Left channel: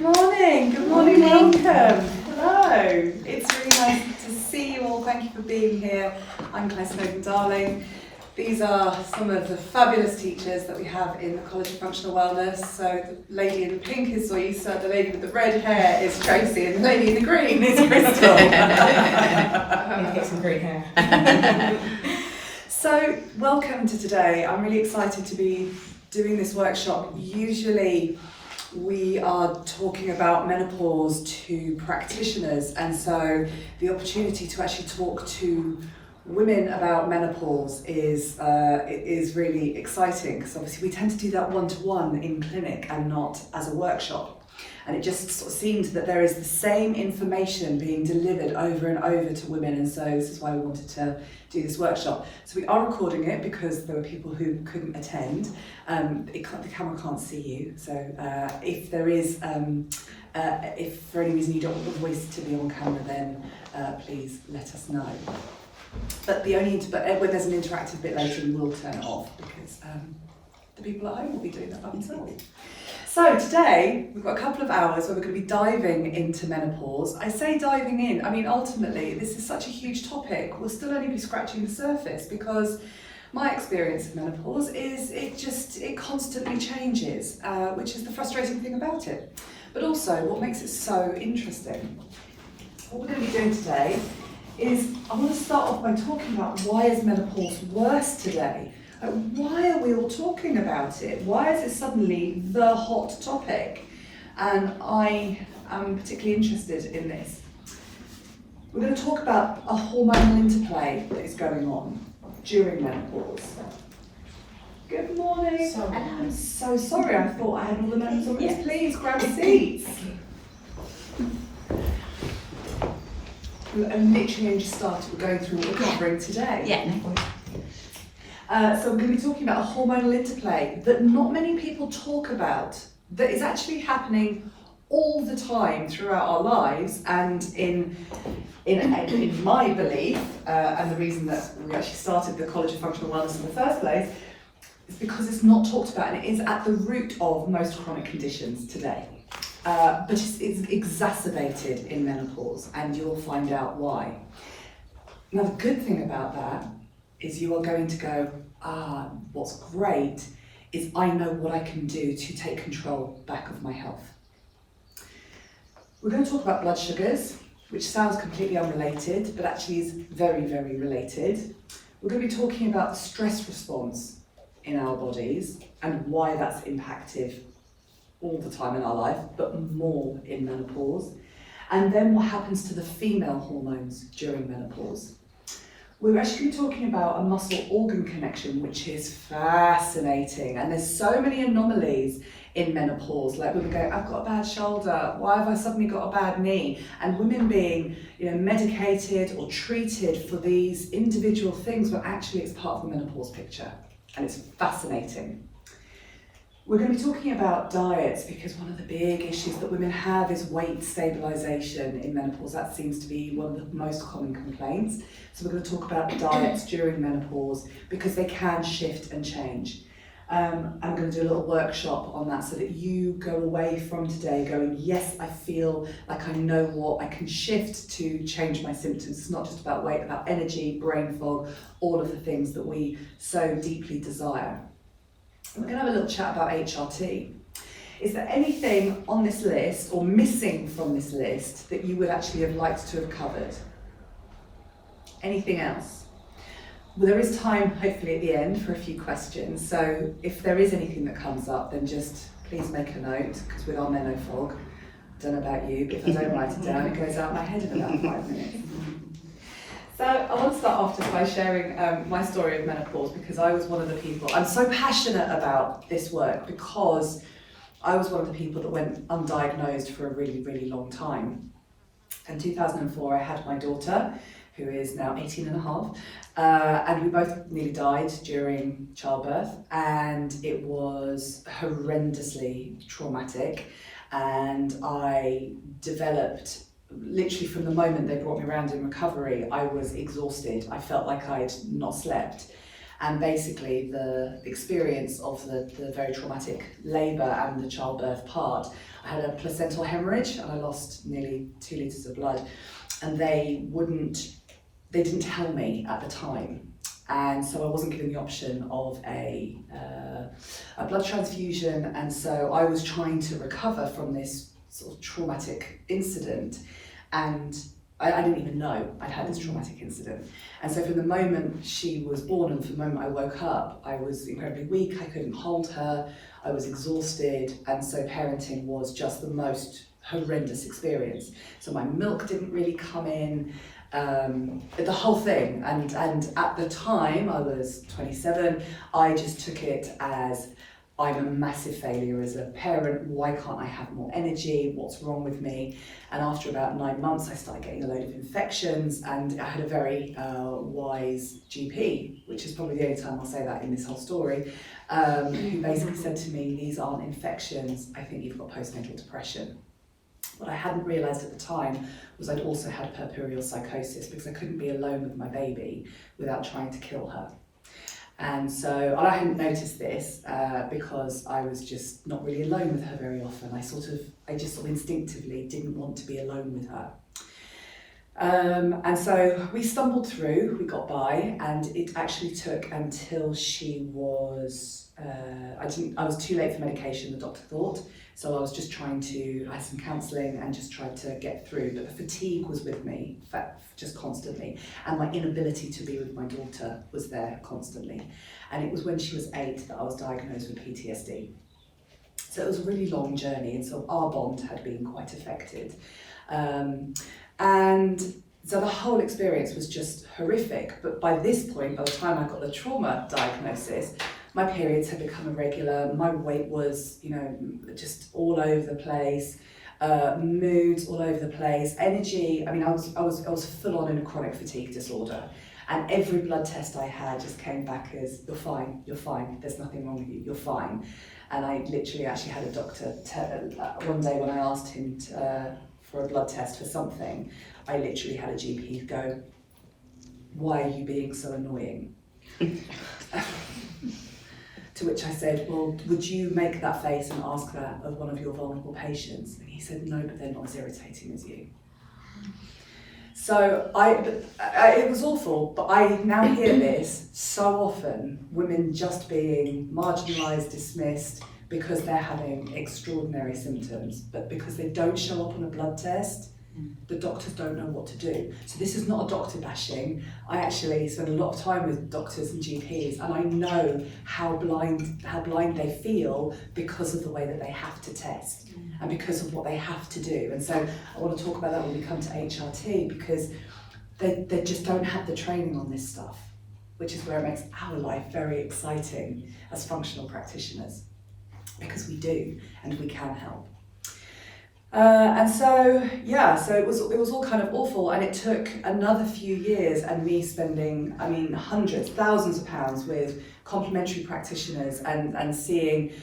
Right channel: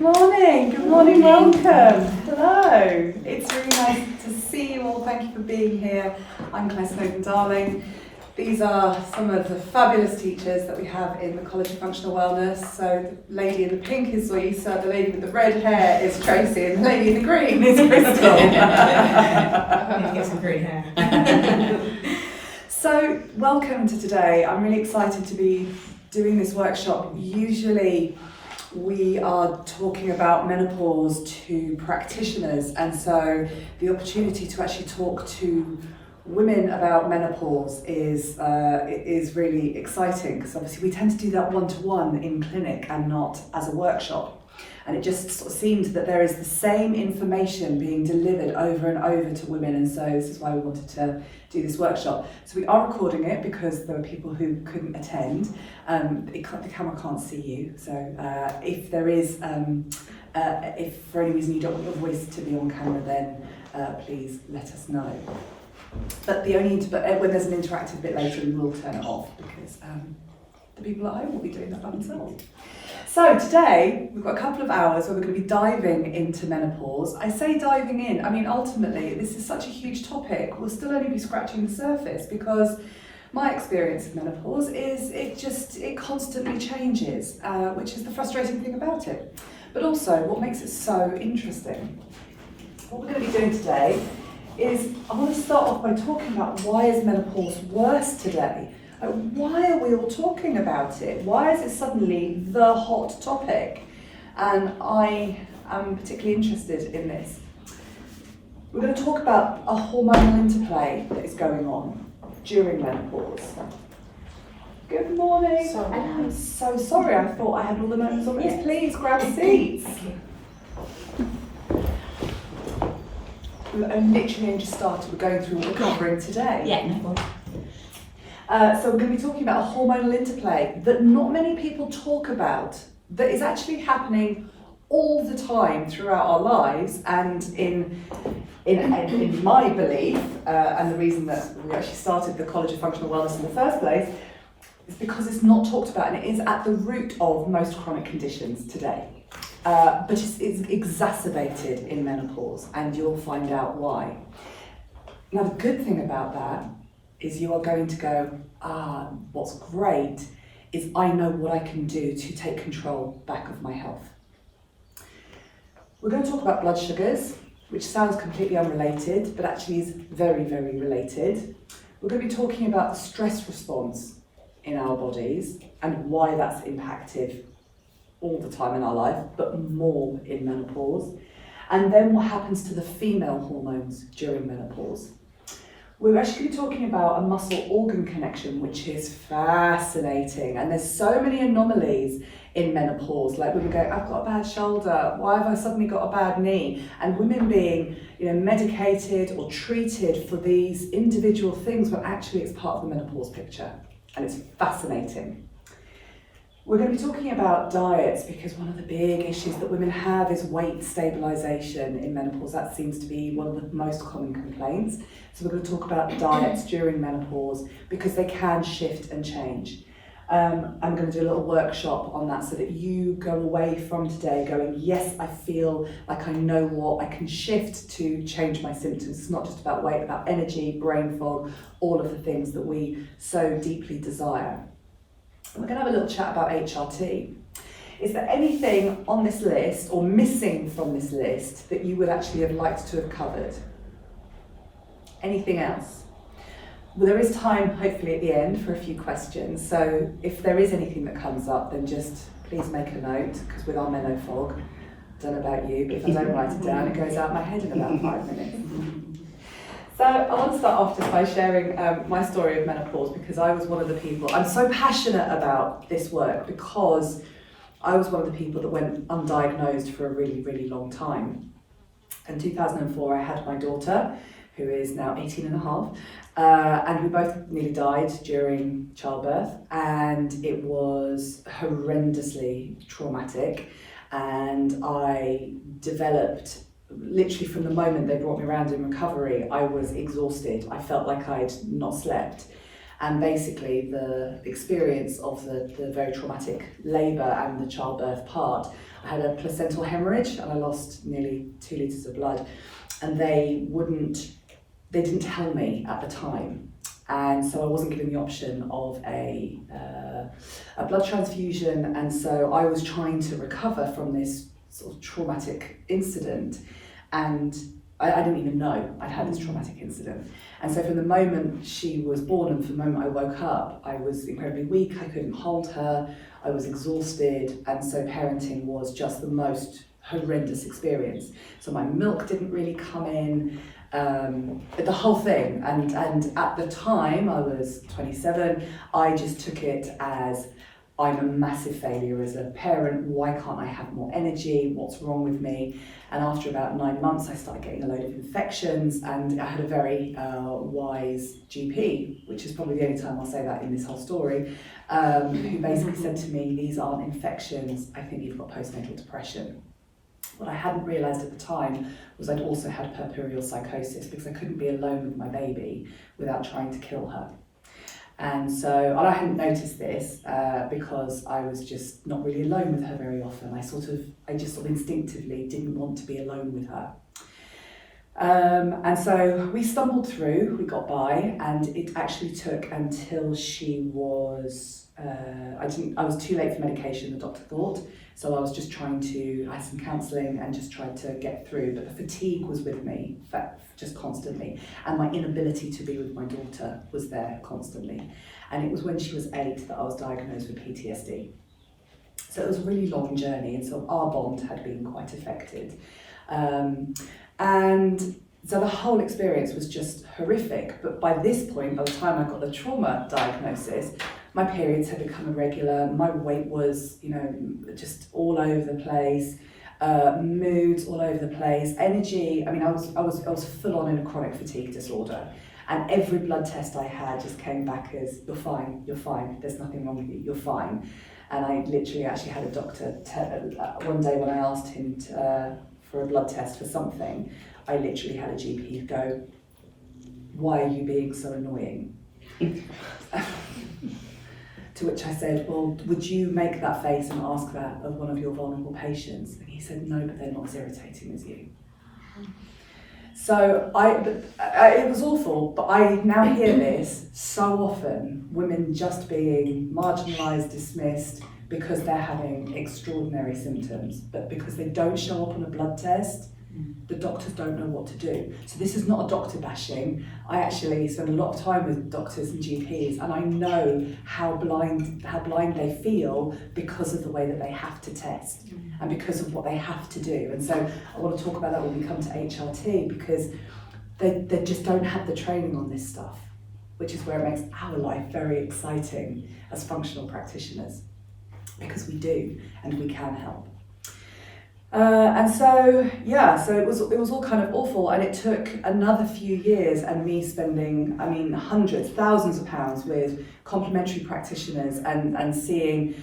Good morning, welcome. Hello, it's really nice to see you all. Thank you for being here. I'm Claire Snowden-Darling. These are some of the fabulous teachers that we have in the College of Functional Wellness. So the lady in the pink is Zoisa, the lady with the red hair is Tracy, and the lady in the green is Crystal. Get some green hair. So welcome to today. I'm really excited to be doing this workshop. Usually we are talking about menopause to practitioners, and so the opportunity to actually talk to women about menopause is really exciting, because obviously we tend to do that one-to-one in clinic and not as a workshop. And it just sort of seemed that there is the same information being delivered over and over to women, and so this is why we wanted to do this workshop. So we are recording it because there were people who couldn't attend. The camera can't see you, so if there is, if for any reason you don't want your voice to be on camera, then please let us know. But when there's an interactive bit later, we will turn it off, because the people at home will be doing that by themselves. So today, we've got a couple of hours where we're going to be diving into menopause. I say diving in, I mean ultimately this is such a huge topic. We'll still only be scratching the surface, because my experience of menopause is it constantly changes, which is the frustrating thing about it. But also what makes it so interesting. What we're going to be doing today is, I want to start off by talking about why is menopause worse today? Why are we all talking about it? Why is it suddenly the hot topic? And I am particularly interested in this. We're going to talk about a hormonal interplay that is going on during menopause. Good morning. Sorry. And I'm so sorry, I thought I had all the notes on this. Please grab seats. I literally only just started. We're going through what we're covering today. Yeah. So we're going to be talking about a hormonal interplay that not many people talk about, that is actually happening all the time throughout our lives, and in my belief, and the reason that we actually started the College of Functional Wellness in the first place, is because it's not talked about, and it is at the root of most chronic conditions today. But it's exacerbated in menopause, and you'll find out why. Now the good thing about that is you are going to go, what's great is I know what I can do to take control back of my health. We're going to talk about blood sugars, which sounds completely unrelated, but actually is very, very related. We're going to be talking about the stress response in our bodies and why that's impacted all the time in our life, but more in menopause. And then what happens to the female hormones during menopause. We're actually talking about a muscle-organ connection, which is fascinating. And there's so many anomalies in menopause, like women go, I've got a bad shoulder, why have I suddenly got a bad knee? And women being, medicated or treated for these individual things, when actually it's part of the menopause picture. And it's fascinating. We're going to be talking about diets, because one of the big issues that women have is weight stabilization in menopause. That seems to be one of the most common complaints. So we're going to talk about diets during menopause, because they can shift and change. I'm going to do a little workshop on that, so that you go away from today going, yes, I feel like I know what I can shift to change my symptoms. It's not just about weight, about energy, brain fog, all of the things that we so deeply desire. We're going to have a little chat about HRT. Is there anything on this list or missing from this list that you would actually have liked to have covered? Anything else? Well, there is time, hopefully, at the end for a few questions. So if there is anything that comes up, then just please make a note, because with our menofog, I don't know about you, but if I don't write it down, it goes out my head in about 5 minutes. So I want to start off just by sharing my story of menopause, because I was one of the people, I'm so passionate about this work because I was one of the people that went undiagnosed for a really, really long time. In 2004, I had my daughter, who is now 18 and a half, and we both nearly died during childbirth, and it was horrendously traumatic, and I developed, literally from the moment they brought me around in recovery, I was exhausted. I felt like I'd not slept. And basically the experience of the very traumatic labour and the childbirth part, I had a placental hemorrhage and I lost nearly 2 litres of blood, and they didn't tell me at the time. And so I wasn't given the option of a blood transfusion, and so I was trying to recover from this sort of traumatic incident, and I didn't even know I'd had this traumatic incident. And so from the moment she was born and from the moment I woke up, I was incredibly weak, I couldn't hold her, I was exhausted, and so parenting was just the most horrendous experience. So my milk didn't really come in, the whole thing, and at the time, I was 27, I just took it as, I'm a massive failure as a parent, why can't I have more energy, what's wrong with me? And after about 9 months, I started getting a load of infections, and I had a very wise GP, which is probably the only time I'll say that in this whole story, who basically said to me, these aren't infections, I think you've got postnatal depression. What I hadn't realised at the time was I'd also had puerperial psychosis, because I couldn't be alone with my baby without trying to kill her. And so, and I hadn't noticed this because I was just not really alone with her very often. I just sort of instinctively didn't want to be alone with her. And so we stumbled through, we got by, and it actually took until she was, I was too late for medication, the doctor thought. So I was just I had some counselling and just tried to get through, but the fatigue was with me just constantly, and my inability to be with my daughter was there constantly. And it was when she was 8 that I was diagnosed with PTSD. So it was a really long journey, and so our bond had been quite affected. And so the whole experience was just horrific, but by this point, by the time I got the trauma diagnosis, my periods had become irregular, my weight was, just all over the place, moods all over the place, energy, I was full on in a chronic fatigue disorder. And every blood test I had just came back as, you're fine, there's nothing wrong with you, you're fine. And I literally actually had a doctor, one day when I asked him for a blood test for something, I literally had a GP go, why are you being so annoying? To which I said, well, would you make that face and ask that of one of your vulnerable patients? And he said, no, but they're not as irritating as you. So it was awful, but I now hear this so often, women just being marginalised, dismissed, because they're having extraordinary symptoms, but because they don't show up on a blood test, the doctors don't know what to do. So this is not a doctor bashing. I actually spend a lot of time with doctors and GPs, and I know how blind they feel because of the way that they have to test and because of what they have to do. And so I want to talk about that when we come to HRT, because they just don't have the training on this stuff, which is where it makes our life very exciting as functional practitioners, because we do and we can help. And so it was all kind of awful, and it took another few years and me spending, hundreds, thousands of pounds with complementary practitioners and seeing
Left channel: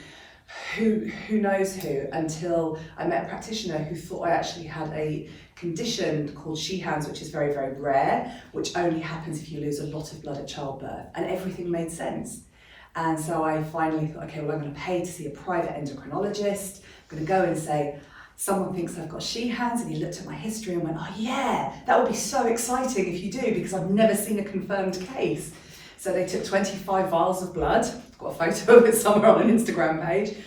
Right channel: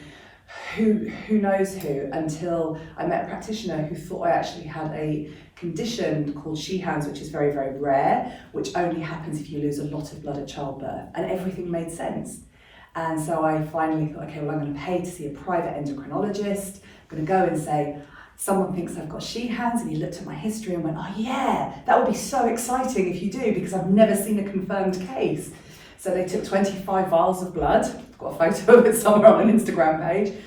who knows who, until I met a practitioner who thought I actually had a condition called Sheehan's, which is very, very rare, which only happens if you lose a lot of blood at childbirth, and everything made sense. And so I finally thought, okay, well, I'm going to pay to see a private endocrinologist. I'm going to go and say, someone thinks I've got Sheehan's, and he looked at my history and went, oh yeah, that would be so exciting if you do, because I've never seen a confirmed case. So they took 25 vials of blood, I've got a photo of it somewhere on an Instagram page,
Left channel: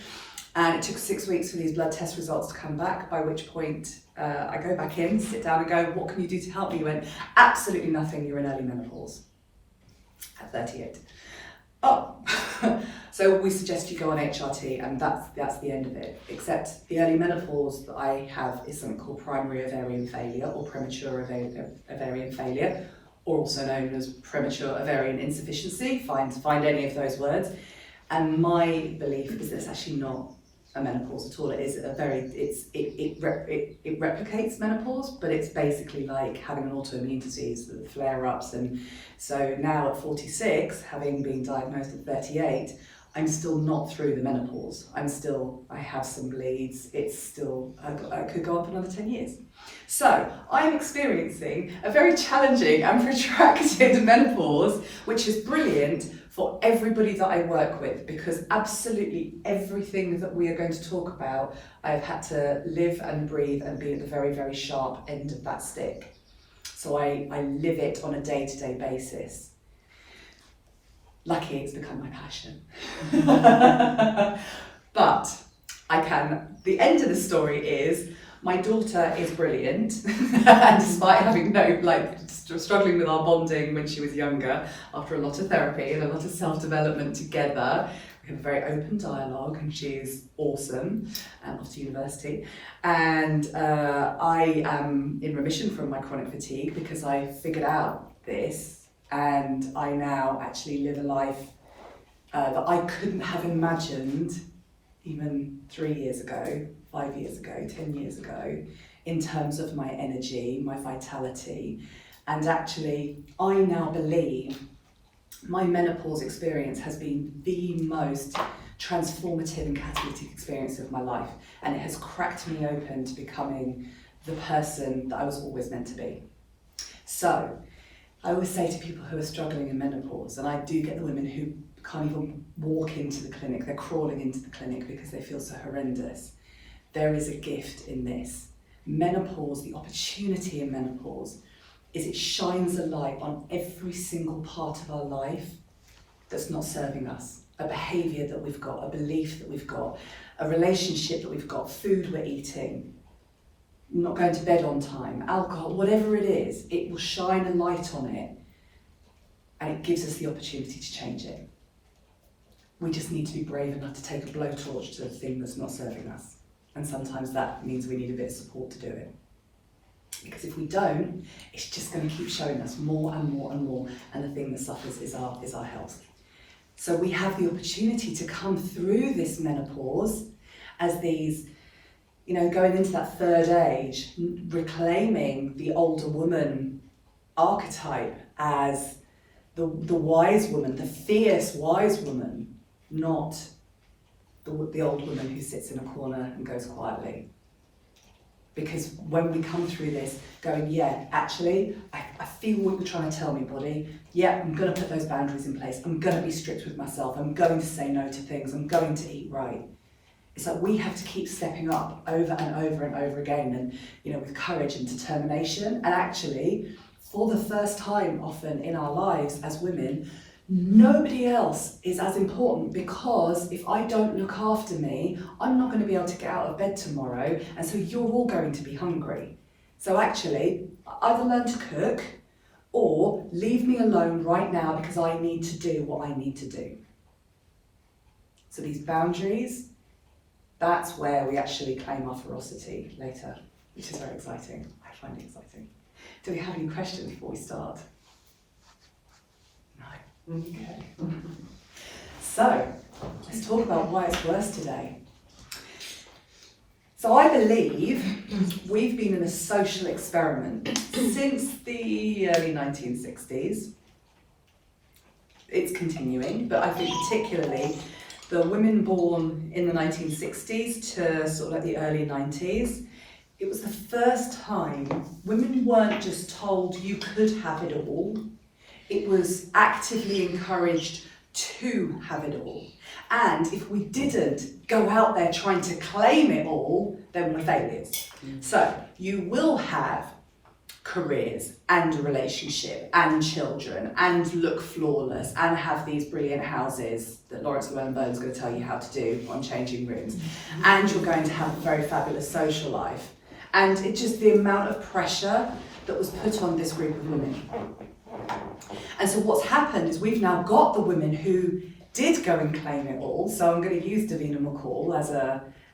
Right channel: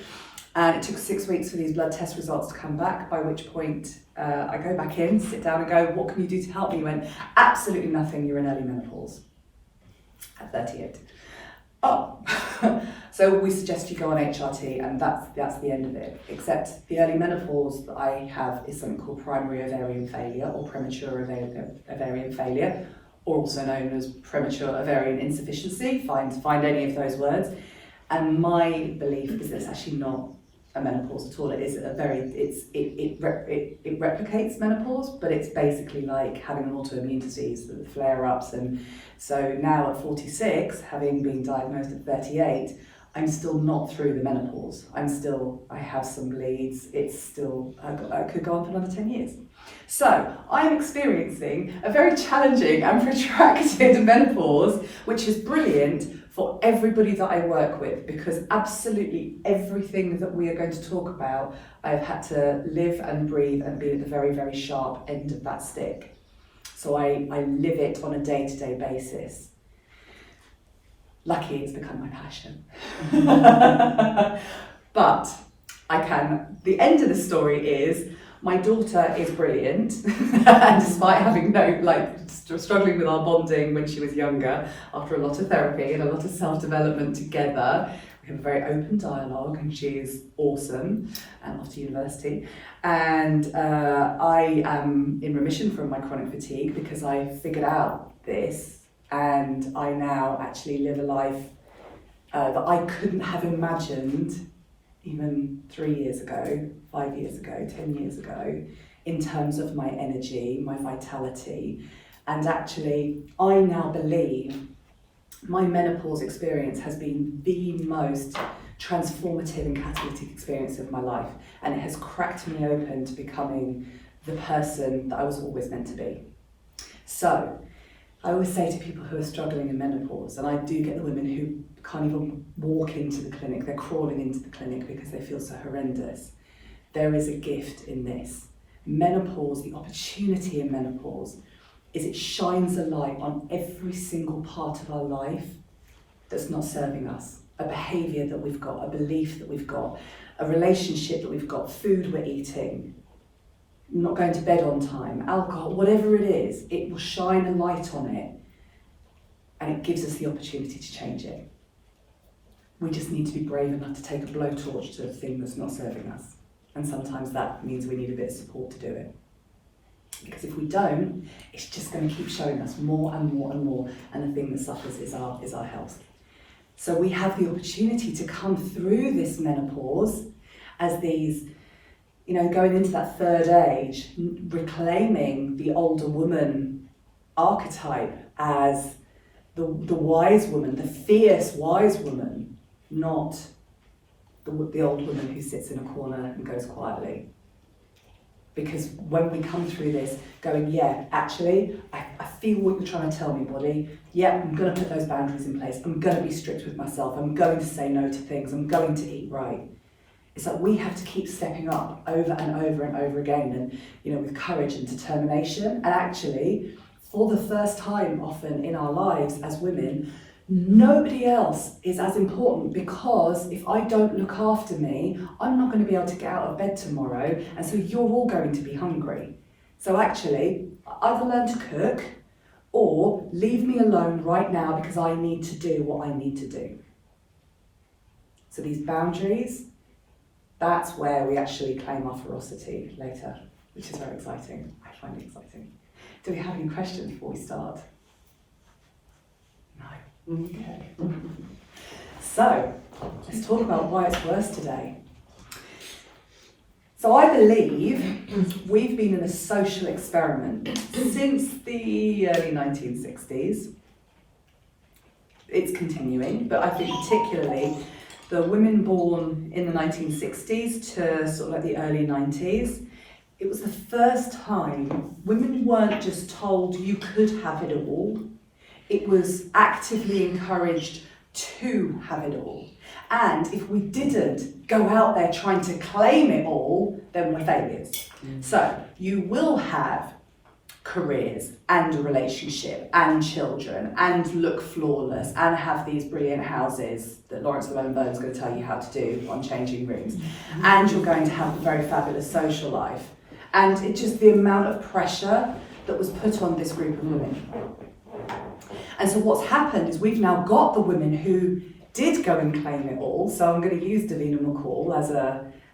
and it took 6 weeks for these blood test results to come back, by which point I go back in, sit down and go, what can you do to help me? He went, absolutely nothing, you're in early menopause at 38. Oh, so we suggest you go on HRT, and that's the end of it. Except the early menopause that I have is something called primary ovarian failure, or premature ovarian failure, or also known as premature ovarian insufficiency. Find any of those words. And my belief is that it's actually not a menopause at all. It is it replicates menopause, but it's basically like having an autoimmune disease, the flare-ups. And so now at 46, having been diagnosed at 38, I'm still not through the menopause. I have some bleeds. It's still, I could go on for another 10 years. So I'm experiencing a very challenging and protracted menopause, which is brilliant for everybody that I work with, because absolutely everything that we are going to talk about, I've had to live and breathe and be at the very, very sharp end of that stick. So I live it on a day-to-day basis. Lucky it's become my passion. But the end of the story is, my daughter is brilliant, and despite having struggling with our bonding when she was younger, after a lot of therapy and a lot of self-development together, we have a very open dialogue, and she is awesome and off to university. And I am in remission from my chronic fatigue because I figured out this, and I now actually live a life that I couldn't have imagined even 3 years ago, 5 years ago, 10 years ago, in terms of my energy, my vitality. And actually, I now believe my menopause experience has been the most transformative and catalytic experience of my life. And it has cracked me open to becoming the person that I was always meant to be. So, I always say to people who are struggling in menopause, and I do get the women who can't even walk into the clinic, they're crawling into the clinic because they feel so horrendous. There is a gift in this. Menopause, the opportunity in menopause, is it shines a light on every single part of our life that's not serving us. A behaviour that we've got, a belief that we've got, a relationship that we've got, food we're eating, not going to bed on time, alcohol, whatever it is, it will shine a light on it, and it gives us the opportunity to change it. We just need to be brave enough to take a blowtorch to a thing that's not serving us. And sometimes that means we need a bit of support to do it. Because if we don't, it's just going to keep showing us more and more and more, and the thing that suffers is our health. So we have the opportunity to come through this menopause as these, going into that third age, reclaiming the older woman archetype as the wise woman, the fierce wise woman, not the old woman who sits in a corner and goes quietly. Because when we come through this going, yeah, actually, I feel what you're trying to tell me, body. Yeah, I'm going to put those boundaries in place. I'm going to be strict with myself. I'm going to say no to things. I'm going to eat right. It's like we have to keep stepping up over and over and over again, and with courage and determination. And actually, for the first time often in our lives as women, nobody else is as important, because if I don't look after me, I'm not going to be able to get out of bed tomorrow, and so you're all going to be hungry. So actually, either learn to cook or leave me alone right now because I need to do what I need to do. So these boundaries, that's where we actually claim our ferocity later, which is very exciting. I find it exciting. Do we have any questions before we start? No. Okay. So, let's talk about why it's worse today. So I believe we've been in a social experiment since the early 1960s. It's continuing, but I think particularly the women born in the 1960s to sort of like the early 90s, it was the first time women weren't just told you could have it all. It was actively encouraged to have it all. And if we didn't go out there trying to claim it all, then we're failures. So you will have careers and a relationship and children and look flawless and have these brilliant houses that Lawrence Llewellyn-Bowen's going to tell you how to do on changing rooms. And you're going to have a very fabulous social life. And it's just the amount of pressure that was put on this group of women. And so what's happened is we've now got the women who did go and claim it all. So I'm going to use Davina McCall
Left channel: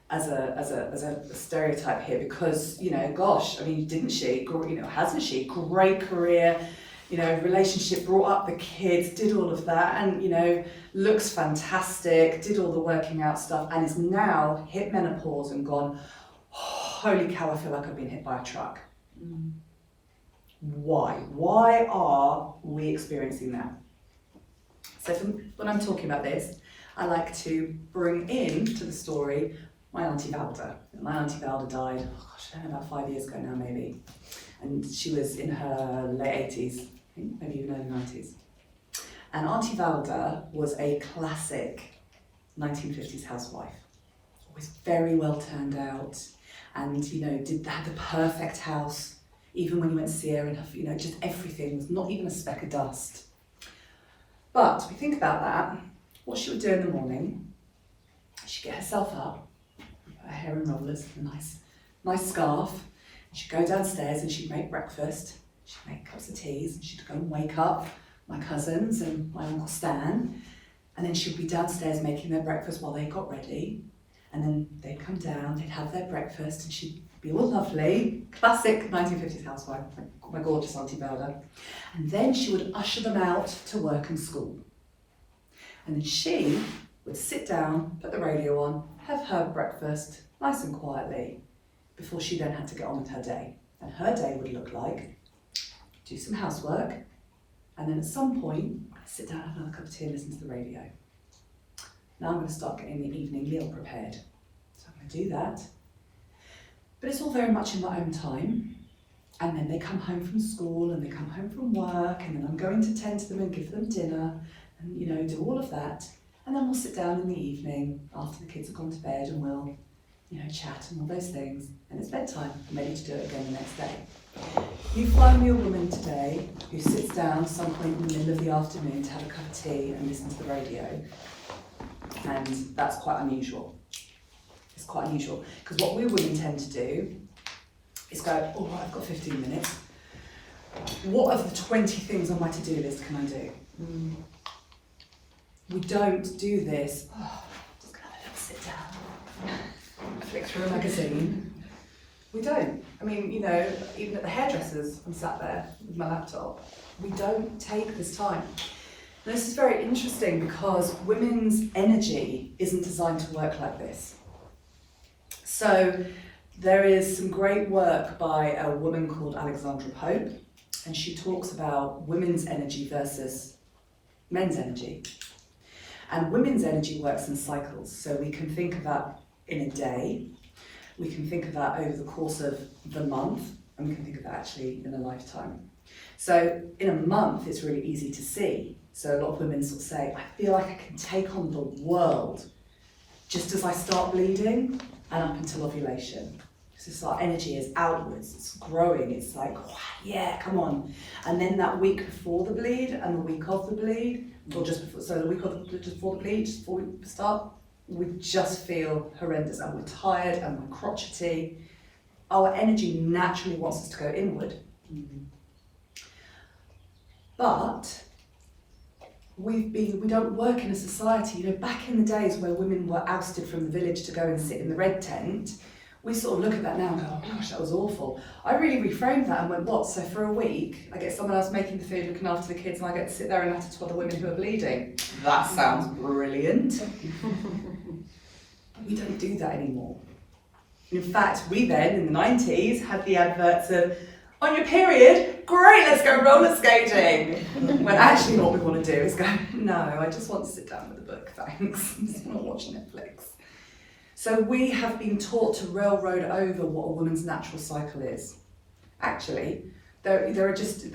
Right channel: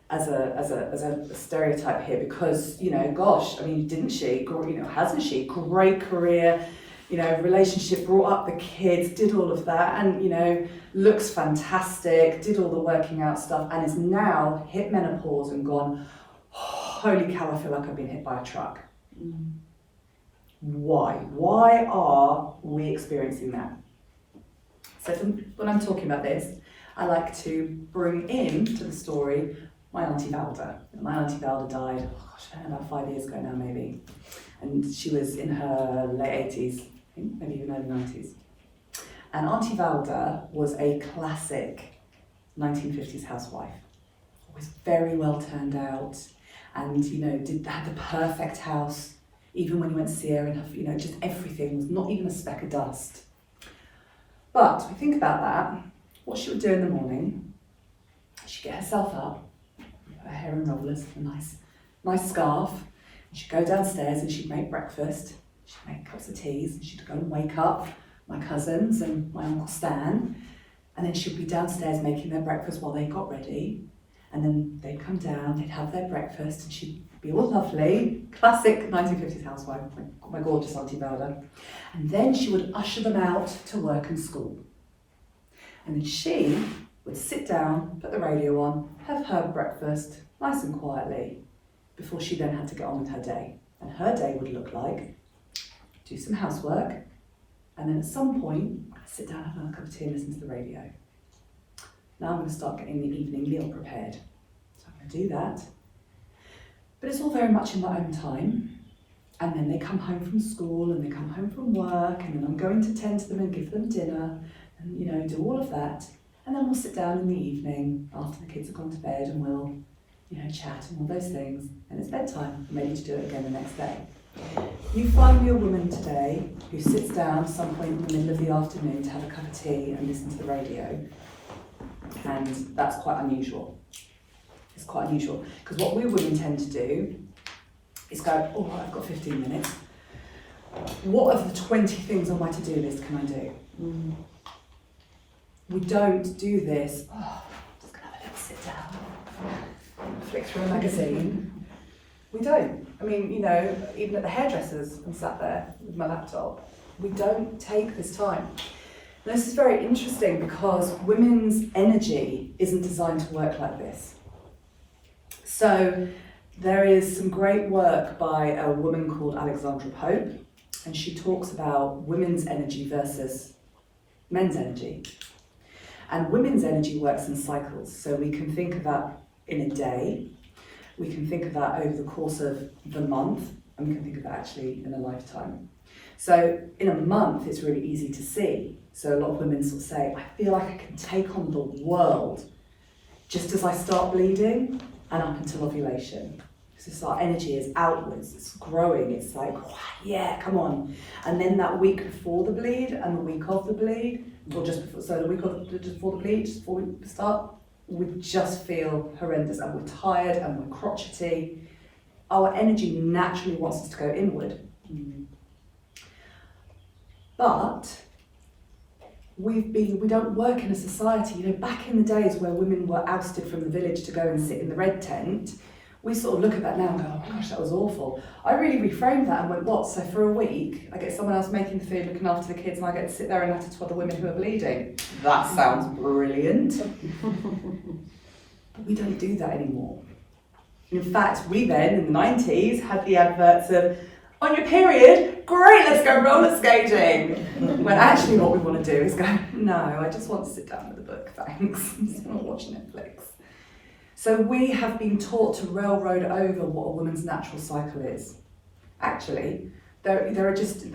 as a stereotype here because, gosh, I mean, didn't she? Hasn't she? Great career, relationship, brought up the kids, did all of that, and, looks fantastic, did all the working out stuff, and is now hit menopause and gone, holy cow, I feel like I've been hit by a truck. Why? Why are we experiencing that? So when I'm talking about this, I like to bring in to the story my Auntie Valda. My Auntie Valda died, oh gosh, I don't know, about 5 years ago now maybe. And she was in her late 80s, I think, maybe even early 90s. And Auntie Valda was a classic 1950s housewife. Always very well turned out, and had the perfect house. Even when you went to see her, and just everything was not even a speck of dust. But we think about that. What she would do in the morning, she'd get herself up, her hair in rollers, a nice scarf. And she'd go downstairs and she'd make breakfast. She'd make cups of teas, and she'd go and wake up my cousins and my Uncle Stan. And then she'd be downstairs making their breakfast while they got ready. And then they'd come down, they'd have their breakfast, and she'd be all lovely, classic 1950s housewife, my gorgeous Auntie Valda. And then she would usher them out to work and school. And then she would sit down, put the radio on, have her breakfast, nice and quietly, before she then had to get on with her day. And her day would look like, do some housework, and then at some point, sit down, have another cup of tea and listen to the radio. Now I'm going to start getting the evening meal prepared. So I'm going to do that. But it's all very much in my own time. And then they come home from school and they come home from work, and then I'm going to tend to them and give them dinner and, do all of that. And then we'll sit down in the evening after the kids have gone to bed, and we'll, chat and all those things. And it's bedtime. I'm ready to do it again the next day. You find me a woman today who sits down some point in the middle of the afternoon to have a cup of tea and listen to the radio. And that's quite unusual. It's quite unusual, because what we women tend to do is go, all right, I've got 15 minutes. What of the 20 things on my to-do list can I do? We don't do this, just gonna have a little sit down, flick through a magazine. We don't. I mean, even at the hairdressers, I'm sat there with my laptop. We don't take this time. And this is very interesting, because women's energy isn't designed to work like this. So there is some great work by a woman called Alexandra Pope, and she talks about women's energy versus men's energy. And women's energy works in cycles. So we can think of that in a day, we can think of that over the course of the month, and we can think of that actually in a lifetime. So in a month, it's really easy to see. So a lot of women sort of say, I feel like I can take on the world just as I start bleeding and up until ovulation. So our energy is outwards, it's growing, it's like, yeah, come on. And then that week before the bleed and the week of the bleed, or just before, so the week of just before the bleed, just before we start, we just feel horrendous, and we're tired and we're crotchety. Our energy naturally wants us to go inward. But we don't work in a society, back in the days where women were ousted from the village to go and sit in the red tent, we sort of look at that now and go, oh my gosh, that was awful. I really reframed that and went, what, so for a week, I get someone else making the food, looking after the kids, and I get to sit there and have to tell the women who are bleeding. That sounds brilliant. But we don't do that anymore. In fact, we then, in the 90s, had the adverts of, on your period, great, let's go roller skating. When actually what we want to do is go, no, I just want to sit down with a book, thanks. I just want to watch Netflix. So we have been taught to railroad over what a woman's natural cycle is. Actually, there are just,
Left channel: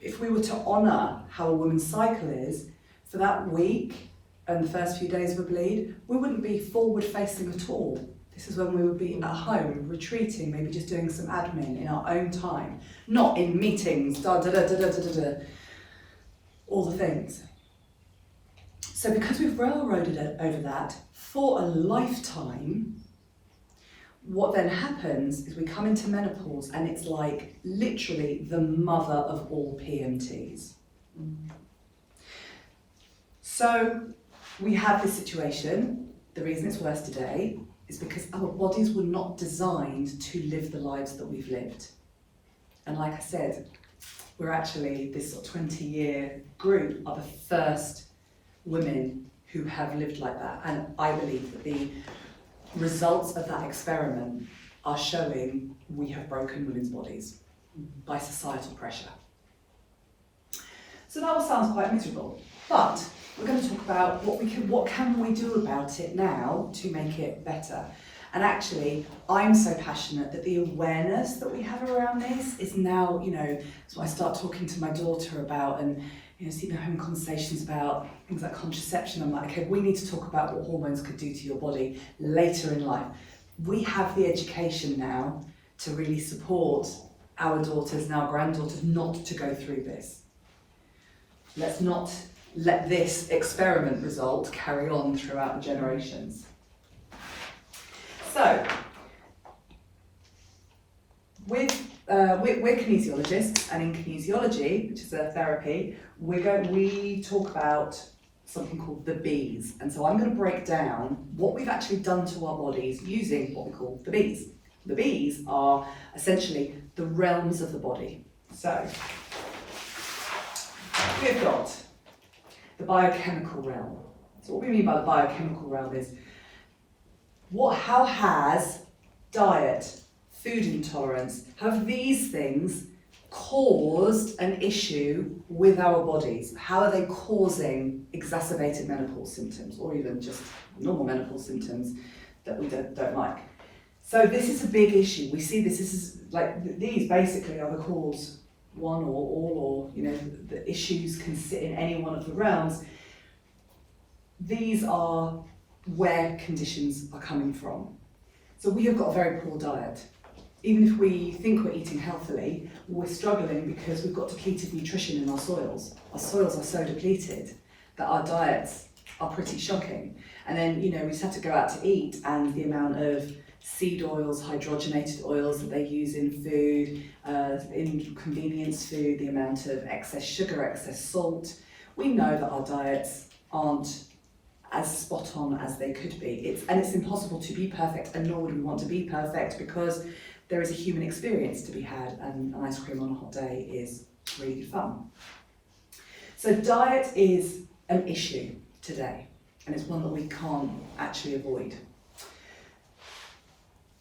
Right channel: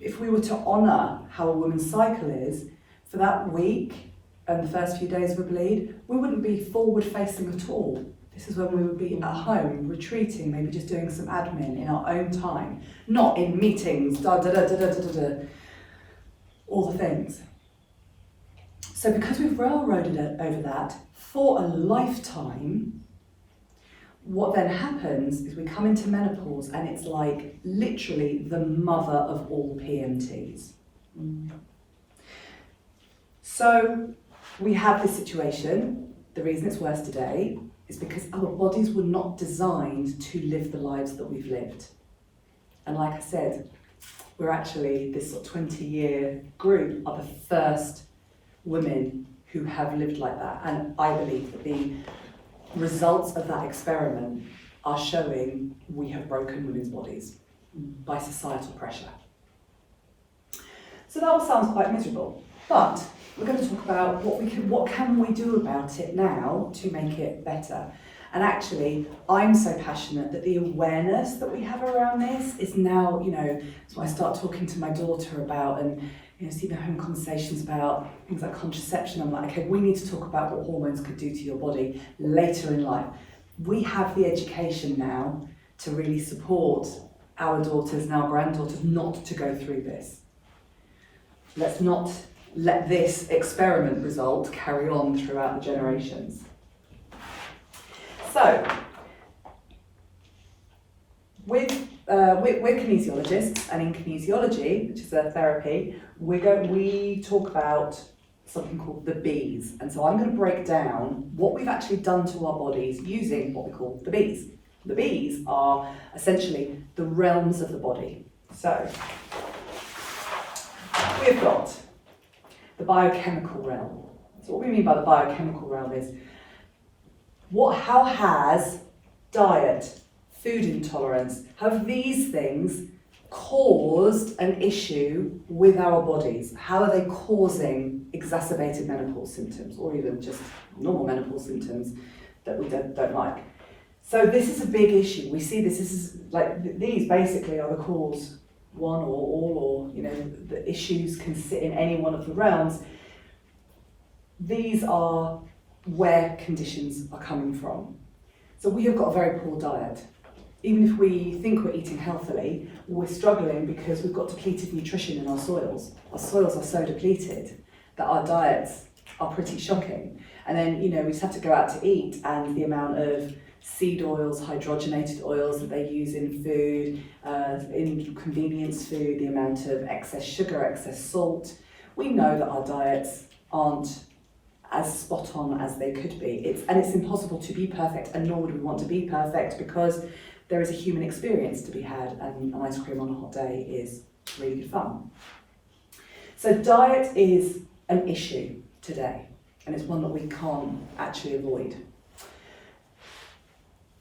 if we were to honour how a woman's cycle is, for that week and the first few days of a bleed, we wouldn't be forward facing at all. This is when we would be at home, retreating, maybe just doing some admin in our own time, not in meetings, all the things. So because we've railroaded over that for a lifetime, what then happens is we come into menopause, and it's like literally the mother of all PMTs. So we have this situation. The reason it's worse today is because our bodies were not designed to live the lives that we've lived. And like I said, we're actually, this sort of 20-year group are the first women who have lived like that. And I believe that the results of that experiment are showing we have broken women's bodies by societal pressure. So that all sounds quite miserable, but we're going to talk about what can we do about it now to make it better. And actually, I'm so passionate that the awareness that we have around this is now, so I start talking to my daughter about, and see my home conversations about things like contraception. I'm like, okay, we need to talk about what hormones could do to your body later in life. We have the education now to really support our daughters and our granddaughters not to go through this. Let's not let this experiment result carry on throughout the generations. So, we're kinesiologists, and in kinesiology, which is a therapy, we talk about something called the B's. And so I'm going to break down what we've actually done to our bodies using what we call the B's. The B's are essentially the realms of the body. So, we've got the biochemical realm. So what we mean by the biochemical realm is how has diet, food intolerance, have these things caused an issue with our bodies? How are they causing exacerbated menopause symptoms, or even just normal menopause symptoms that we don't like? So this is a big issue. We see this is like, these basically are the cause, one or all, or the issues can sit in any one of the realms. These are where conditions are coming from. So we have got a very poor diet. Even if we think we're eating healthily, we're struggling because we've got depleted nutrition in our soils. Our soils are so depleted that our diets are pretty shocking. And then, we just have to go out to eat, and the amount of seed oils, hydrogenated oils that they use in food, in convenience food, the amount of excess sugar, excess salt. We know that our diets aren't as spot on as they could be. It's impossible to be perfect, and nor would we want to be perfect, because there is a human experience to be had, and an ice cream on a hot day is really good fun. So diet is an issue today, and it's one that we can't actually avoid.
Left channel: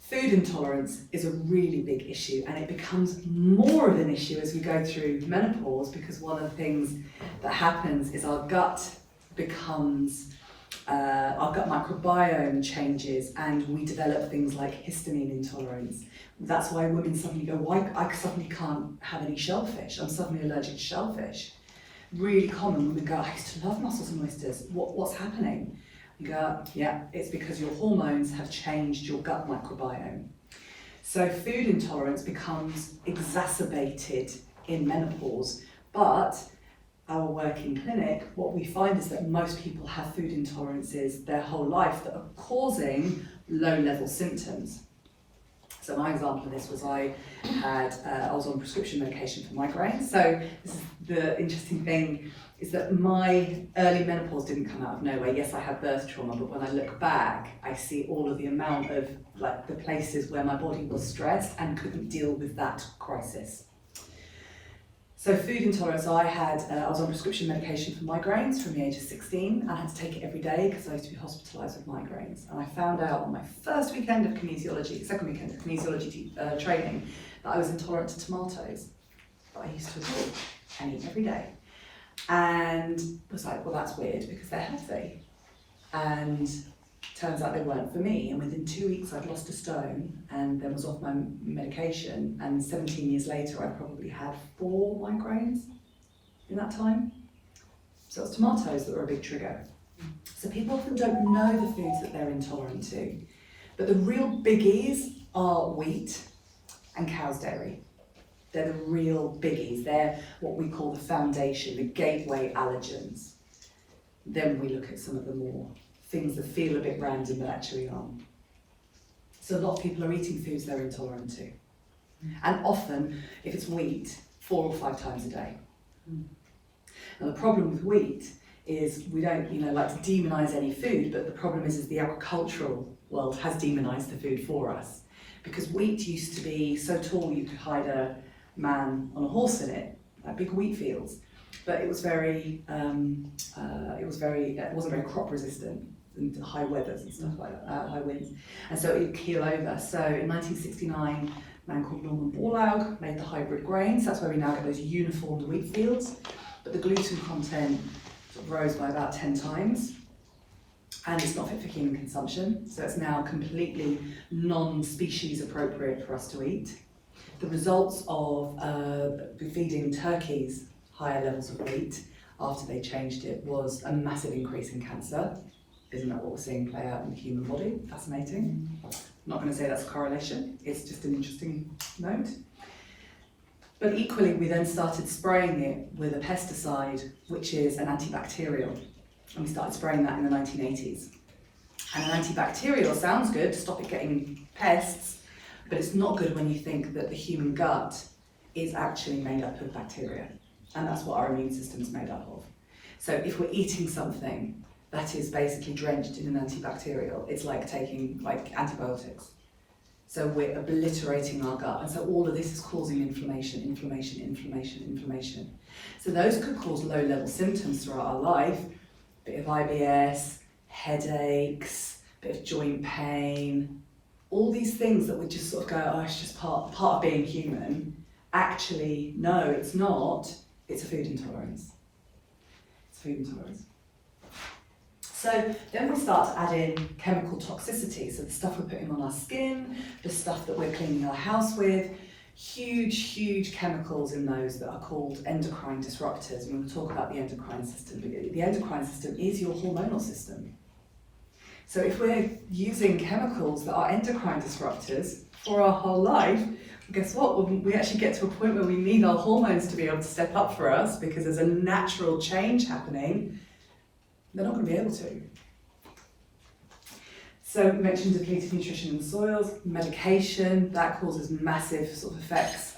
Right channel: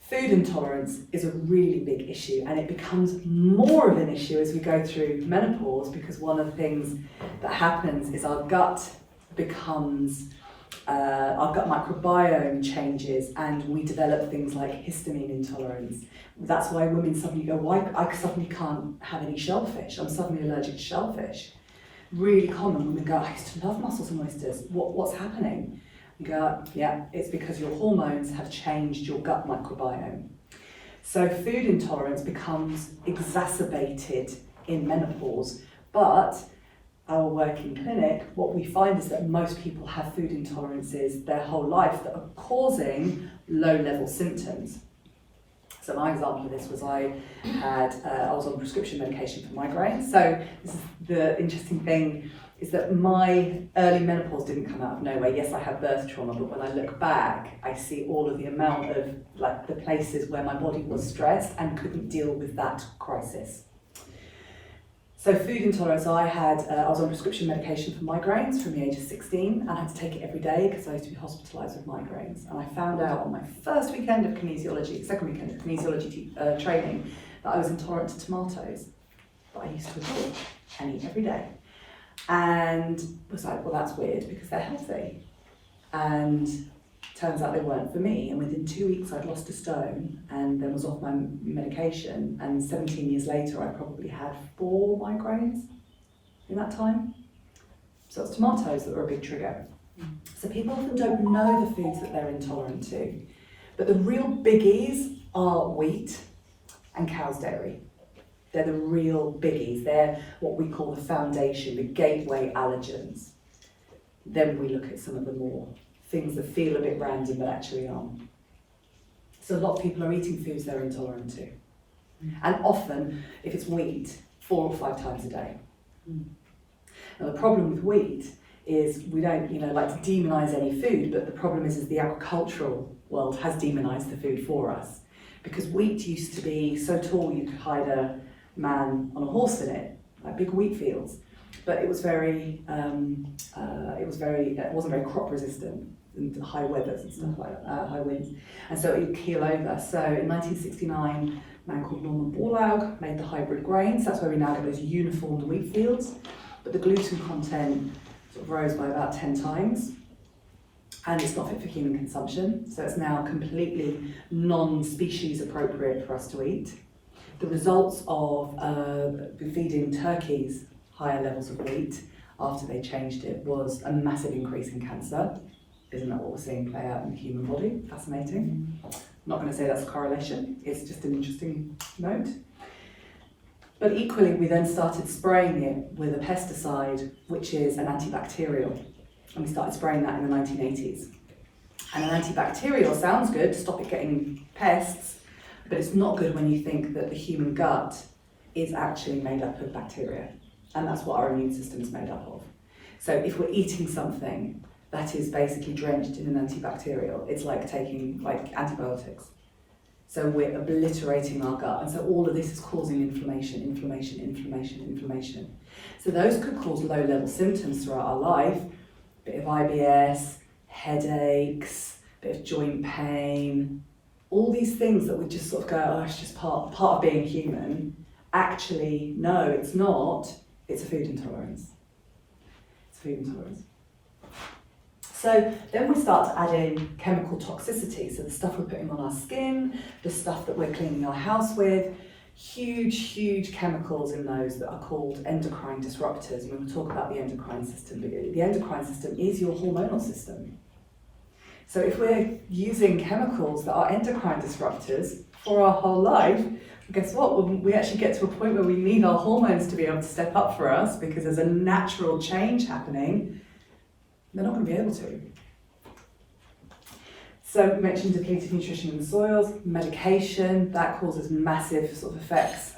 Food intolerance is a really big issue, and it becomes more of an issue as we go through menopause, because one of the things that happens is our gut microbiome changes, and we develop things like histamine intolerance. That's why women suddenly go, why I suddenly can't have any shellfish, I'm suddenly allergic to shellfish. Really common. Women go, I used to love mussels and oysters, what's happening? You go, yeah, it's because your hormones have changed your gut microbiome. So food intolerance becomes exacerbated in menopause, but our work in clinic, what we find is that most people have food intolerances their whole life that are causing low-level symptoms. So my example of this was I was on prescription medication for migraines. So this is the interesting thing, is that my early menopause didn't come out of nowhere. Yes, I had birth trauma, but when I look back, I see all of the amount of the places where my body was stressed and couldn't deal with that crisis. So food intolerance, I was on prescription medication for migraines from the age of 16, and I had to take it every day because I used to be hospitalised with migraines. And I found out on my first weekend of kinesiology, second weekend of kinesiology training, that I was intolerant to tomatoes, that I used to adore and eat every day. And was like, well, that's weird because they're healthy. And turns out they weren't for me. And within 2 weeks, I'd lost a stone and then was off my medication. And 17 years later, I probably had 4 migraines in that time. So it's tomatoes that were a big trigger. So people often don't know the foods that they're intolerant to. But the real biggies are wheat and cow's dairy. They're the real biggies. They're what we call the foundation, the gateway allergens. Then we look at some of the more things that feel a bit random but actually aren't. So a lot of people are eating foods they're intolerant to. And often, if it's wheat, 4 or 5 times a day. Now the problem with wheat is we don't like to demonise any food, but the problem is the agricultural world has demonised the food for us. Because wheat used to be so tall you could hide a man on a horse in it, like big wheat fields. But it was it wasn't very crop resistant and high weathers and stuff like that, high winds. And so it would keel over. So in 1969, a man called Norman Borlaug made the hybrid grains. That's where we now get those uniformed wheat fields. But the gluten content sort of rose by about 10 times. And it's not fit for human consumption, so it's now completely non-species appropriate for us to eat. The results of feeding turkeys higher levels of wheat after they changed it was a massive increase in cancer. Isn't that what we're seeing play out in the human body? Fascinating. I'm not going to say that's a correlation, it's just an interesting note. But equally, we then started spraying it with a pesticide, which is an antibacterial. And we started spraying that in the 1980s. And an antibacterial sounds good, stop it getting pests, but it's not good when you think that the human gut is actually made up of bacteria. And that's what our immune system is made up of. So if we're eating something that is basically drenched in an antibacterial, it's like taking antibiotics. So we're obliterating our gut. And so all of this is causing inflammation. So those could cause low-level symptoms throughout our life. Bit of IBS, headaches, bit of joint pain, all these things that we just sort of go, oh, it's just part of being human. Actually, no, it's not. It's a food intolerance. So then we start to add in chemical toxicity. So the stuff we're putting on our skin, the stuff that we're cleaning our house with, huge chemicals in those that are called endocrine disruptors. And we'll talk about the endocrine system. The endocrine system is your hormonal system. So if we're using chemicals that are endocrine disruptors for our whole life, guess what? When we actually get to a point where we need our hormones to be able to step up for us because there's a natural change happening, they're not going to be able to. So we mentioned depleted nutrition in the soils, medication, that causes massive sort of effects,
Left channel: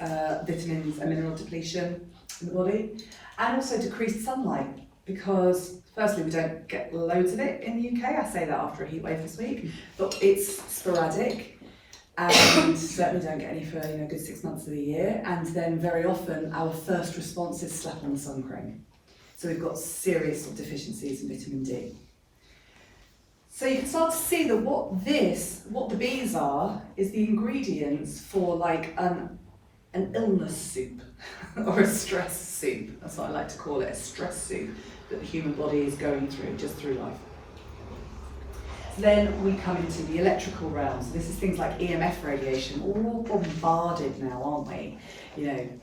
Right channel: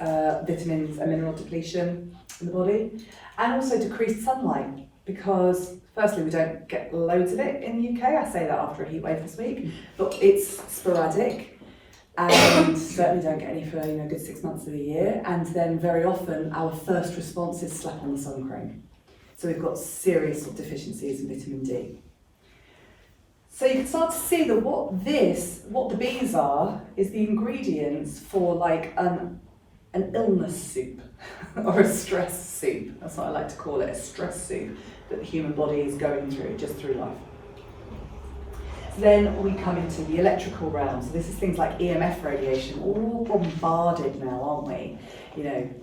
vitamins and mineral depletion in the body, and also decreased sunlight, because firstly we don't get loads of it in the UK. I say that after a heat wave this week, but it's sporadic, and certainly don't get any for a good 6 months of the year, and then very often our first response is slap on the sun cream. So we've got serious sort of deficiencies in vitamin D. So you can start to see that what the bees are, is the ingredients for like an illness soup or a stress soup. That's what I like to call it, a stress soup that the human body is going through just through life. Then we come into the electrical realm. So this is things like EMF radiation. We're all bombarded now, aren't we?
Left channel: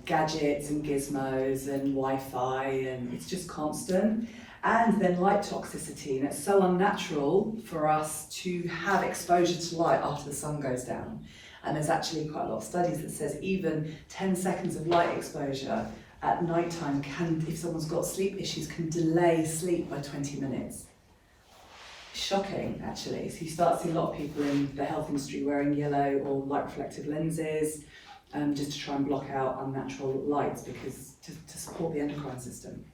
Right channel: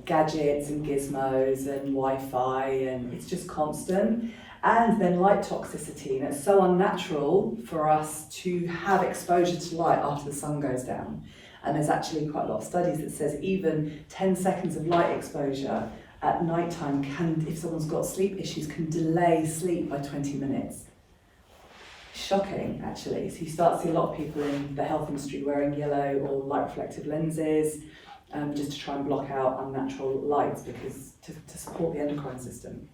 Gadgets and gizmos and Wi-Fi, and it's just constant. And then light toxicity, and it's so unnatural for us to have exposure to light after the sun goes down. And there's actually quite a lot of studies that says even 10 seconds of light exposure at nighttime can, if someone's got sleep issues, can delay sleep by 20 minutes. Shocking, actually. So you start to see a lot of people in the health industry wearing yellow or light reflective lenses, just to try and block out unnatural lights, because to support the endocrine system.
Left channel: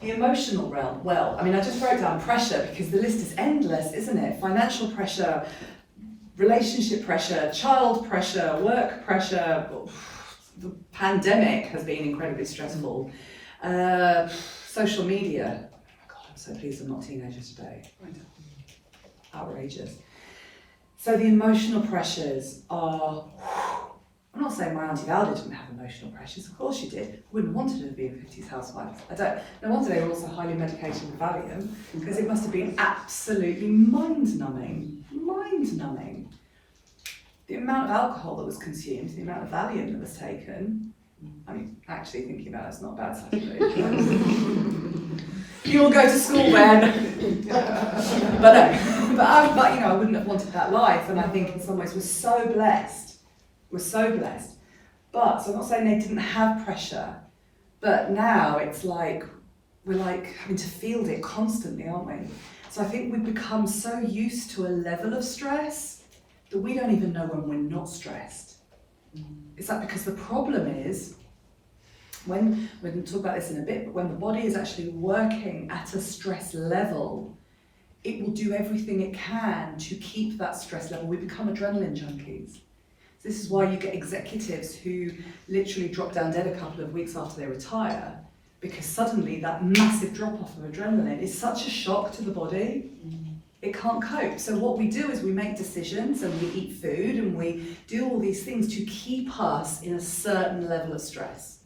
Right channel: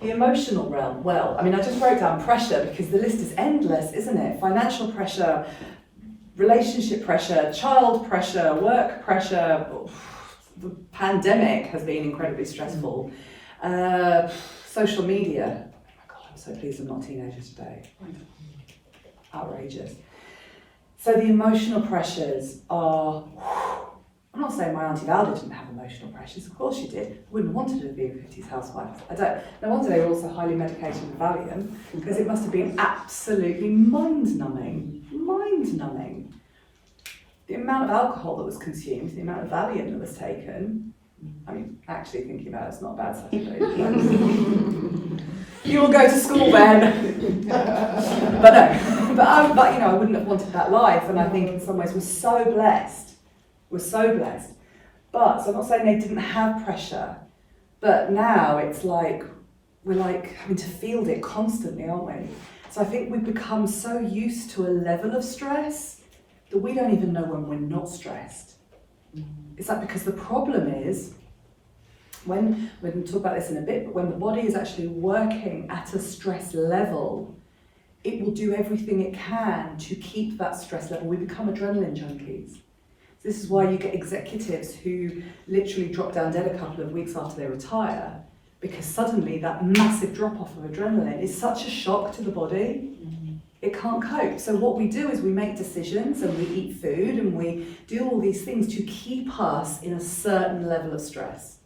The emotional realm, well, I just wrote down pressure because the list is endless, isn't it? Financial pressure, relationship pressure, child pressure, work pressure. The pandemic has been incredibly stressful. Social media. Oh my God, I'm so pleased I'm not a teenager today. Outrageous. So the emotional pressures are, I'm not saying my Auntie Valda didn't have emotional pressures, of course she did. I wouldn't have wanted her to be a 50s housewife. No wonder they were also highly medicated with Valium, because it must have been absolutely mind-numbing. The amount of alcohol that was consumed, the amount of Valium that was taken, actually thinking about it's not a bad Saturday. You will go to school then. But no, I wouldn't have wanted that life, and I think in some ways we're so blessed. But, so I'm not saying they didn't have pressure, but now it's like, we're like having to field it constantly, aren't we? So I think we've become so used to a level of stress that we don't even know when we're not stressed. It's like, because the problem is, we're going to talk about this in a bit, but when the body is actually working at a stress level, it will do everything it can to keep that stress level. We become adrenaline junkies. This is why you get executives who literally drop down dead a couple of weeks after they retire, because suddenly that massive drop-off of adrenaline is such a shock to the body, it can't cope. So what we do is we make decisions and we eat food and we do all these things to keep us in a certain level of stress.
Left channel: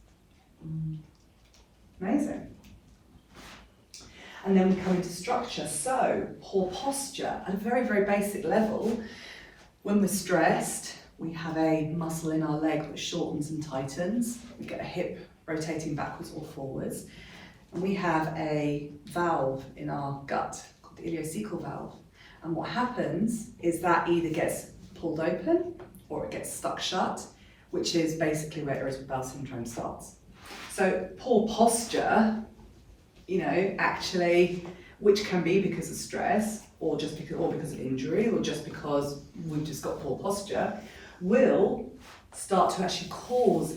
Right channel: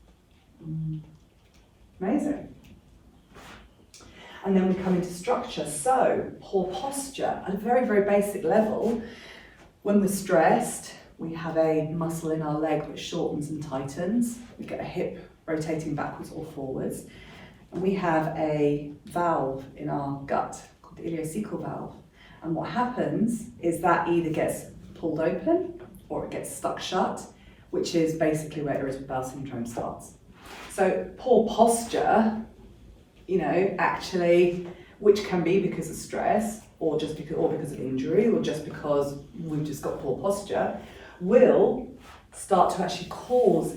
Amazing. And then we come into structure. So poor posture at a very, very basic level. When we're stressed, we have a muscle in our leg which shortens and tightens. We get a hip rotating backwards or forwards. And we have a valve in our gut called the ileocecal valve. And what happens is that either gets pulled open or it gets stuck shut, which is basically where irritable bowel syndrome starts. So poor posture, actually, which can be because of stress or because of injury or just because we've just got poor posture, will start to actually cause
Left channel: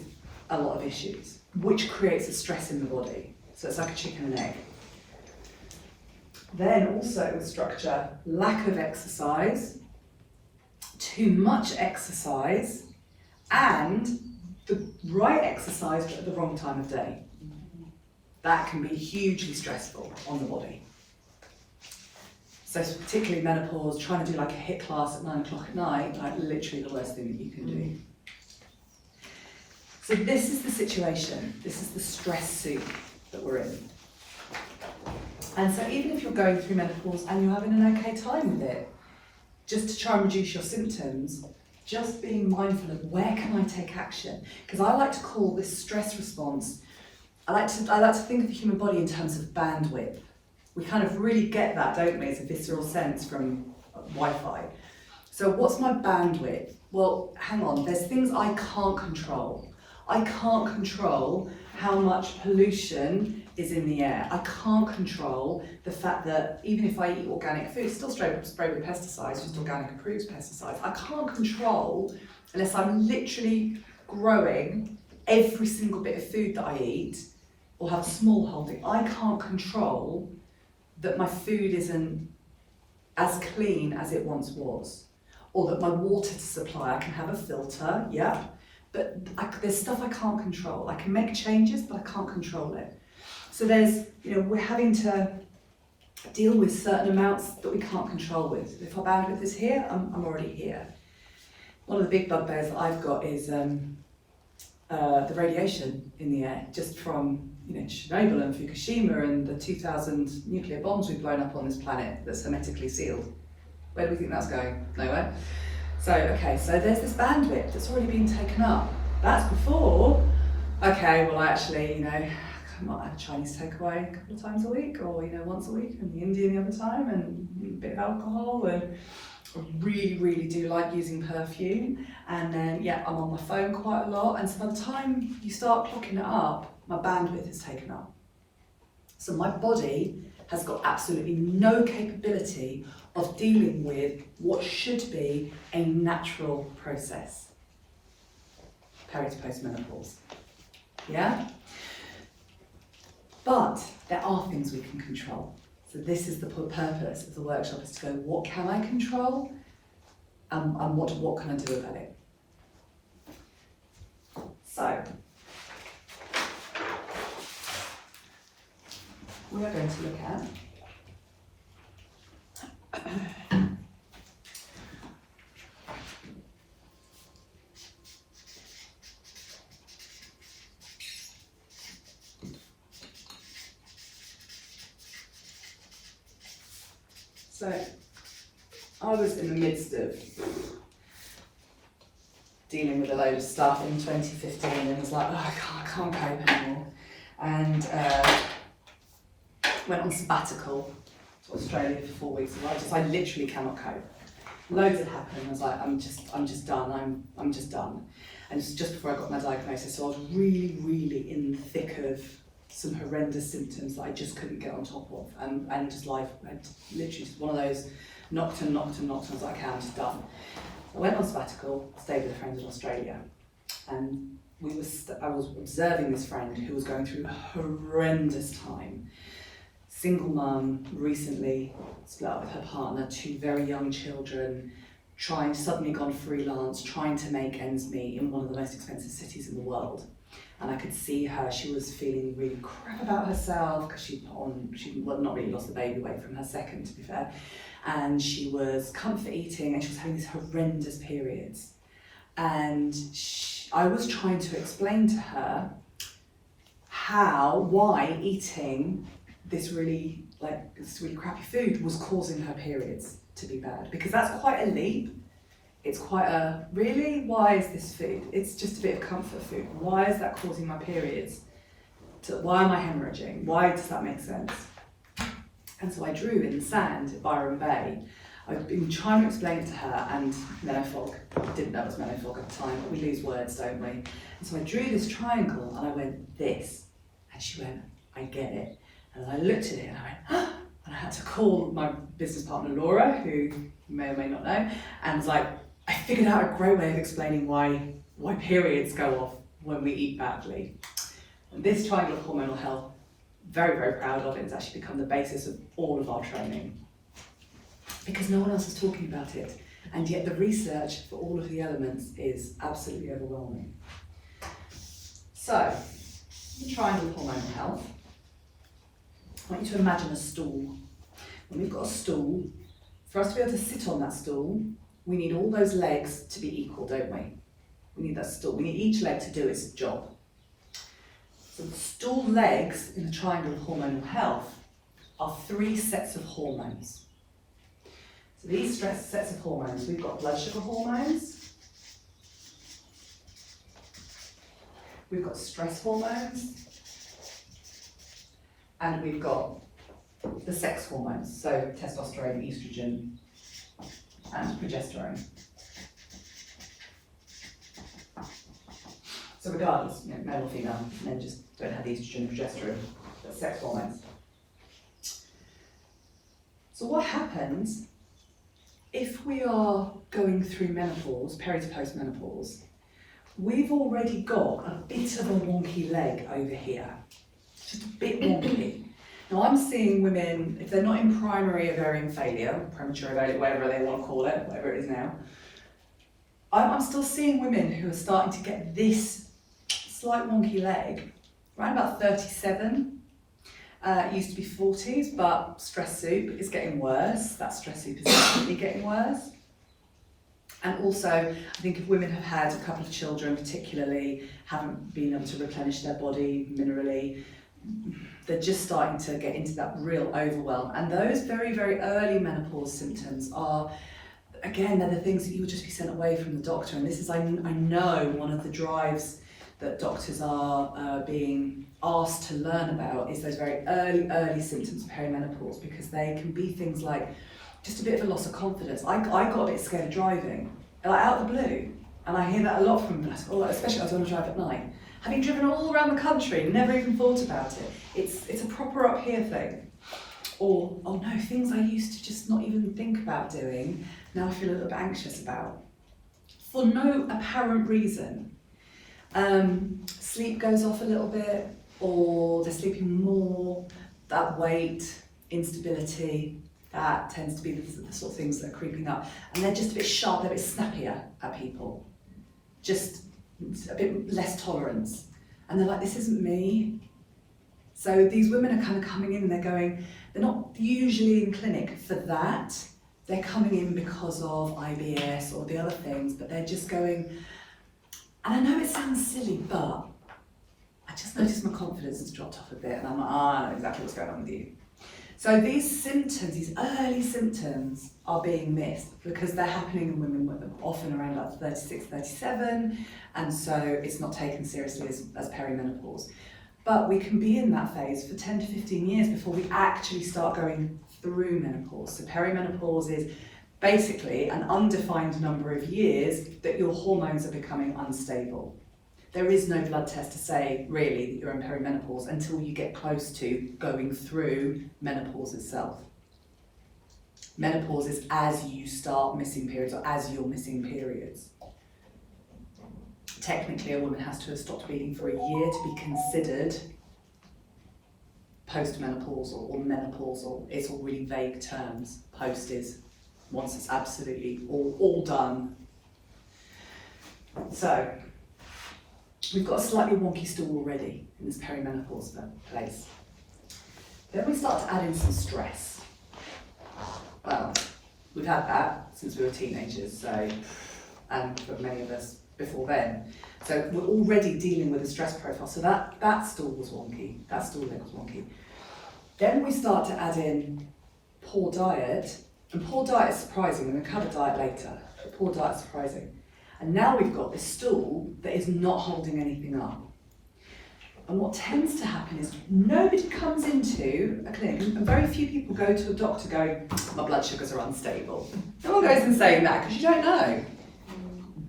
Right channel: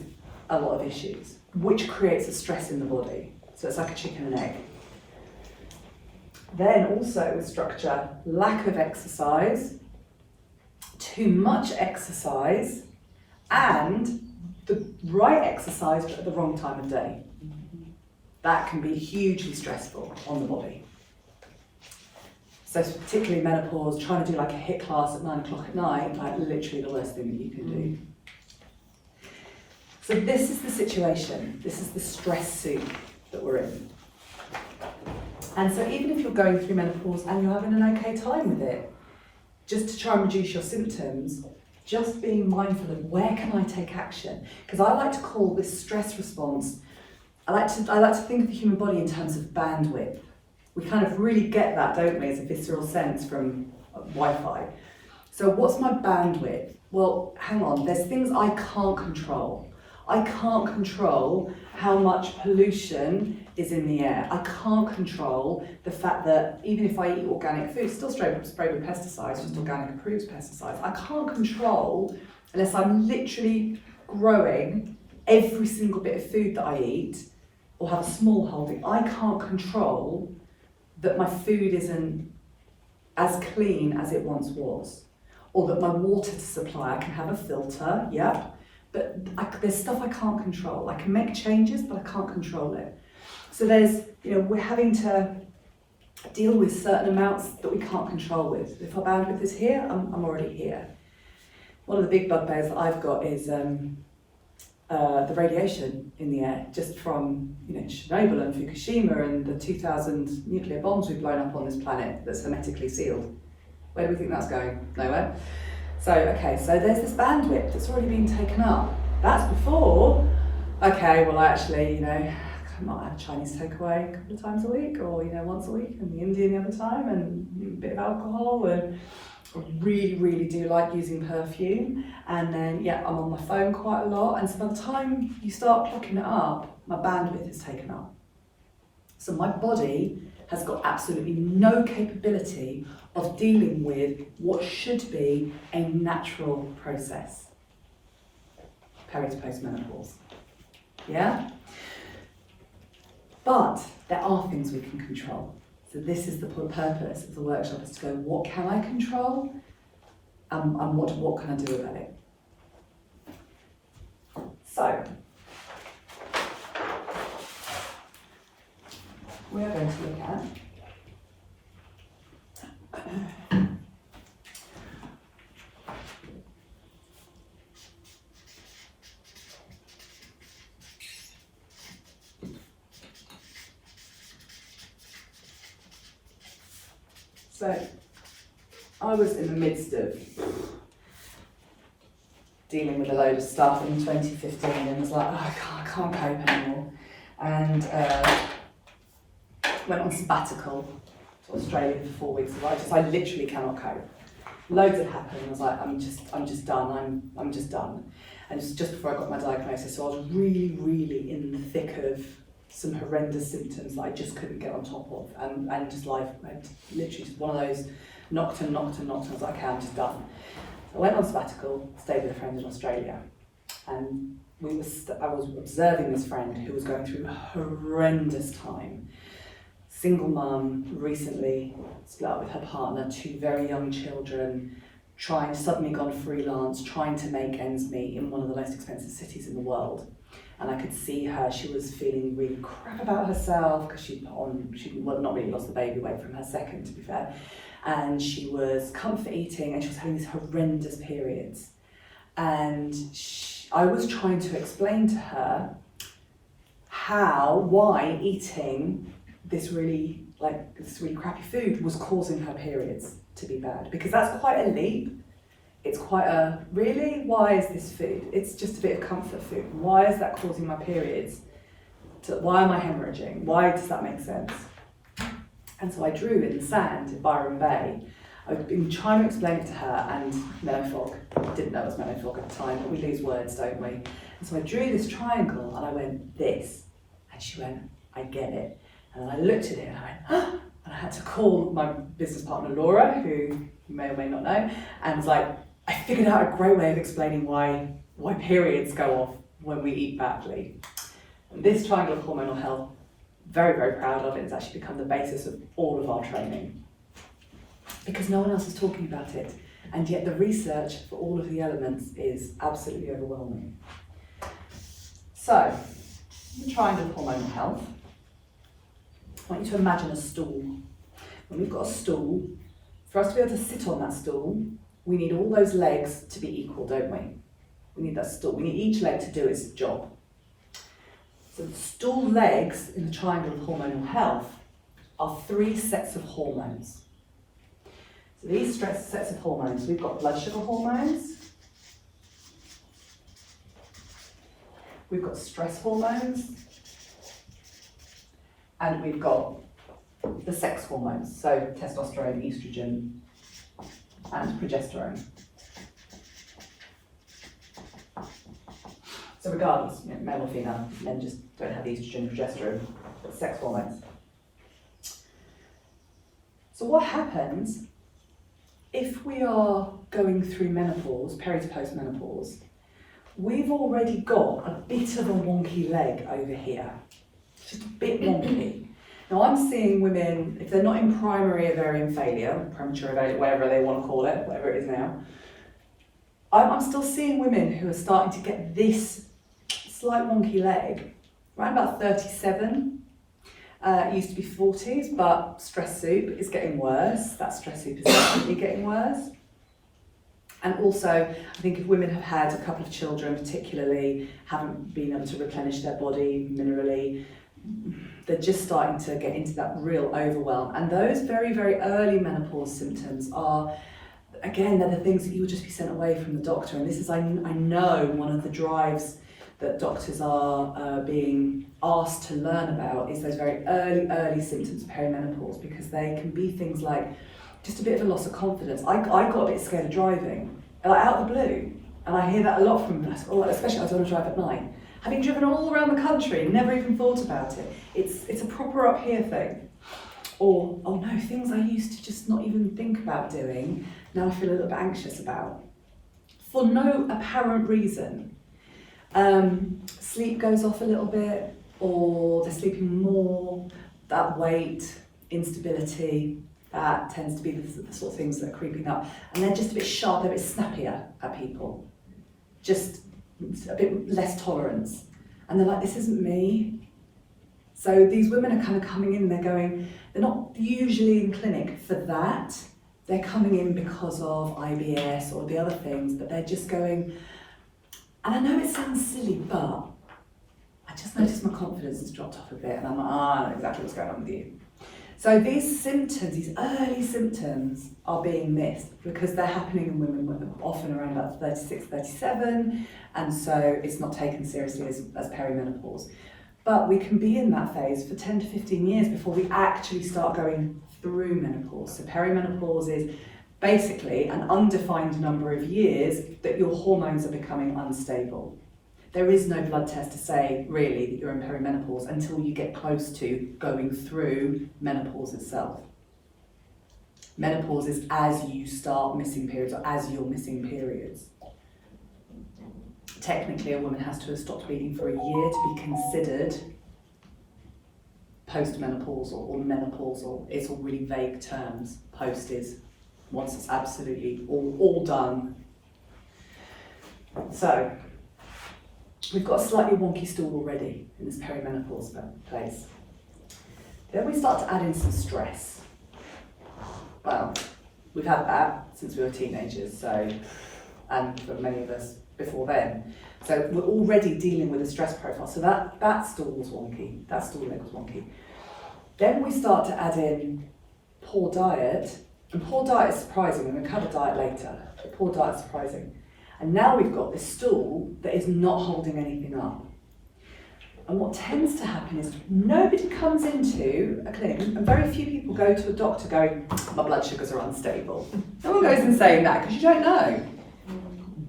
a lot of issues, which creates a stress in the body. So it's like a chicken and egg. Then also with structure, lack of exercise, too much exercise, and the right exercise but at the wrong time of day. That can be hugely stressful on the body. So particularly menopause, trying to do like a HIIT class at 9 o'clock at night, like literally the worst thing that you can do. So this is the situation, this is the stress soup that we're in. And so even if you're going through menopause and you're having an okay time with it, just to try and reduce your symptoms, just being mindful of where can I take action? Because I like to call this stress response, I like to think of the human body in terms of bandwidth. We kind of really get that, don't we, as a visceral sense from Wi-Fi. So what's my bandwidth? Well, hang on, there's things I can't control. I can't control how much pollution is in the air. I can't control the fact that even if I eat organic food, it's still sprayed with pesticides, just organic approved pesticides. I can't control, unless I'm literally growing every single bit of food that I eat or have a small holding, I can't control that my food isn't as clean as it once was. Or that my water supply, I can have a filter, yeah, but there's stuff I can't control. I can make changes, but I can't control it. So we're having to deal with certain amounts that we can't control with. If our bandwidth is here, I'm already here. One of the big bugbears that I've got is the radiation in the air, just from Chernobyl and Fukushima and the 2000 nuclear bombs we've blown up on this planet that's hermetically sealed. Where do we think that's going? Nowhere. So there's this bandwidth that's already been taken up. That's before, I actually, I might have a Chinese takeaway a couple of times a week or, once a week, and the Indian the other time, and a bit of alcohol, and I really, really do like using perfume. And then, I'm on my phone quite a lot. And so by the time you start clocking it up, my bandwidth is taken up. So my body has got absolutely no capability of dealing with what should be a natural process. Peri to postmenopause. Yeah? But there are things we can control. So this is the purpose of the workshop, is to go, what can I control? And what can I do about it? So, we are going to look at So, I was in the midst of dealing with a load of stuff in 2015 and was like, I can't cope anymore. And went on sabbatical to Australia for 4 weeks. I literally cannot cope. Loads had happened. I was like, I'm just done. I'm just done. And just before I got my diagnosis, so I was really, really in the thick of some horrendous symptoms that I just couldn't get on top of, and just life, literally just one of those knocked. I was like, okay, I'm just done. So I went on sabbatical, stayed with a friend in Australia, and I was observing this friend who was going through a horrendous time. Single mum, recently split up with her partner, 2 very young children, suddenly gone freelance, trying to make ends meet in one of the most expensive cities in the world. And I could see her, she was feeling really crap about herself because she'd not really lost the baby weight from her second, to be fair. And she was comfort eating and she was having these horrendous periods. And I was trying to explain to her why eating this really like this really crappy food was causing her periods to be bad, because that's quite a leap. It's quite a, really, why is this food? It's just a bit of comfort food. Why is that causing my periods? Why am I hemorrhaging? Why does that make sense? And so I drew in the sand at Byron Bay. I've been trying to explain it to her, and Menopause, didn't know it was Menopause at the time, but we lose words, don't we? And so I drew this triangle and I went, this. And she went, I get it. And then I looked at it and I went, ah! And I had to call my business partner Laura, who you may or may not know, and was like, I figured out a great way of explaining why periods go off when we eat badly. And this triangle of hormonal health, very, very proud of it. It's actually become the basis of all of our training, because no one else is talking about it. And yet the research for all of the elements is absolutely overwhelming. So, the triangle of hormonal health. I want you to imagine a stool. When we've got a stool, for us to be able to sit on that stool, we need all those legs to be equal, don't we? We need that stool. We need each leg to do its job. So the stool legs in the triangle of hormonal health are 3 sets of hormones. So these sets of hormones, we've got blood sugar hormones, we've got stress hormones, and we've got the sex hormones, so testosterone, estrogen, and progesterone. So regardless, male or female, men just don't have the estrogen and progesterone, but sex hormones. So what happens if we are going through menopause, peri to post-menopause? We've already got a bit of a wonky leg over here, just a bit wonky. Now I'm seeing women, if they're not in primary ovarian failure, premature ovarian, whatever they want to call it, whatever it is now, I'm still seeing women who are starting to get this slight wonky leg around about 37. It used to be 40s, but stress soup is getting worse. That stress soup is definitely getting worse. And also, I think if women have had a couple of children, particularly, haven't been able to replenish their body minerally, they're just starting to get into that real overwhelm. And those very, very early menopause symptoms are, again, they're the things that you would just be sent away from the doctor. And this is, I know, one of the drives that doctors are being asked to learn about is those very early symptoms of perimenopause, because they can be things like just a bit of a loss of confidence. I got a bit scared of driving, like out of the blue, and I hear that a lot from, especially as I want to drive at night. Having driven all around the country, never even thought about it. It's a proper up here thing. Or, oh no, things I used to just not even think about doing, now I feel a little bit anxious about. For no apparent reason. Sleep goes off a little bit, or they're sleeping more, that weight, instability, that tends to be the sort of things that are creeping up. And they're just a bit sharp, they're a bit snappier at people. Just a bit less tolerance. And they're like, this isn't me. So these women are kind of coming in, they're not usually in clinic for that. They're coming in because of IBS or the other things, but they're just going, and I know it sounds silly, but I just noticed my confidence has dropped off a bit, and I'm like, I know exactly what's going on with you. So these symptoms, these early symptoms are being missed because they're happening in women often around about 36, 37, and so it's not taken seriously as perimenopause. But we can be in that phase for 10 to 15 years before we actually start going through menopause. So perimenopause is basically an undefined number of years that your hormones are becoming unstable. There is no blood test to say really that you're in perimenopause until you get close to going through menopause itself. Menopause is as you start missing periods or as you're missing periods. Technically, a woman has to have stopped bleeding for a year to be considered postmenopausal or menopausal. It's all really vague terms. Post is once it's absolutely all done. So, we've got a slightly wonky stool already in this perimenopause place. Then we start to add in some stress. Well, we've had that since we were teenagers, so, and for many of us before then. So we're already dealing with a stress profile. So that stool was wonky, that stool leg was wonky. Then we start to add in poor diet, and poor diet is surprising. We're going to cover diet later, but poor diet is surprising. And now we've got this stool that is not holding anything up. And what tends to happen is nobody comes into a clinic, and very few people go to a doctor going, my blood sugars are unstable. No one goes in saying that because you don't know.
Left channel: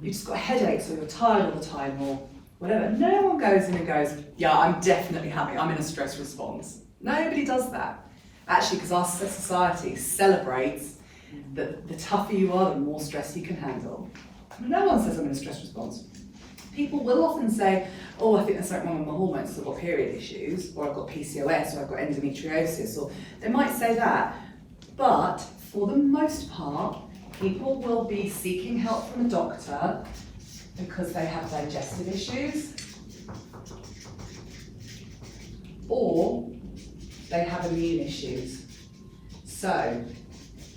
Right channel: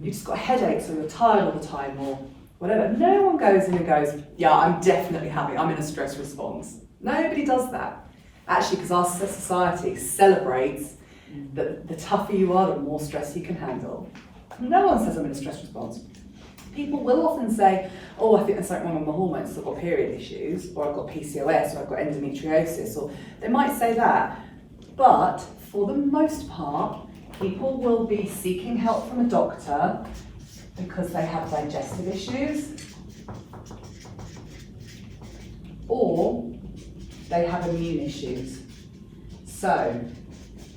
You've just got headaches, or you're tired all the time, or whatever. No one goes in and goes, yeah, I'm definitely I'm in a stress response. Nobody does that. Actually, because our society celebrates that the tougher you are, the more stress you can handle. No one says I'm in a stress response. People will often say, oh, I think there's something wrong with my hormones, so I've got period issues, or I've got PCOS, or I've got endometriosis, or they might say that. But for the most part, people will be seeking help from a doctor because they have digestive issues, or they have immune issues. So,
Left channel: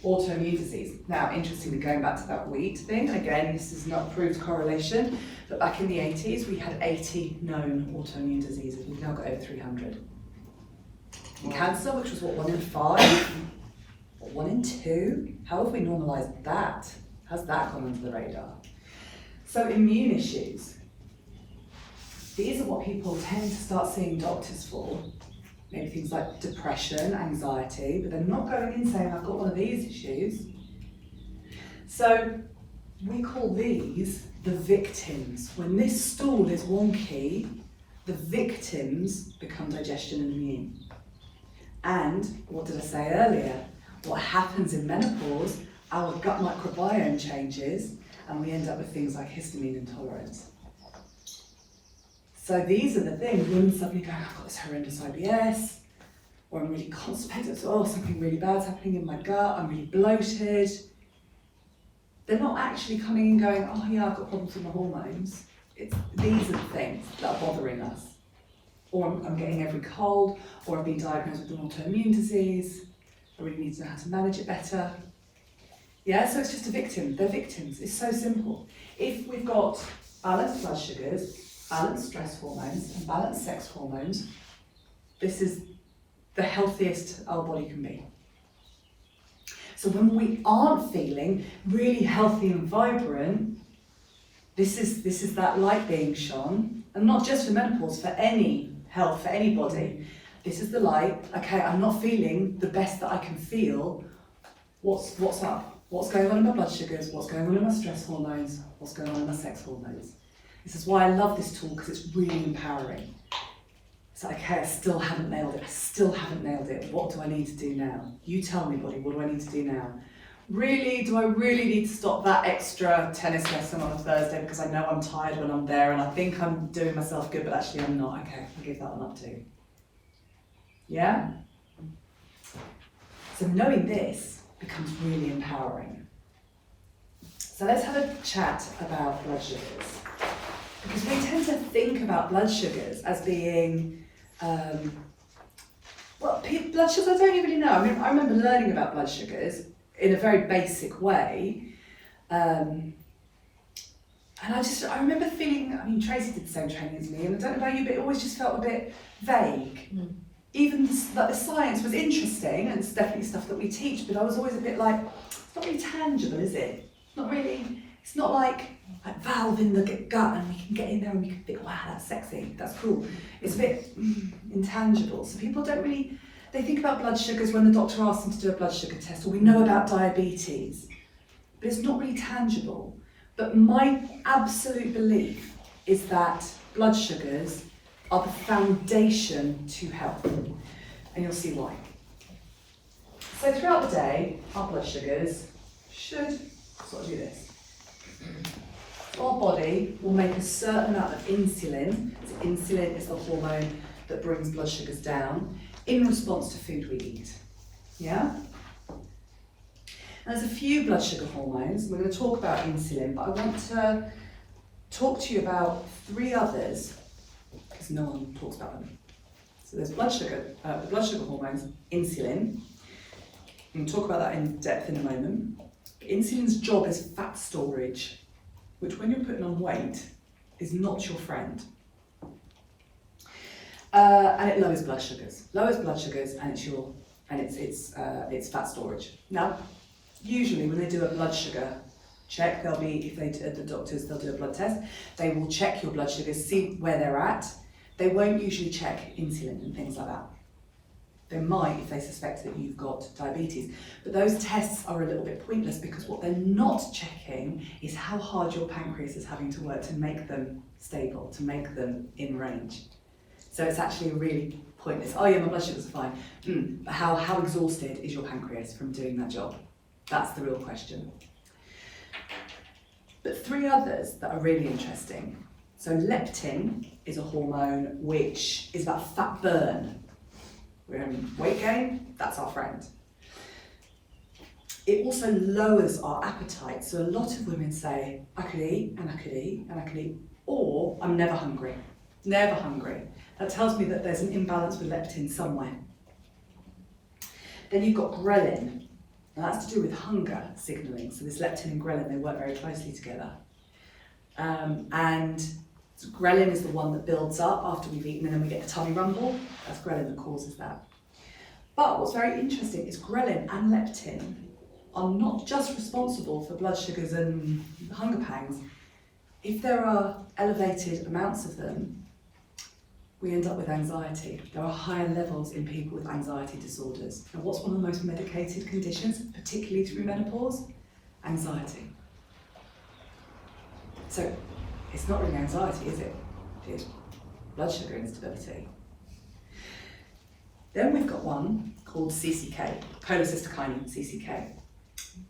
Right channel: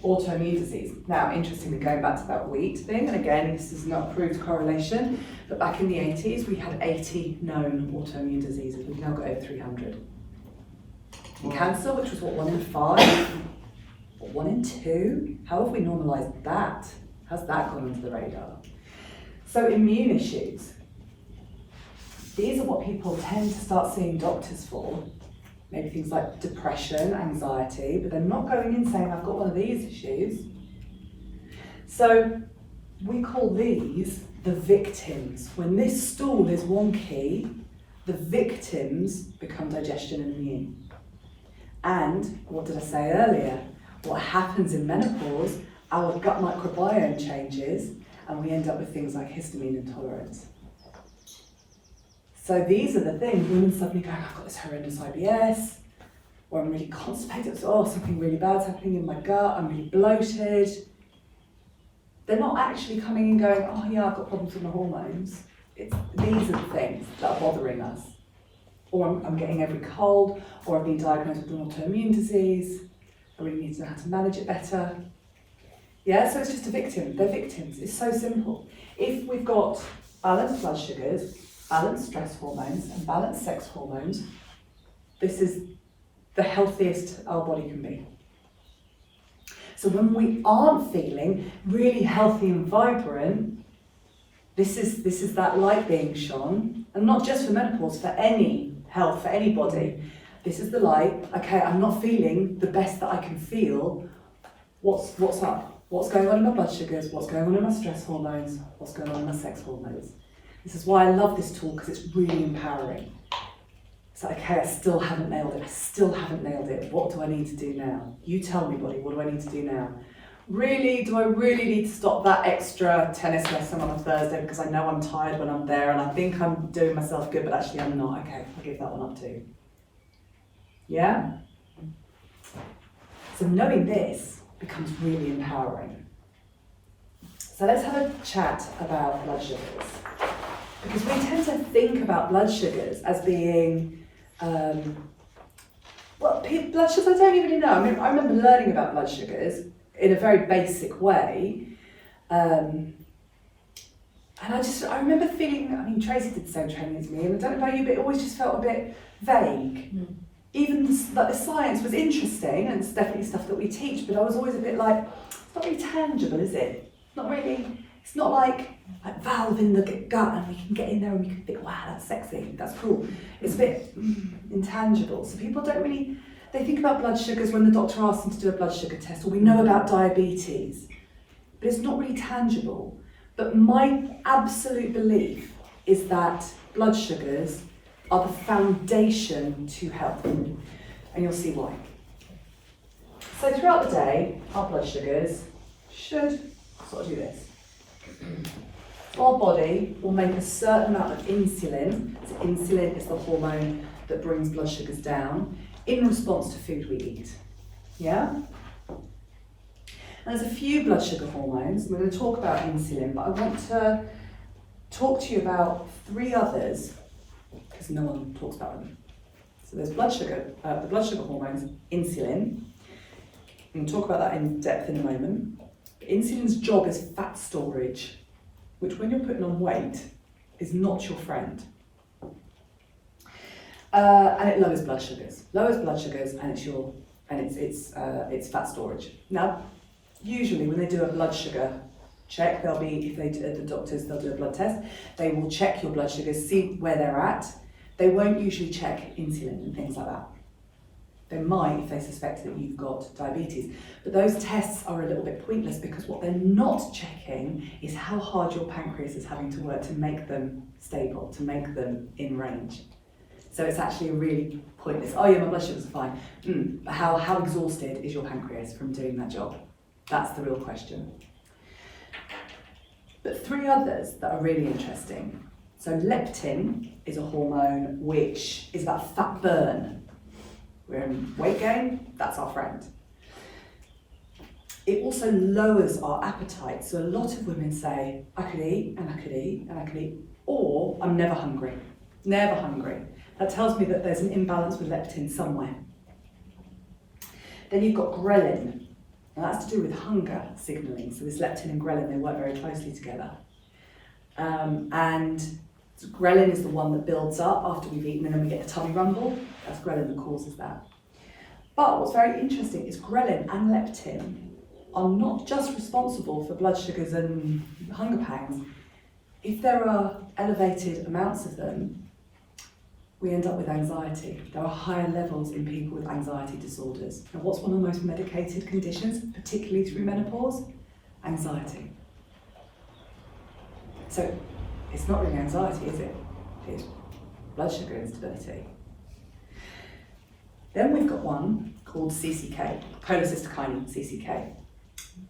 autoimmune disease. Now, interestingly, going back to that wheat thing, and again, this is not proved correlation, but back in the 80s, we had 80 known autoimmune diseases. We've now got over 300. And cancer, which was what, 1 in 5? Or 1 in 2? How have we normalised that? How's that gone under the radar? So immune issues. These are what people tend to start seeing doctors for. Maybe things like depression, anxiety, but they're not going in saying, I've got one of these issues. So we call these the victims. When this stool is wonky, the victims become digestion and immune. And what did I say earlier? What happens in menopause, our gut microbiome changes, and we end up with things like histamine intolerance. So these are the things, women suddenly going, I've got this horrendous IBS, or I'm really constipated, so, something really bad's happening in my gut, I'm really bloated. They're not actually coming and going, oh yeah, I've got problems with my hormones. These are the things that are bothering us. Or I'm getting every cold, or I've been diagnosed with an autoimmune disease, I really need to know how to manage it better. Yeah, so it's just a victim, they're victims, it's so simple. If we've got balanced blood sugars, balanced stress hormones and balanced sex hormones, this is the healthiest our body can be. So when we aren't feeling really healthy and vibrant, this is that light being shone, and not just for menopause, for any health, for anybody. This is the light, okay, I'm not feeling the best that I can feel. What's up? What's going on in my blood sugars? What's going on in my stress hormones? What's going on in my sex hormones? This is why I love this tool, because it's really empowering. It's like, okay, I still haven't nailed it. What do I need to do now? You tell me, body, what do I need to do now? Really, do I really need to stop that extra tennis lesson on a Thursday because I know I'm tired when I'm there and I think I'm doing myself good, but actually I'm not. Okay, I'll give that one up too. Yeah? So knowing this becomes really empowering. So let's have a chat about blood sugars. Because we tend to think about blood sugars as being, blood sugars, I don't really know. I mean, I remember learning about blood sugars in a very basic way. And I remember feeling, I mean, Tracy did the same training as me, and I don't know about you, but it always just felt a bit vague. Even like the science was interesting, and it's definitely stuff that we teach, but I was always a bit like, it's not really tangible, is it? It's not like valve in the gut and we can get in there and we can think, wow, that's sexy, that's cool. It's a bit intangible. So people don't really, they think about blood sugars when the doctor asks them to do a blood sugar test, or we know about diabetes, but it's not really tangible. But my absolute belief is that blood sugars are the foundation to health, and you'll see why. So throughout the day, our blood sugars should sort of do this. Our body will make a certain amount of insulin. So insulin is the hormone that brings blood sugars down in response to food we eat. Yeah? And there's a few blood sugar hormones. We're going to talk about insulin, but I want to talk to you about 3 others because no one talks about them. So there's blood sugar, the blood sugar hormones, insulin. I'm going to talk about that in depth in a moment. Insulin's job is fat storage, which when you're putting on weight is not your friend. And it lowers blood sugars. And it's fat storage. Now, usually when they do a blood sugar check, they'll do a blood test. They will check your blood sugars, see where they're at. They won't usually check insulin and things like that. They might if they suspect that you've got diabetes. But those tests are a little bit pointless because what they're not checking is how hard your pancreas is having to work to make them stable, to make them in range. So it's actually really pointless. Oh yeah, my blood sugars are fine. But how exhausted is your pancreas from doing that job? That's the real question. But 3 others that are really interesting. So leptin is a hormone which is about fat burn. We're in weight gain, that's our friend. It also lowers our appetite. So a lot of women say, I could eat, and I could eat, and I could eat, or I'm never hungry. Never hungry. That tells me that there's an imbalance with leptin somewhere. Then you've got ghrelin, and that's to do with hunger signalling. So this leptin and ghrelin, they work very closely together. And ghrelin is the one that builds up after we've eaten and then we get the tummy rumble. That's ghrelin that causes that. But what's very interesting is ghrelin and leptin are not just responsible for blood sugars and hunger pangs. If there are elevated amounts of them, we end up with anxiety. There are higher levels in people with anxiety disorders. And what's one of the most medicated conditions, particularly through menopause? Anxiety. So it's not really anxiety, is it? It's blood sugar instability. Then we've got one called CCK, cholecystokinin, CCK.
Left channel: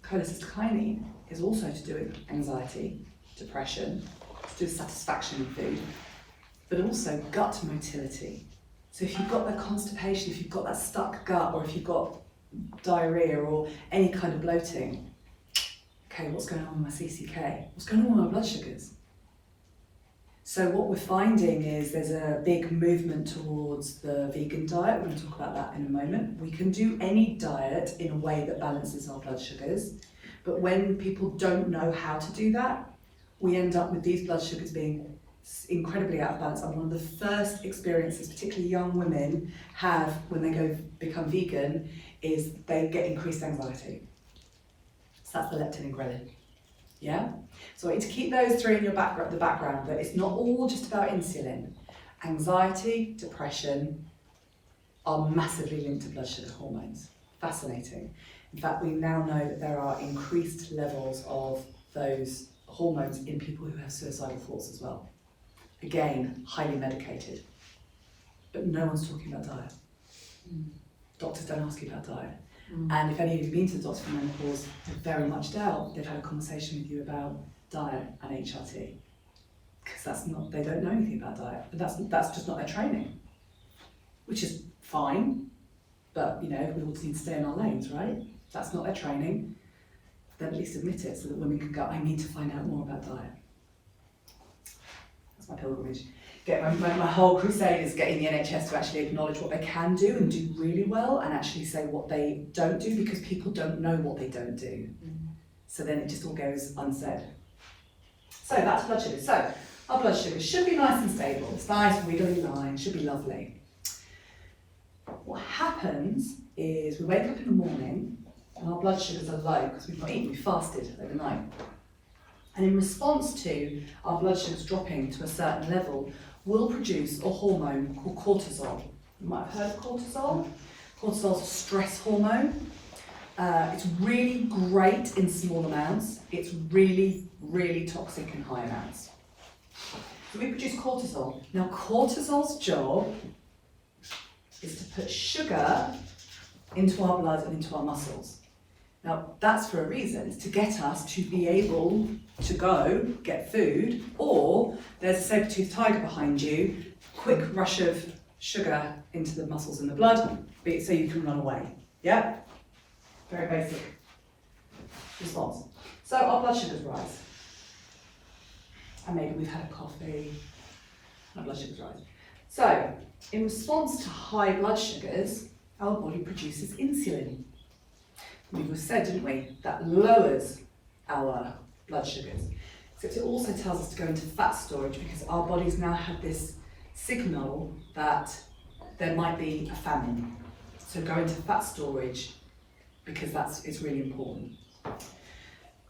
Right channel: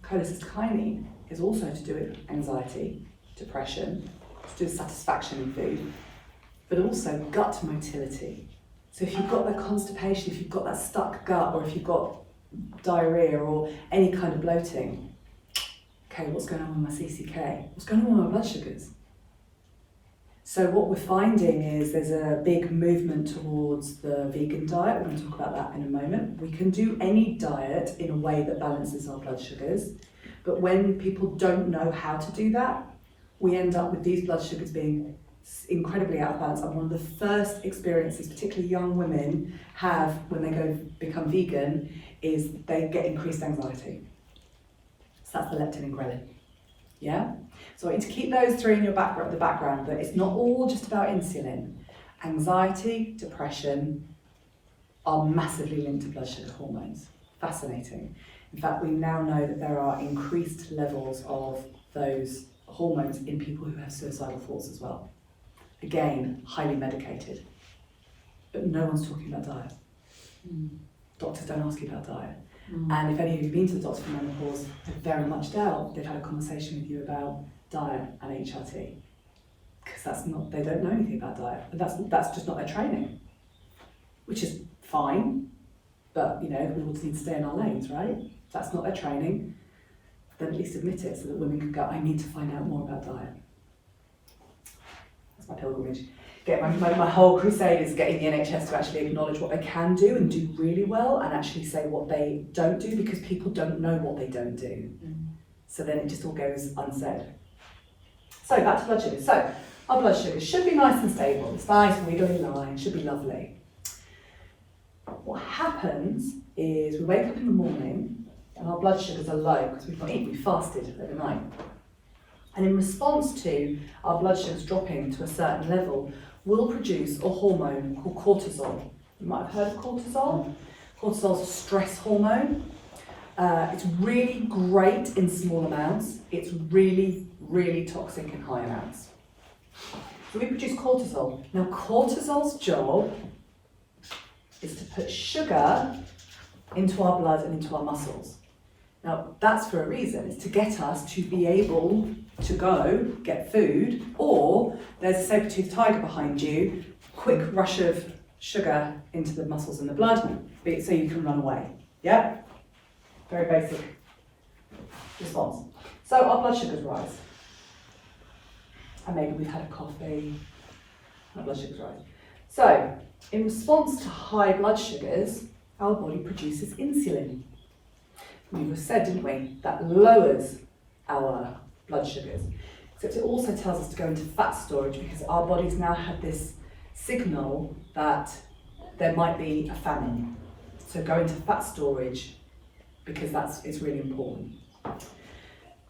Cholecystokinin is also to do with anxiety, depression, to do with satisfaction in food, but also gut motility. So if you've got the constipation, if you've got that stuck gut, or if you've got diarrhea or any kind of bloating, okay, what's going on with my CCK? What's going on with my blood sugars? So what we're finding is there's a big movement towards the vegan diet. We're going to talk about that in a moment. We can do any diet in a way that balances our blood sugars, but when people don't know how to do that, we end up with these blood sugars being incredibly out of balance. And one of the first experiences, particularly young women have when they go become vegan, is they get increased anxiety. So that's the leptin and ghrelin. Yeah? So I want you to keep those 3 in the background, that it's not all just about insulin. Anxiety, depression are massively linked to blood sugar hormones. Fascinating. In fact, we now know that there are increased levels of those hormones in people who have suicidal thoughts as well. Again, highly medicated. But no one's talking about diet. Doctors don't ask you about diet. And if any of you have been to the doctor for menopause, I very much doubt they've had a conversation with you about diet and HRT. Because they don't know anything about diet. But that's just not their training. Which is fine, but we all need to stay in our lanes, right? If that's not their training, then at least admit it so that women can go, I need to find out more about diet. That's my pilgrimage. My whole crusade is getting the NHS to actually acknowledge what they can do and do really well, and actually say what they don't do, because people don't know what they don't do. So then it just all goes unsaid. So back to blood sugars. So our blood sugars should be nice and stable. It's nice, wiggly line, should be lovely. What happens is we wake up in the morning and our blood sugars are low because we've not eaten, we fasted overnight. And in response to our blood sugars dropping to a certain level, we'll produce a hormone called cortisol. You might have heard of cortisol. Cortisol's a stress hormone. It's really great in small amounts. It's really, really toxic in high amounts. So we produce cortisol. Now cortisol's job is to put sugar into our blood and into our muscles. Now that's for a reason. It's to get us to be able to go get food, or there's a saber-toothed tiger behind you, quick rush of sugar into the muscles and the blood so you can run away. Yeah? Very basic response. So our blood sugars rise. And maybe we've had a coffee, our blood sugars rise. So in response to high blood sugars, our body produces insulin. We just said, didn't we, that lowers our blood sugars. Except it also tells us to go into fat storage, because our bodies now have this signal that there might be a famine. So go into fat storage because it's really important.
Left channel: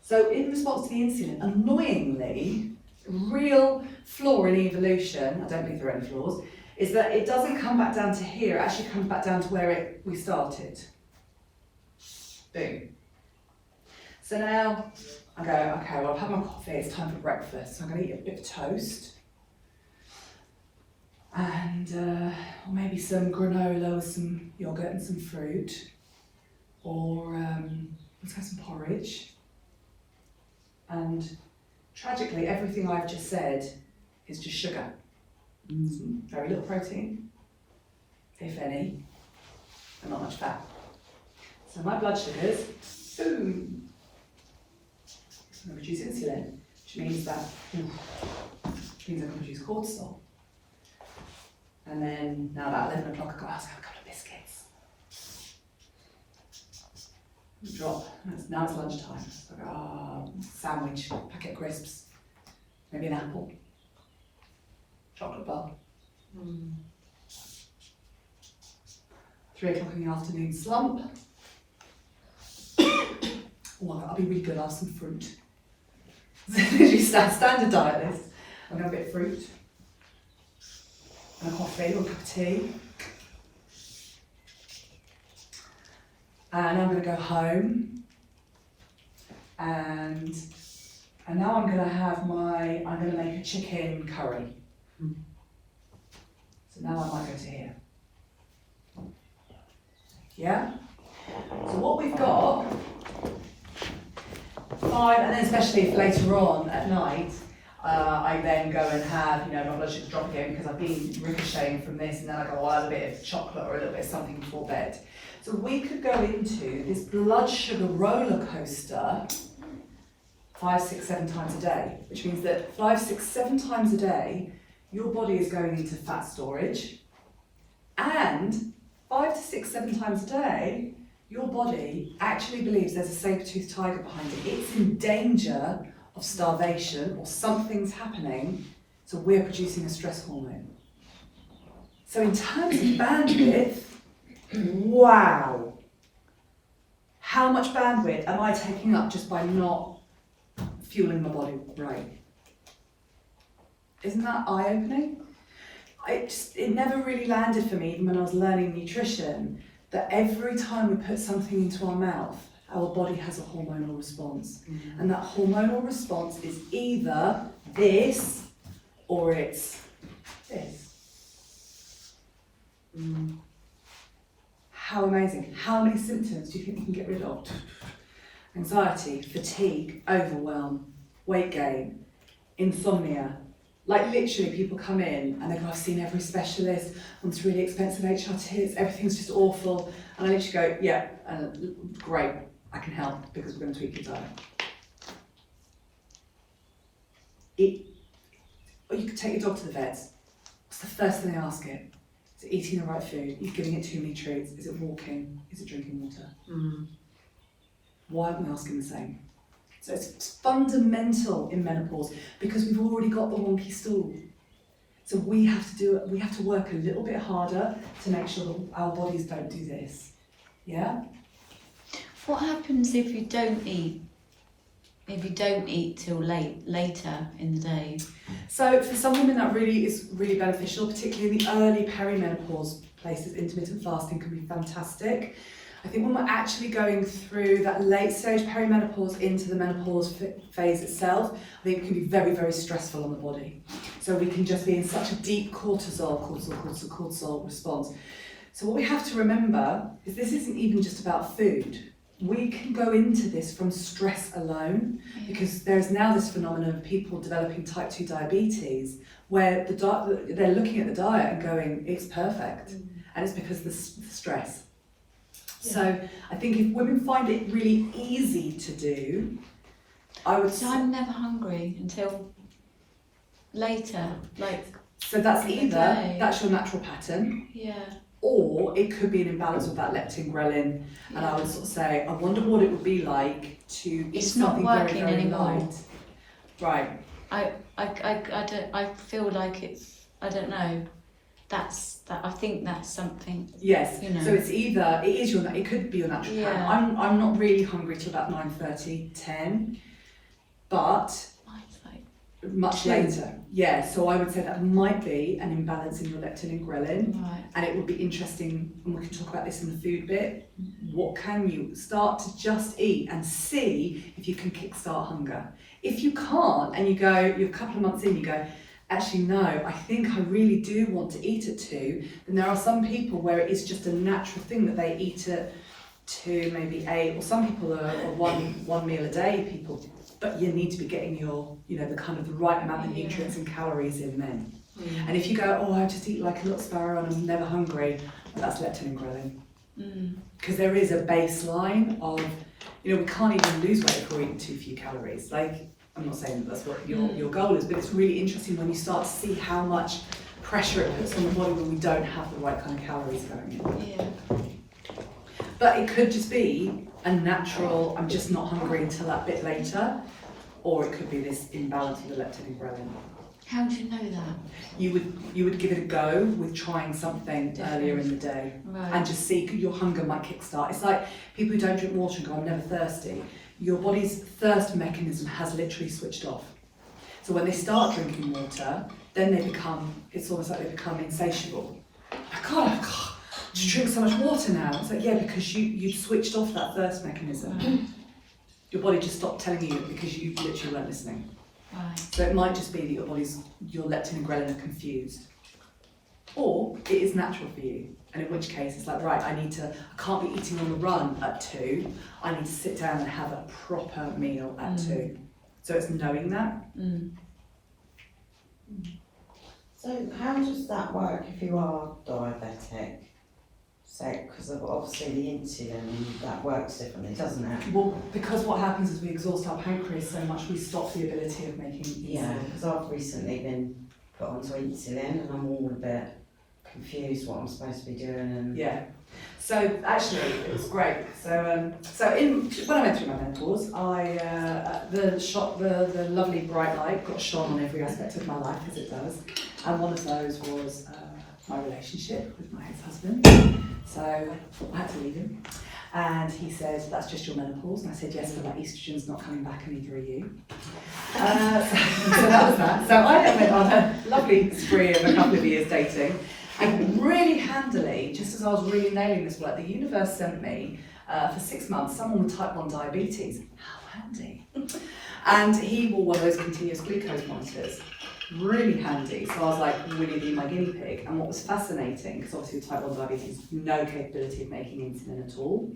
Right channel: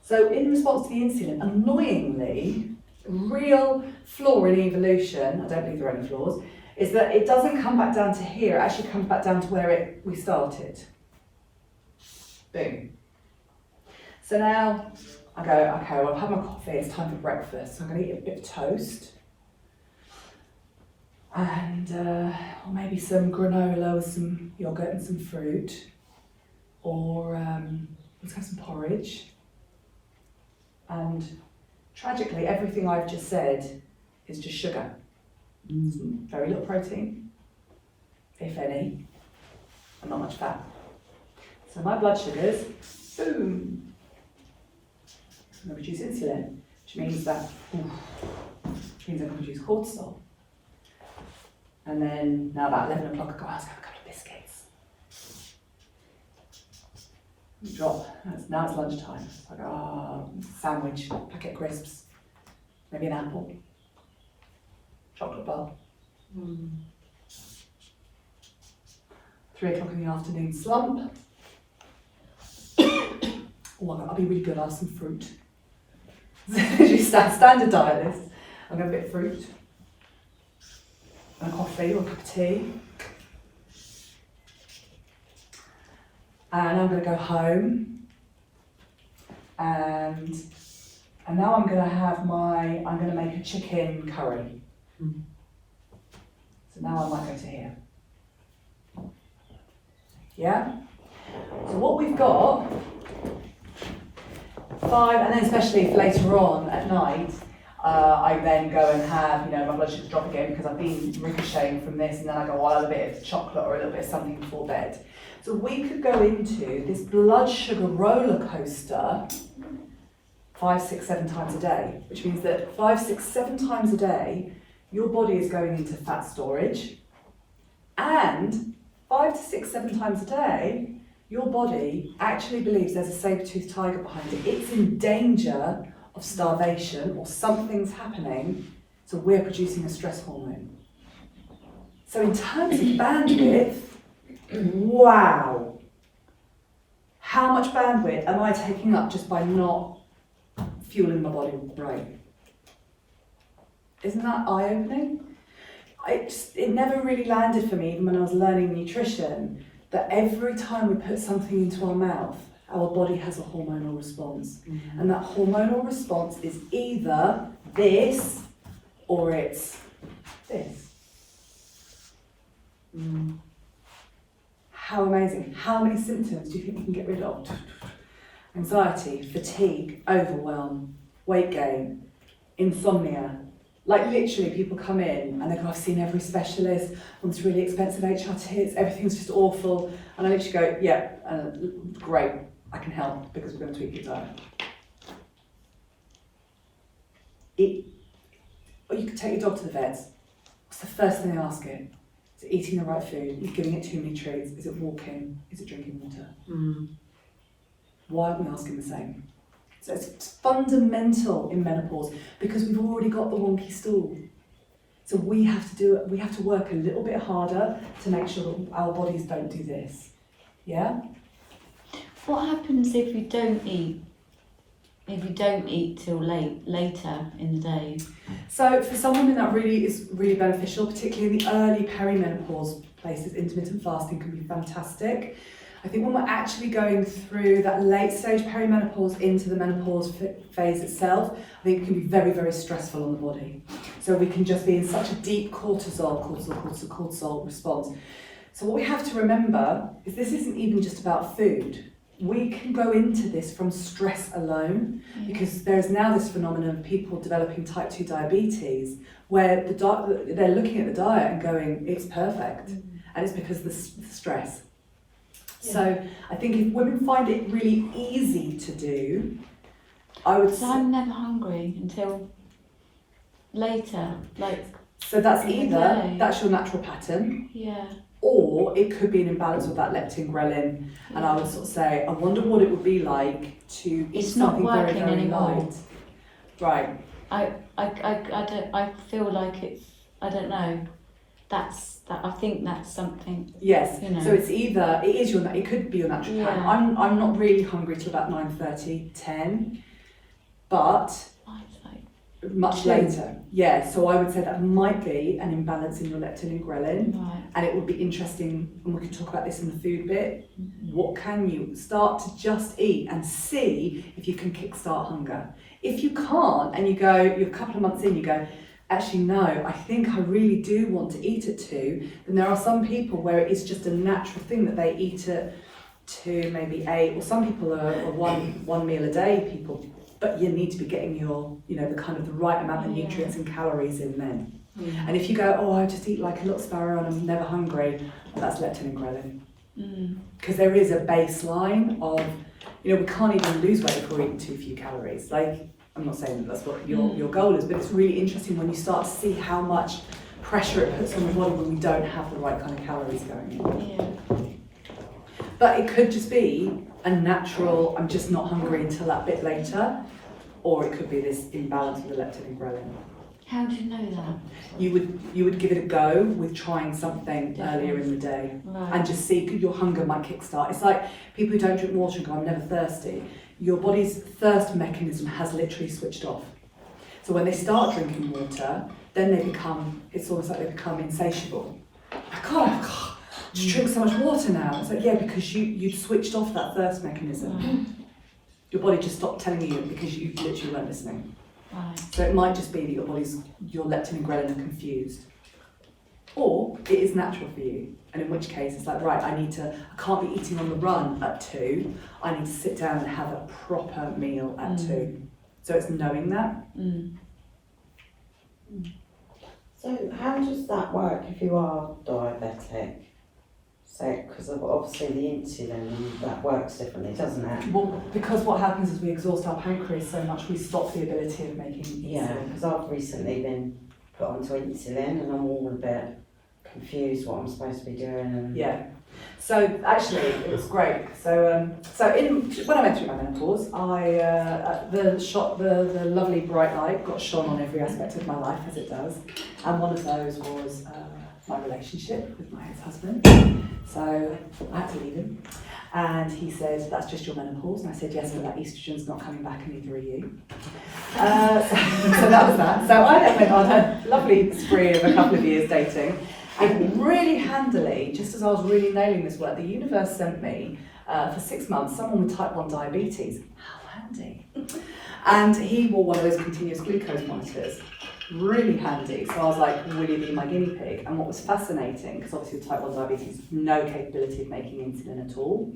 So in response to the insulin, annoyingly, real flaw in evolution, I don't believe there are any flaws, is that it doesn't come back down to here, it actually comes back down to where we started. Boom. So now I go, okay, well I've had my coffee, it's time for breakfast. So I'm going to eat a bit of toast. And or maybe some granola with some yogurt and some fruit. Or let's have some porridge. And tragically, everything I've just said is just sugar. Very little protein, if any, and not much fat. So my blood sugars, boom, it's going to produce insulin, which means I can produce cortisol. And then now about 11 o'clock, I go, let's have a couple of biscuits. Drop. Now it's lunchtime. So I go, sandwich, packet of crisps, maybe an apple, chocolate bar. 3 o'clock in the afternoon, slump. I'll be really good, I'll have some fruit. Standard diet list. I'm going to have a bit of fruit, and a coffee or a cup of tea. And I'm going to go home, and now I'm going to make a chicken curry. So now I might go to here. Yeah? So what we've got, 5, and then especially if later on at night, I then go and have, my blood sugars drop again because I've been ricocheting from this, and then I go, I'll have a bit of chocolate or a little bit of something before bed. So we could go into this blood sugar roller coaster 5, 6, 7 times a day, which means that 5, 6, 7 times a day, your body is going into fat storage, and 5 to 6, 7 times a day, your body actually believes there's a saber-toothed tiger behind it. It's in danger of starvation or something's happening, so we're producing a stress hormone. So in terms of bandwidth, wow! How much bandwidth am I taking up just by not fueling my body right? Isn't that eye-opening? It never really landed for me, even when I was learning nutrition, that every time we put something into our mouth, our body has a hormonal response. Mm-hmm. And that hormonal response is either this or it's this. How amazing. How many symptoms do you think we can get rid of? Anxiety, fatigue, overwhelm, weight gain, insomnia. Like literally people come in and they go, I've seen every specialist on this really expensive HRT, everything's just awful. And I literally go, yeah, great, I can help because we're going to tweak your diet. Or you could take your dog to the vets. What's the first thing they ask it? Is it eating the right food? Is it giving it too many treats? Is it walking? Is it drinking water? Why aren't we asking the same? So it's fundamental in menopause because we've already got the wonky stool. So we have to work a little bit harder to make sure that our bodies don't do this. Yeah? What happens if you don't eat? If you don't eat till later in the day? So for some women that really is really beneficial, particularly in the early perimenopause places, intermittent fasting can be fantastic. I think when we're actually going through that late stage perimenopause into the menopause phase itself, I think it can be very, very stressful on the body. So we can just be in such a deep cortisol response. So what we have to remember is this isn't even just about food. We can go into this from stress alone, because there's now this phenomenon of people developing type 2 diabetes where they're looking at the diet and going, it's perfect. And it's because of the stress. Yeah. So I think if women find it really easy to do, So I'm never hungry until later, So that's either, that's your natural pattern. Yeah. Or it could be an imbalance with that leptin, ghrelin, and I would sort of say, I wonder what it would be like to eat something very, very light. Right. I feel like it's, I don't know. I think that's something. Yes. You know. So it's either it could be your natural Yeah. time. I'm not really hungry till about 9:30, 10, but Mine's like much 2. later. Yeah. So I would say that might be an imbalance in your leptin and ghrelin. right. And it would be interesting, and we can talk about this in the food bit, what can you start to just eat and see if you can kickstart hunger. If you can't, and you're a couple of months in, you go, actually no, I think I really do want to eat at 2, then there are some people where it is just a natural thing that they eat at 2, maybe 8, or some people are one meal a day people, but you need to be getting your, the kind of the right amount of nutrients and calories in then. And if you go, oh, I just eat like a little sparrow and I'm never hungry, well, that's leptin and ghrelin. Because there is a baseline of, we can't even lose weight if we're eating too few calories. Like, I'm not saying that that's what your goal is, but it's really interesting when you start to see how much pressure it puts on the body when we don't have the right kind of calories going in. Yeah. But it could just be a natural, I'm just not hungry until that bit later, or it could be this imbalance of the leptin and ghrelin. How do you know that? You would give it a go with trying something earlier in the day, Right. and just see, your hunger might kickstart. It's like people who don't drink water and go, I'm never thirsty. Your body's thirst mechanism has literally switched off. So when they start drinking water, then it's almost like they become insatiable. I can't just drink so much water now. It's like, yeah, because you switched off that thirst mechanism. Right. Your body just stopped telling you because you literally weren't listening. Right. So it might just be that your leptin and ghrelin are confused. Or it is natural for you. And in which case it's like, right, I can't be eating on the run at 2. I need to sit down and have a proper meal at 2. So it's knowing that. So how does that work if you are diabetic? So, because obviously the insulin, that works differently, doesn't it? Well, because what happens is we exhaust our pancreas so much, we stop the ability of making Yeah, insulin. because I've recently been put onto insulin and I'm all a bit confused what I'm supposed to be doing. And Yeah. So actually, it was great. So when I went through my menopause, the lovely bright light got shone on every aspect of my life, as it does, and one of those was my relationship with my ex-husband. So I had to leave him, and he said, "That's just your menopause," and I said, "Yes, but that estrogen's not coming back, and neither are you." So that was that. So I then went on a lovely spree of a couple of years dating. And really handily, just as I was really nailing this work, the universe sent me for 6 months someone with type 1 diabetes. How handy. And he wore one of those continuous glucose monitors. Really handy. So I was like, will you be my guinea pig? And what was fascinating, because obviously with type 1 diabetes, no capability of making insulin at all.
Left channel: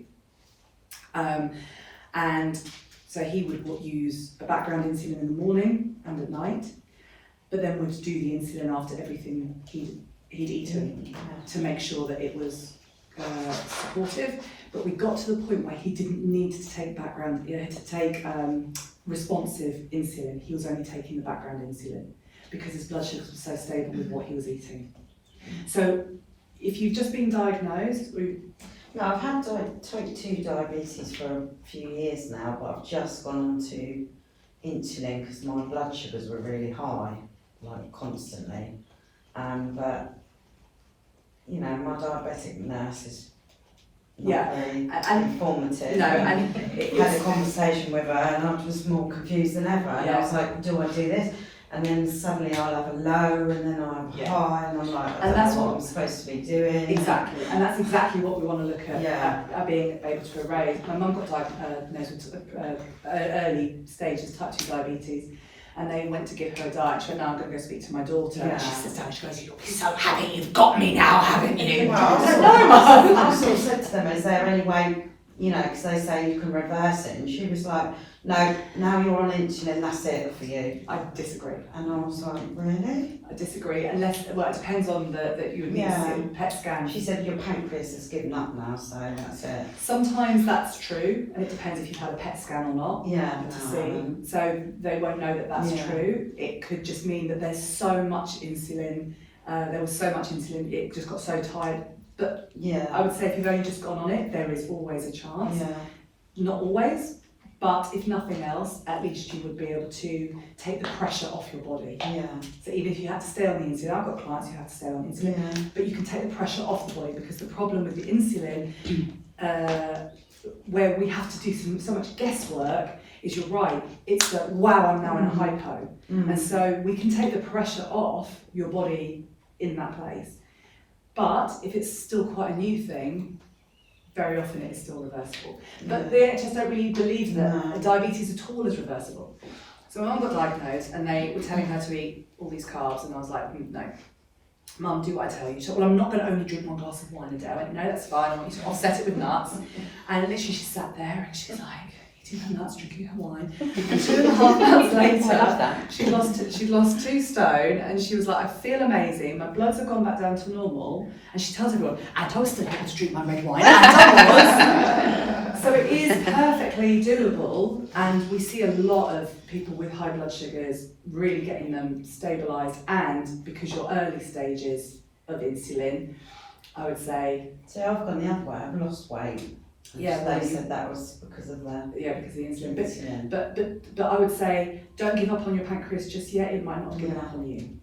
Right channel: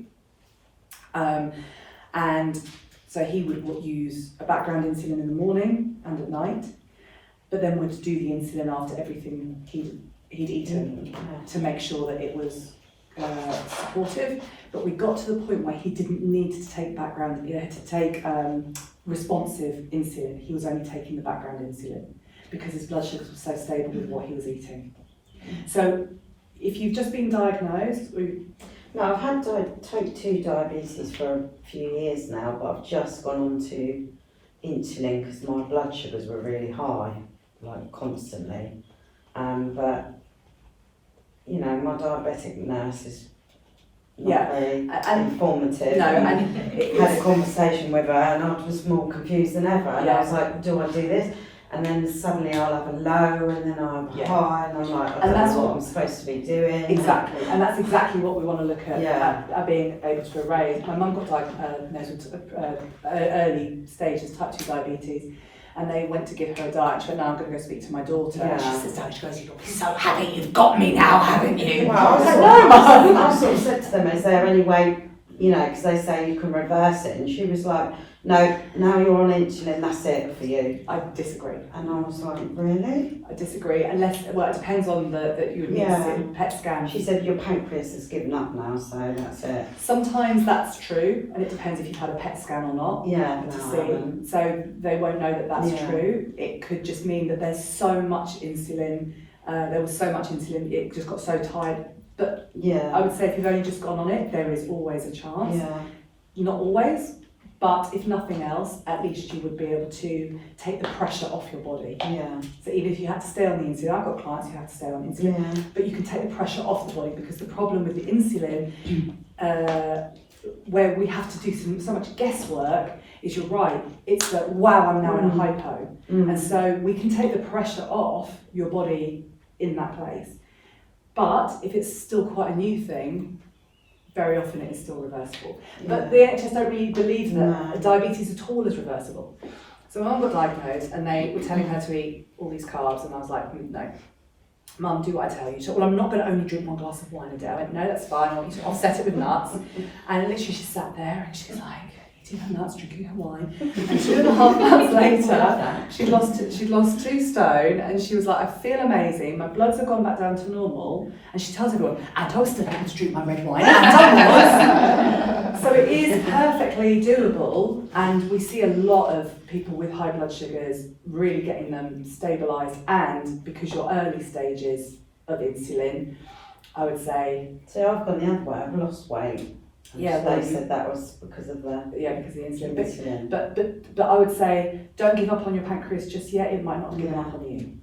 And so he would use a background insulin in the morning and at night, but then would do the insulin after everything he'd eaten to make sure that it was supportive. But we got to the point where he didn't need to take responsive insulin. He was only taking the background insulin because his blood sugars were so stable with what he was eating. So if you've just been diagnosed, No, I've had type 2 diabetes for a few years now, but I've just gone on to insulin because my blood sugars were really high, like constantly. But my diabetic nurse is not very informative. No, and and had a conversation with her, and I was more confused than ever. And I was like, "Do I do this?" And then suddenly I'll have a low, and then I'll have a high, and I'm like, "I don't know what I'm supposed to be doing." Exactly, and that's exactly what we want to look at, Yeah. at being able to erase. My mum got diagnosed with early stages type 2 diabetes, and they went to give her a diet. She went, "No, I'm going to go speak to my daughter." And she sits down, she goes, "You'll be so happy you've got me now, haven't you?" Well, I was like, "No, Mum." I sort of said to them, "Is there any way, because they say you can reverse it?" And she was like, "No, now you're on insulin, that's it for you." I disagree. And I was like, "Really?" I disagree, unless, well, it depends on that you need to see a PET scan. She said, "Your pancreas has given up now, so that's it." Sometimes that's true, and it depends if you've had a PET scan or not. Yeah. To see, so they won't know that that's true. It could just mean that there's so much insulin. There was so much insulin, it just got so tight. But I would say if you've only just gone on it, there is always a chance. Yeah. Not always, But if nothing else, at least you would be able to take the pressure off your body. Yeah. So even if you had to stay on the insulin, I've got clients who have to stay on insulin, Yeah. but you can take the pressure off the body, because the problem with the insulin, where we have to do so much guesswork, is you're right, it's that, wow, I'm now in a hypo. And so we can take the pressure off your body in that place. But if it's still quite a new thing, very often it is still reversible. But the NHS don't really believe that diabetes at all is reversible. So my mum got diagnosed and they were telling her to eat all these carbs, and I was like, no. Mum, do what I tell you. She said, well, I'm not going to only drink 1 glass of wine a day. I went, no, that's fine. I want you to offset it with nuts. And literally she sat there and she's like, eating her nuts, drinking her wine. And 2.5 months later, she'd lost 2 stone, and she was like, I feel amazing. My bloods have gone back down to normal. And she tells everyone, and I was still able to drink my red wine, and I was. So it is perfectly doable, and we see a lot of people with high blood sugars really getting them stabilised, and because you're early stages of insulin, I would say. So I've gone the other way, I've lost weight. Yeah, they well, said that was because of the because of the insulin. insulin. But I would say, don't give up on your pancreas just yet. It might not have given up on you.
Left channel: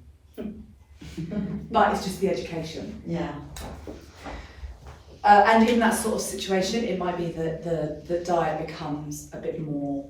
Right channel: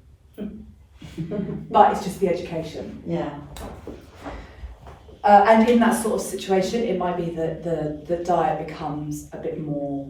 But it's just the education. Yeah. And in that sort of situation, it might be that the diet becomes a bit more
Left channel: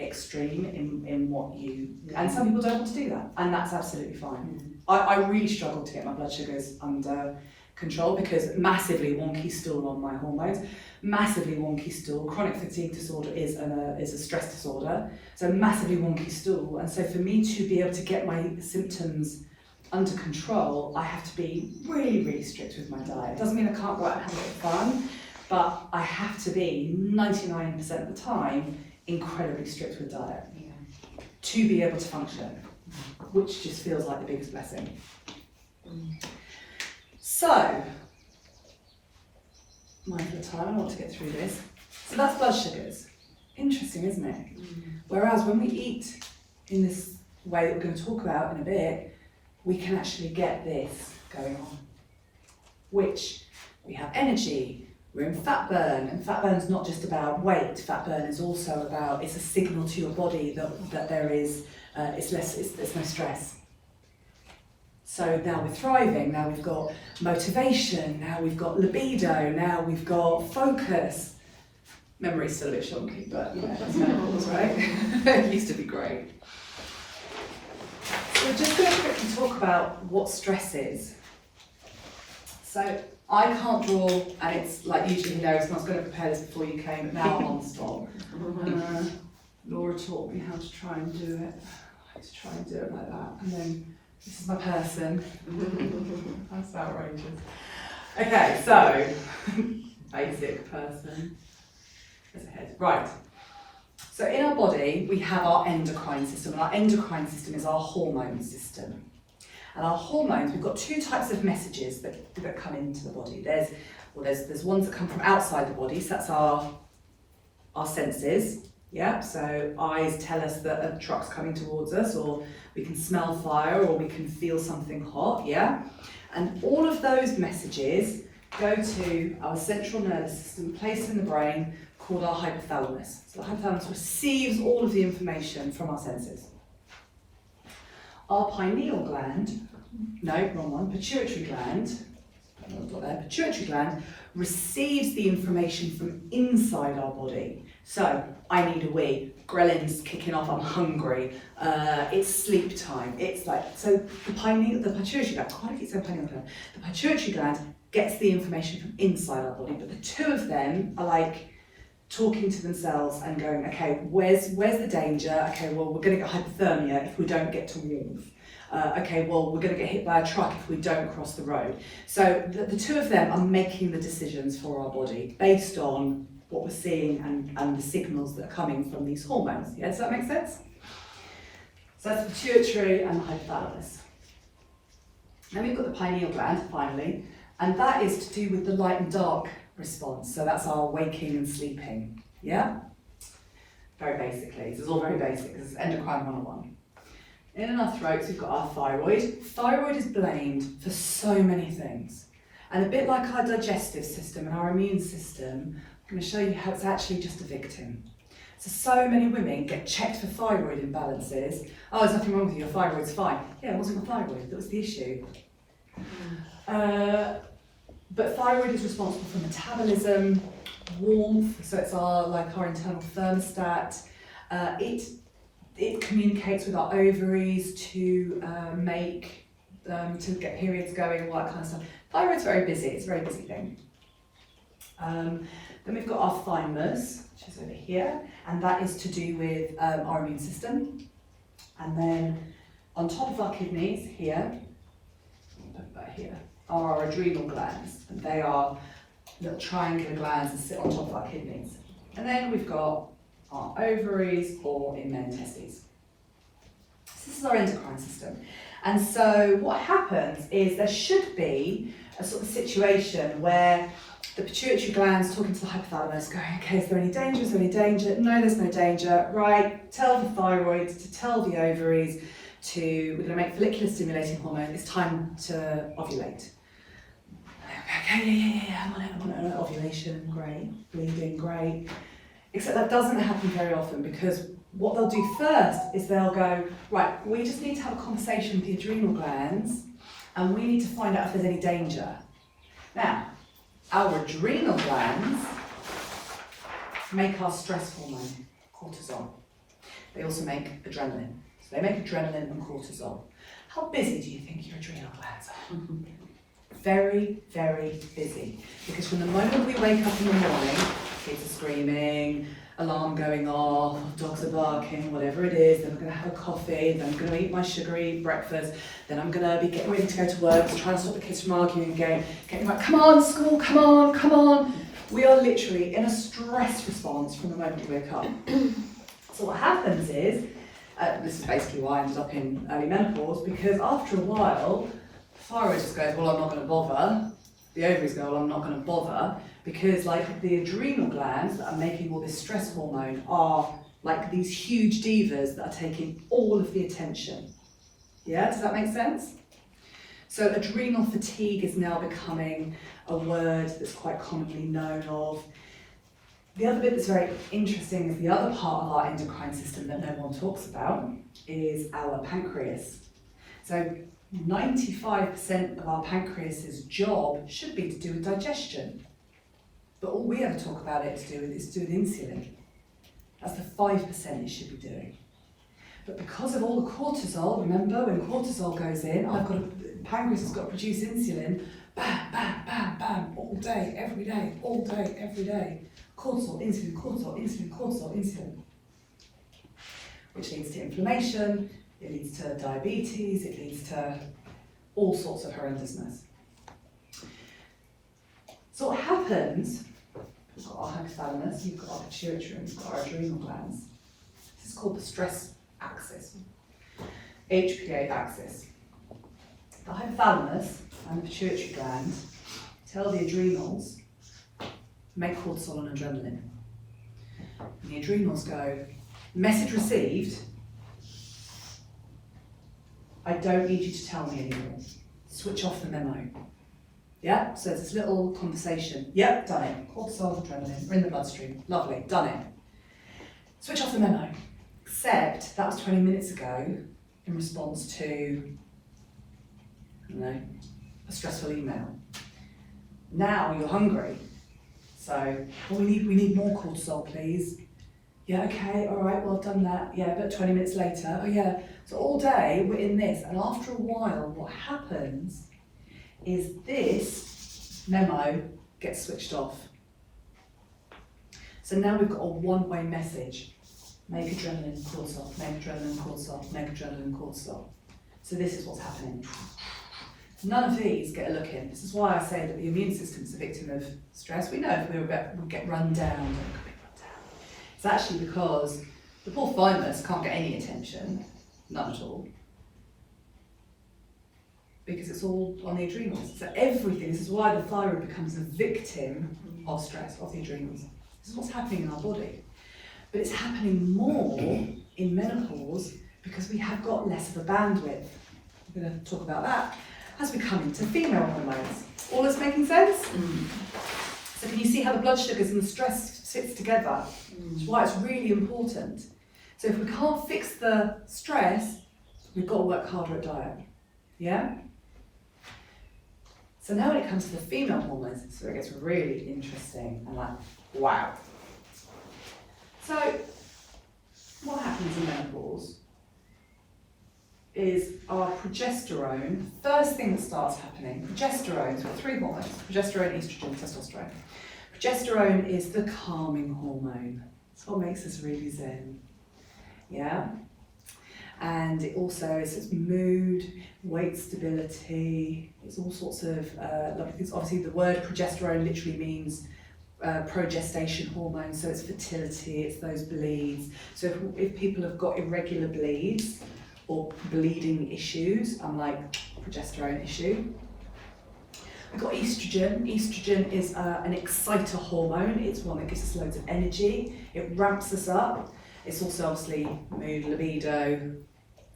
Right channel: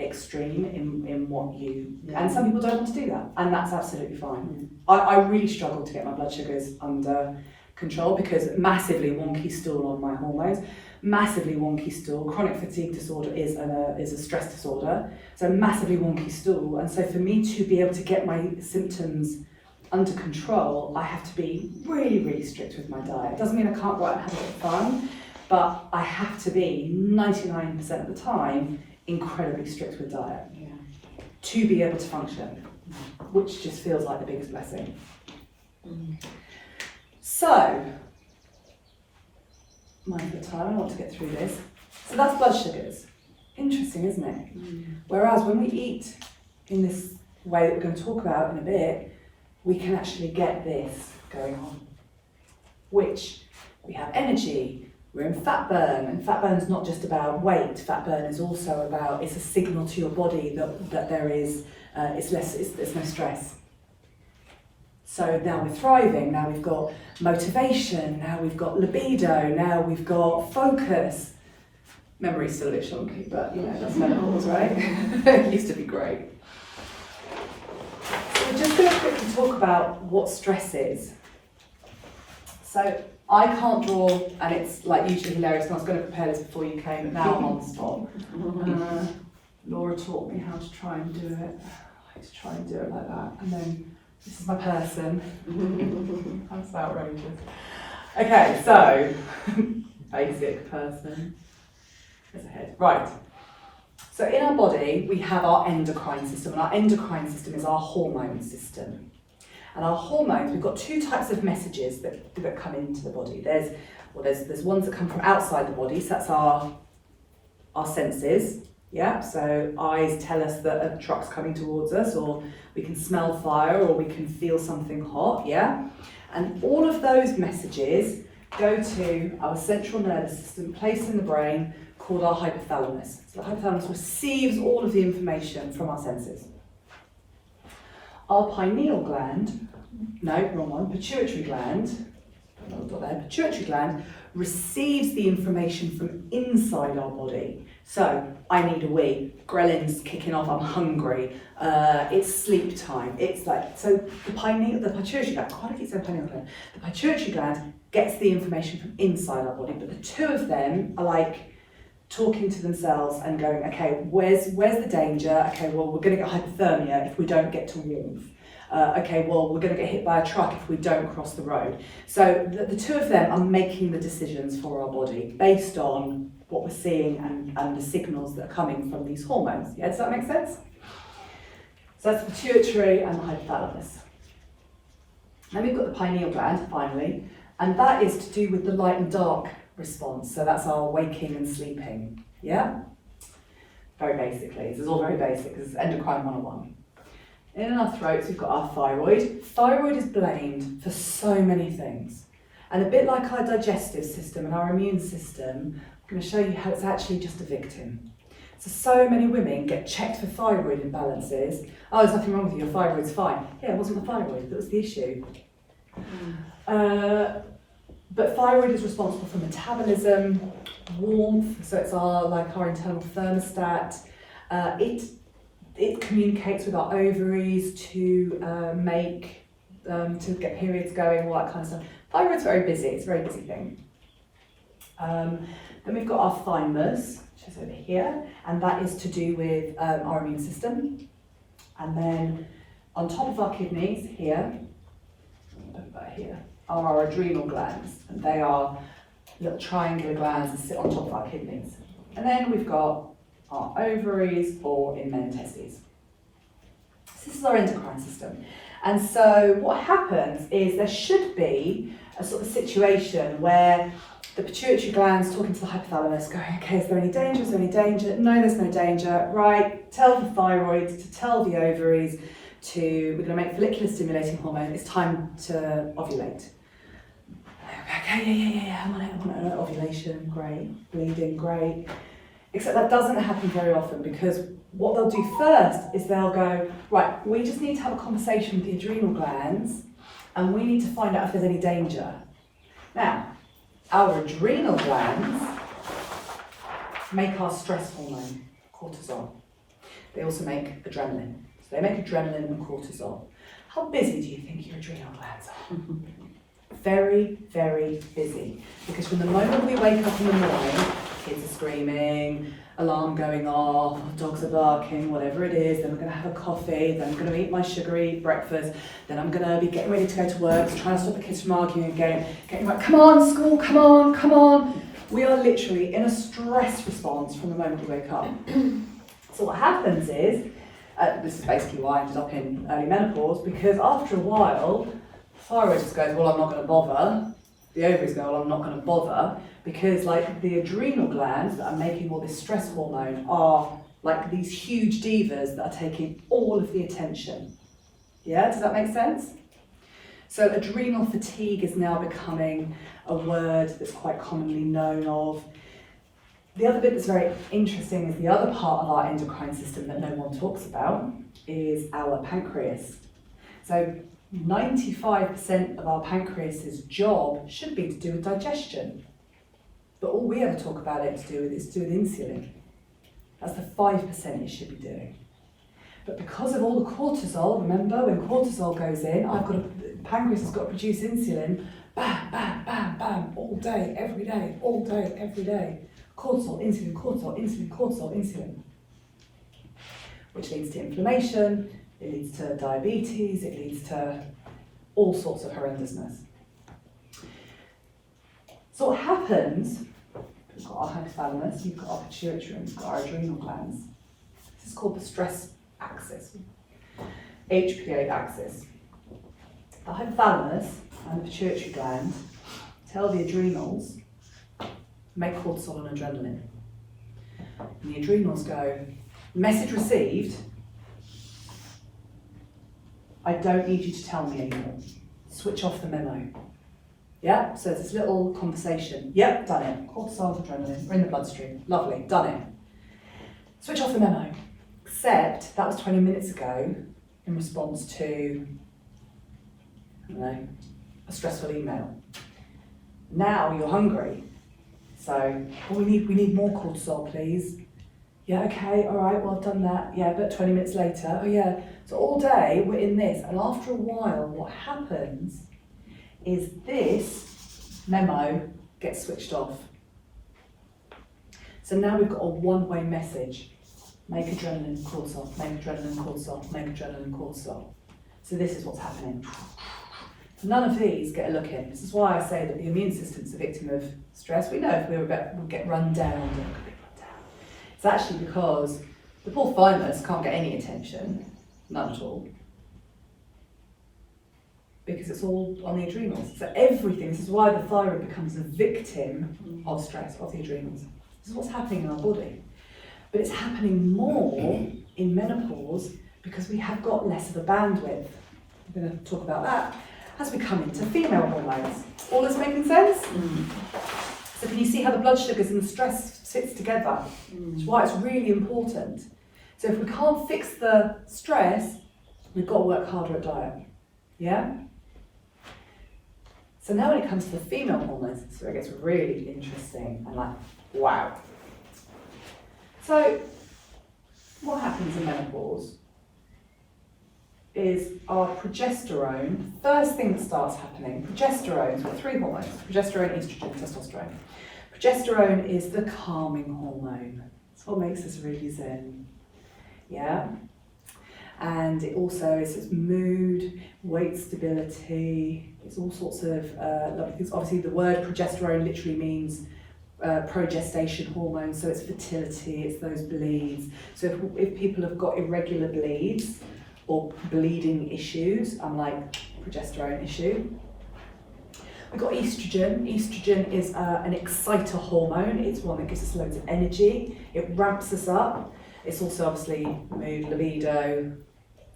extreme in what you... And some people don't want to do that, and that's absolutely fine. I really struggled to get my blood sugars under control, because massively wonky stool on my hormones, massively wonky stool. Chronic fatigue disorder is a stress disorder, so massively wonky stool. And so for me to be able to get my symptoms under control, I have to be really, really strict with my diet. It doesn't mean I can't go out and have a bit of fun, but I have to be 99% of the time incredibly strict with diet to be able to function, which just feels like the biggest blessing. So, mindful of time, I want to get through this. So that's blood sugars. Interesting, isn't it? Whereas when we eat in this way that we're going to talk about in a bit, we can actually get this going on, which we have energy, we're in fat burn, and fat burn is not just about weight. Fat burn is also about, it's a signal to your body that there is, there's no stress. So now we're thriving, now we've got motivation, now we've got libido, now we've got focus. Memory's still a bit shonky, but you know, that's menopause, right? It used to be great. So we're just going to quickly talk about what stress is. So I can't draw, and it's like usually hilarious, and I was going to prepare this before you came, but now I'm on the spot. Laura taught me how to try and do it. I had to try and do it like that, and then this is my person. That's outrageous. Okay, so basic person. There's a head. Right. So in our body, we have our endocrine system, and our endocrine system is our hormone system. And our hormones, we've got 2 types of messages that come into the body. There's ones that come from outside the body, so that's our senses. Yeah, so eyes tell us that a truck's coming towards us, or we can smell fire, or we can feel something hot, yeah? And all of those messages go to our central nervous system, placed in the brain, called our hypothalamus. So the hypothalamus receives all of the information from our senses. Our pineal gland, no, wrong one, pituitary gland, don't know what there, pituitary gland receives the information from inside our body. So, I need a wee, ghrelin's kicking off, I'm hungry, it's sleep time. It's like, so the pituitary gland, I keep saying pineal gland, the pituitary gland gets the information from inside our body, but the 2 of them are like talking to themselves and going, okay, where's the danger? Okay, well, we're going to get hypothermia if we don't get to warmth. Okay, well, we're going to get hit by a truck if we don't cross the road. So the 2 of them are making the decisions for our body based on what we're seeing and the signals that are coming from these hormones. Yeah, does that make sense? So that's the pituitary and the hypothalamus. Then we've got the pineal gland, finally, and that is to do with the light and dark response. So that's our waking and sleeping. Yeah? Very basically. This is all very basic. This is endocrine 101. In our throats, we've got our thyroid. Thyroid is blamed for so many things. And a bit like our digestive system and our immune system, I'm going to show you how it's actually just a victim. So many women get checked for thyroid imbalances. Oh, there's nothing wrong with you, your thyroid's fine. Yeah, it wasn't the thyroid that was the issue. But thyroid is responsible for metabolism, warmth, so it's our internal thermostat. It communicates with our ovaries to to get periods going, all that kind of stuff. Thyroid's very busy, it's a very busy thing. Then we've got our thymus, which is over here, and that is to do with our immune system. And then on top of our kidneys, here, are our adrenal glands, and they are little triangular glands that sit on top of our kidneys. And then we've got our ovaries, or in men, testes. So this is our endocrine system. And so what happens is there should be a sort of situation where the pituitary gland's talking to the hypothalamus, going, okay, is there any danger? Is there any danger? No, there's no danger. Right, tell the thyroid to tell the ovaries we're going to make follicular stimulating hormone. It's time to ovulate. Okay, yeah, I'm on it. Ovulation, great. Bleeding, great. Except that doesn't happen very often, because what they'll do first is they'll go, right, we just need to have a conversation with the adrenal glands, and we need to find out if there's any danger. Now, our adrenal glands make our stress hormone, cortisol. They also make adrenaline. So they make adrenaline and cortisol. How busy do you think your adrenal glands are? Very, very busy. Because from the moment we wake up in the morning, kids are screaming, alarm going off, dogs are barking, whatever it is, then we're going to have a coffee, then I'm going to eat my sugary breakfast, then I'm going to be getting ready to go to work, trying to stop the kids from arguing again, getting like, come on, school, come on. We are literally in a stress response from the moment we wake up. So what happens is, this is basically why I ended up in early menopause, because after a while, the thyroid just goes, well, I'm not going to bother. The ovaries go, well, I'm not going to bother, because like the adrenal glands that are making all this stress hormone are like these huge divas that are taking all of the attention. Yeah, does that make sense? So adrenal fatigue is now becoming a word that's quite commonly known of. The other bit that's very interesting is the other part of our endocrine system that no one talks about is our pancreas. So 95% of our pancreas's job should be to do with digestion. But all we ever talk about it is to do with insulin. That's the 5% it should be doing. But because of all the cortisol, remember when cortisol goes in, pancreas has got to produce insulin, bam, bam, bam, bam, all day, every day. Cortisol, insulin, cortisol, insulin, cortisol, insulin. Which leads to inflammation, it leads to diabetes, it leads to all sorts of horrendousness. So what happens, we've got our hypothalamus, you've got our pituitary, and we've got our adrenal glands. This is called the stress axis, HPA axis. The hypothalamus and the pituitary gland tell the adrenals, make cortisol and adrenaline. And the adrenals go, message received, I don't need you to tell me anymore. Switch off the memo. Yeah, so it's this little conversation. Yep, done it. Cortisol, adrenaline, we're in the bloodstream. Lovely, done it. Switch off the memo. Except that was 20 minutes ago in response to, I don't know, a stressful email. Now you're hungry. So, we need more cortisol, please. Yeah, okay, all right, well, I've done that. Yeah, but 20 minutes later, oh yeah. So all day we're in this, and after a while, what happens is this memo gets switched off. So now we've got a one-way message. Make adrenaline, cortisol, make adrenaline, cortisol, make adrenaline, cortisol. So this is what's happening. None of these get a look in. This is why I say that the immune system's a victim of stress. We know if we'll get run down, it's actually because the poor thymus can't get any attention, none at all, because it's all on the adrenals. So everything, this is why the thyroid becomes a victim of stress, of the adrenals. This is what's happening in our body. But it's happening more in menopause because we have got less of a bandwidth. We're going to talk about that as we come into female hormones. All this making sense? So can you see how the blood sugars and the stress sits together? That's why it's really important. So if we can't fix the stress, we've got to work harder at diet. Yeah? So now when it comes to the female hormones, it's where it gets really interesting and like, wow. So what happens in menopause is our progesterone, first thing that starts happening, progesterone's got 3 hormones, progesterone, estrogen, testosterone. Progesterone is the calming hormone. It's what makes us really zen. Yeah? And it also is its mood, weight stability, it's all sorts of lovely things. Obviously the word progesterone literally means progestation hormone, so it's fertility, it's those bleeds. So if people have got irregular bleeds or bleeding issues, I'm like, progesterone issue. We've got estrogen. Estrogen is an exciter hormone. It's one that gives us loads of energy. It ramps us up. It's also obviously mood, libido,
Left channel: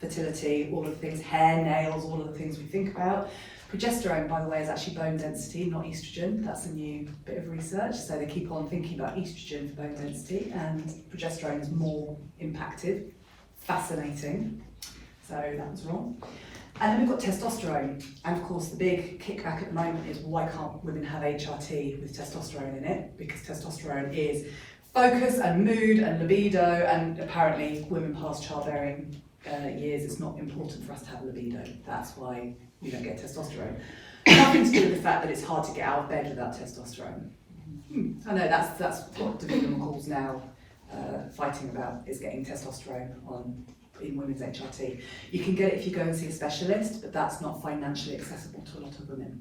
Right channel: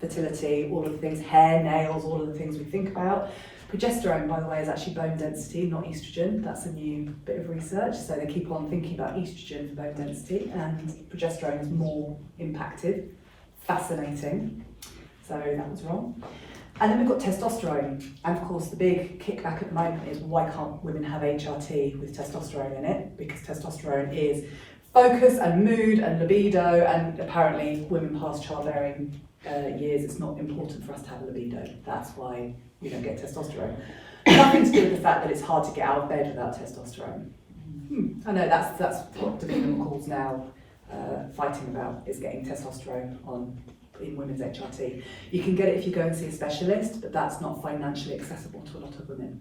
fertility, all of the things, hair, nails, all of the things we think about. Progesterone, by the way, is actually bone density, not estrogen. That's a new bit of research. So they keep on thinking about estrogen for bone density, and progesterone is more impacted. Fascinating. So that was wrong. And then we've got testosterone. And of course, the big kickback at the moment is why can't women have HRT with testosterone in it? Because testosterone is focus and mood and libido, and apparently women past childbearing years, it's not important for us to have libido. That's why we don't get testosterone. Nothing to do with the fact that it's hard to get out of bed without testosterone. I know that's what Davina McCall's now fighting about, is getting testosterone in women's HRT. You can get it if you go and see a specialist, but that's not financially accessible to a lot of women.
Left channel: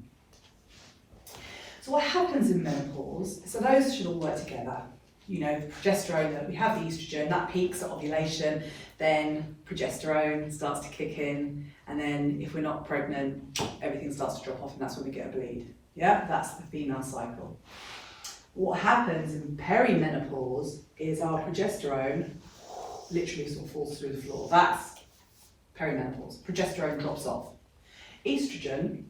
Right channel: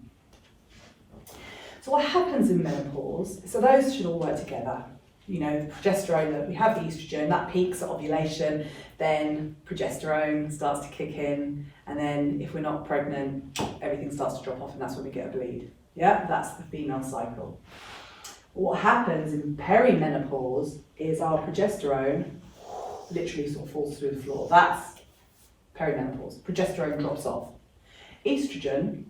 So what happens in menopause, so those should all work together. You know, progesterone, that we have the estrogen, that peaks at ovulation, then progesterone starts to kick in, and then if we're not pregnant, everything starts to drop off, and that's when we get a bleed. Yeah, that's the female cycle. What happens in perimenopause is our progesterone literally sort of falls through the floor. That's perimenopause. Progesterone drops off. Estrogen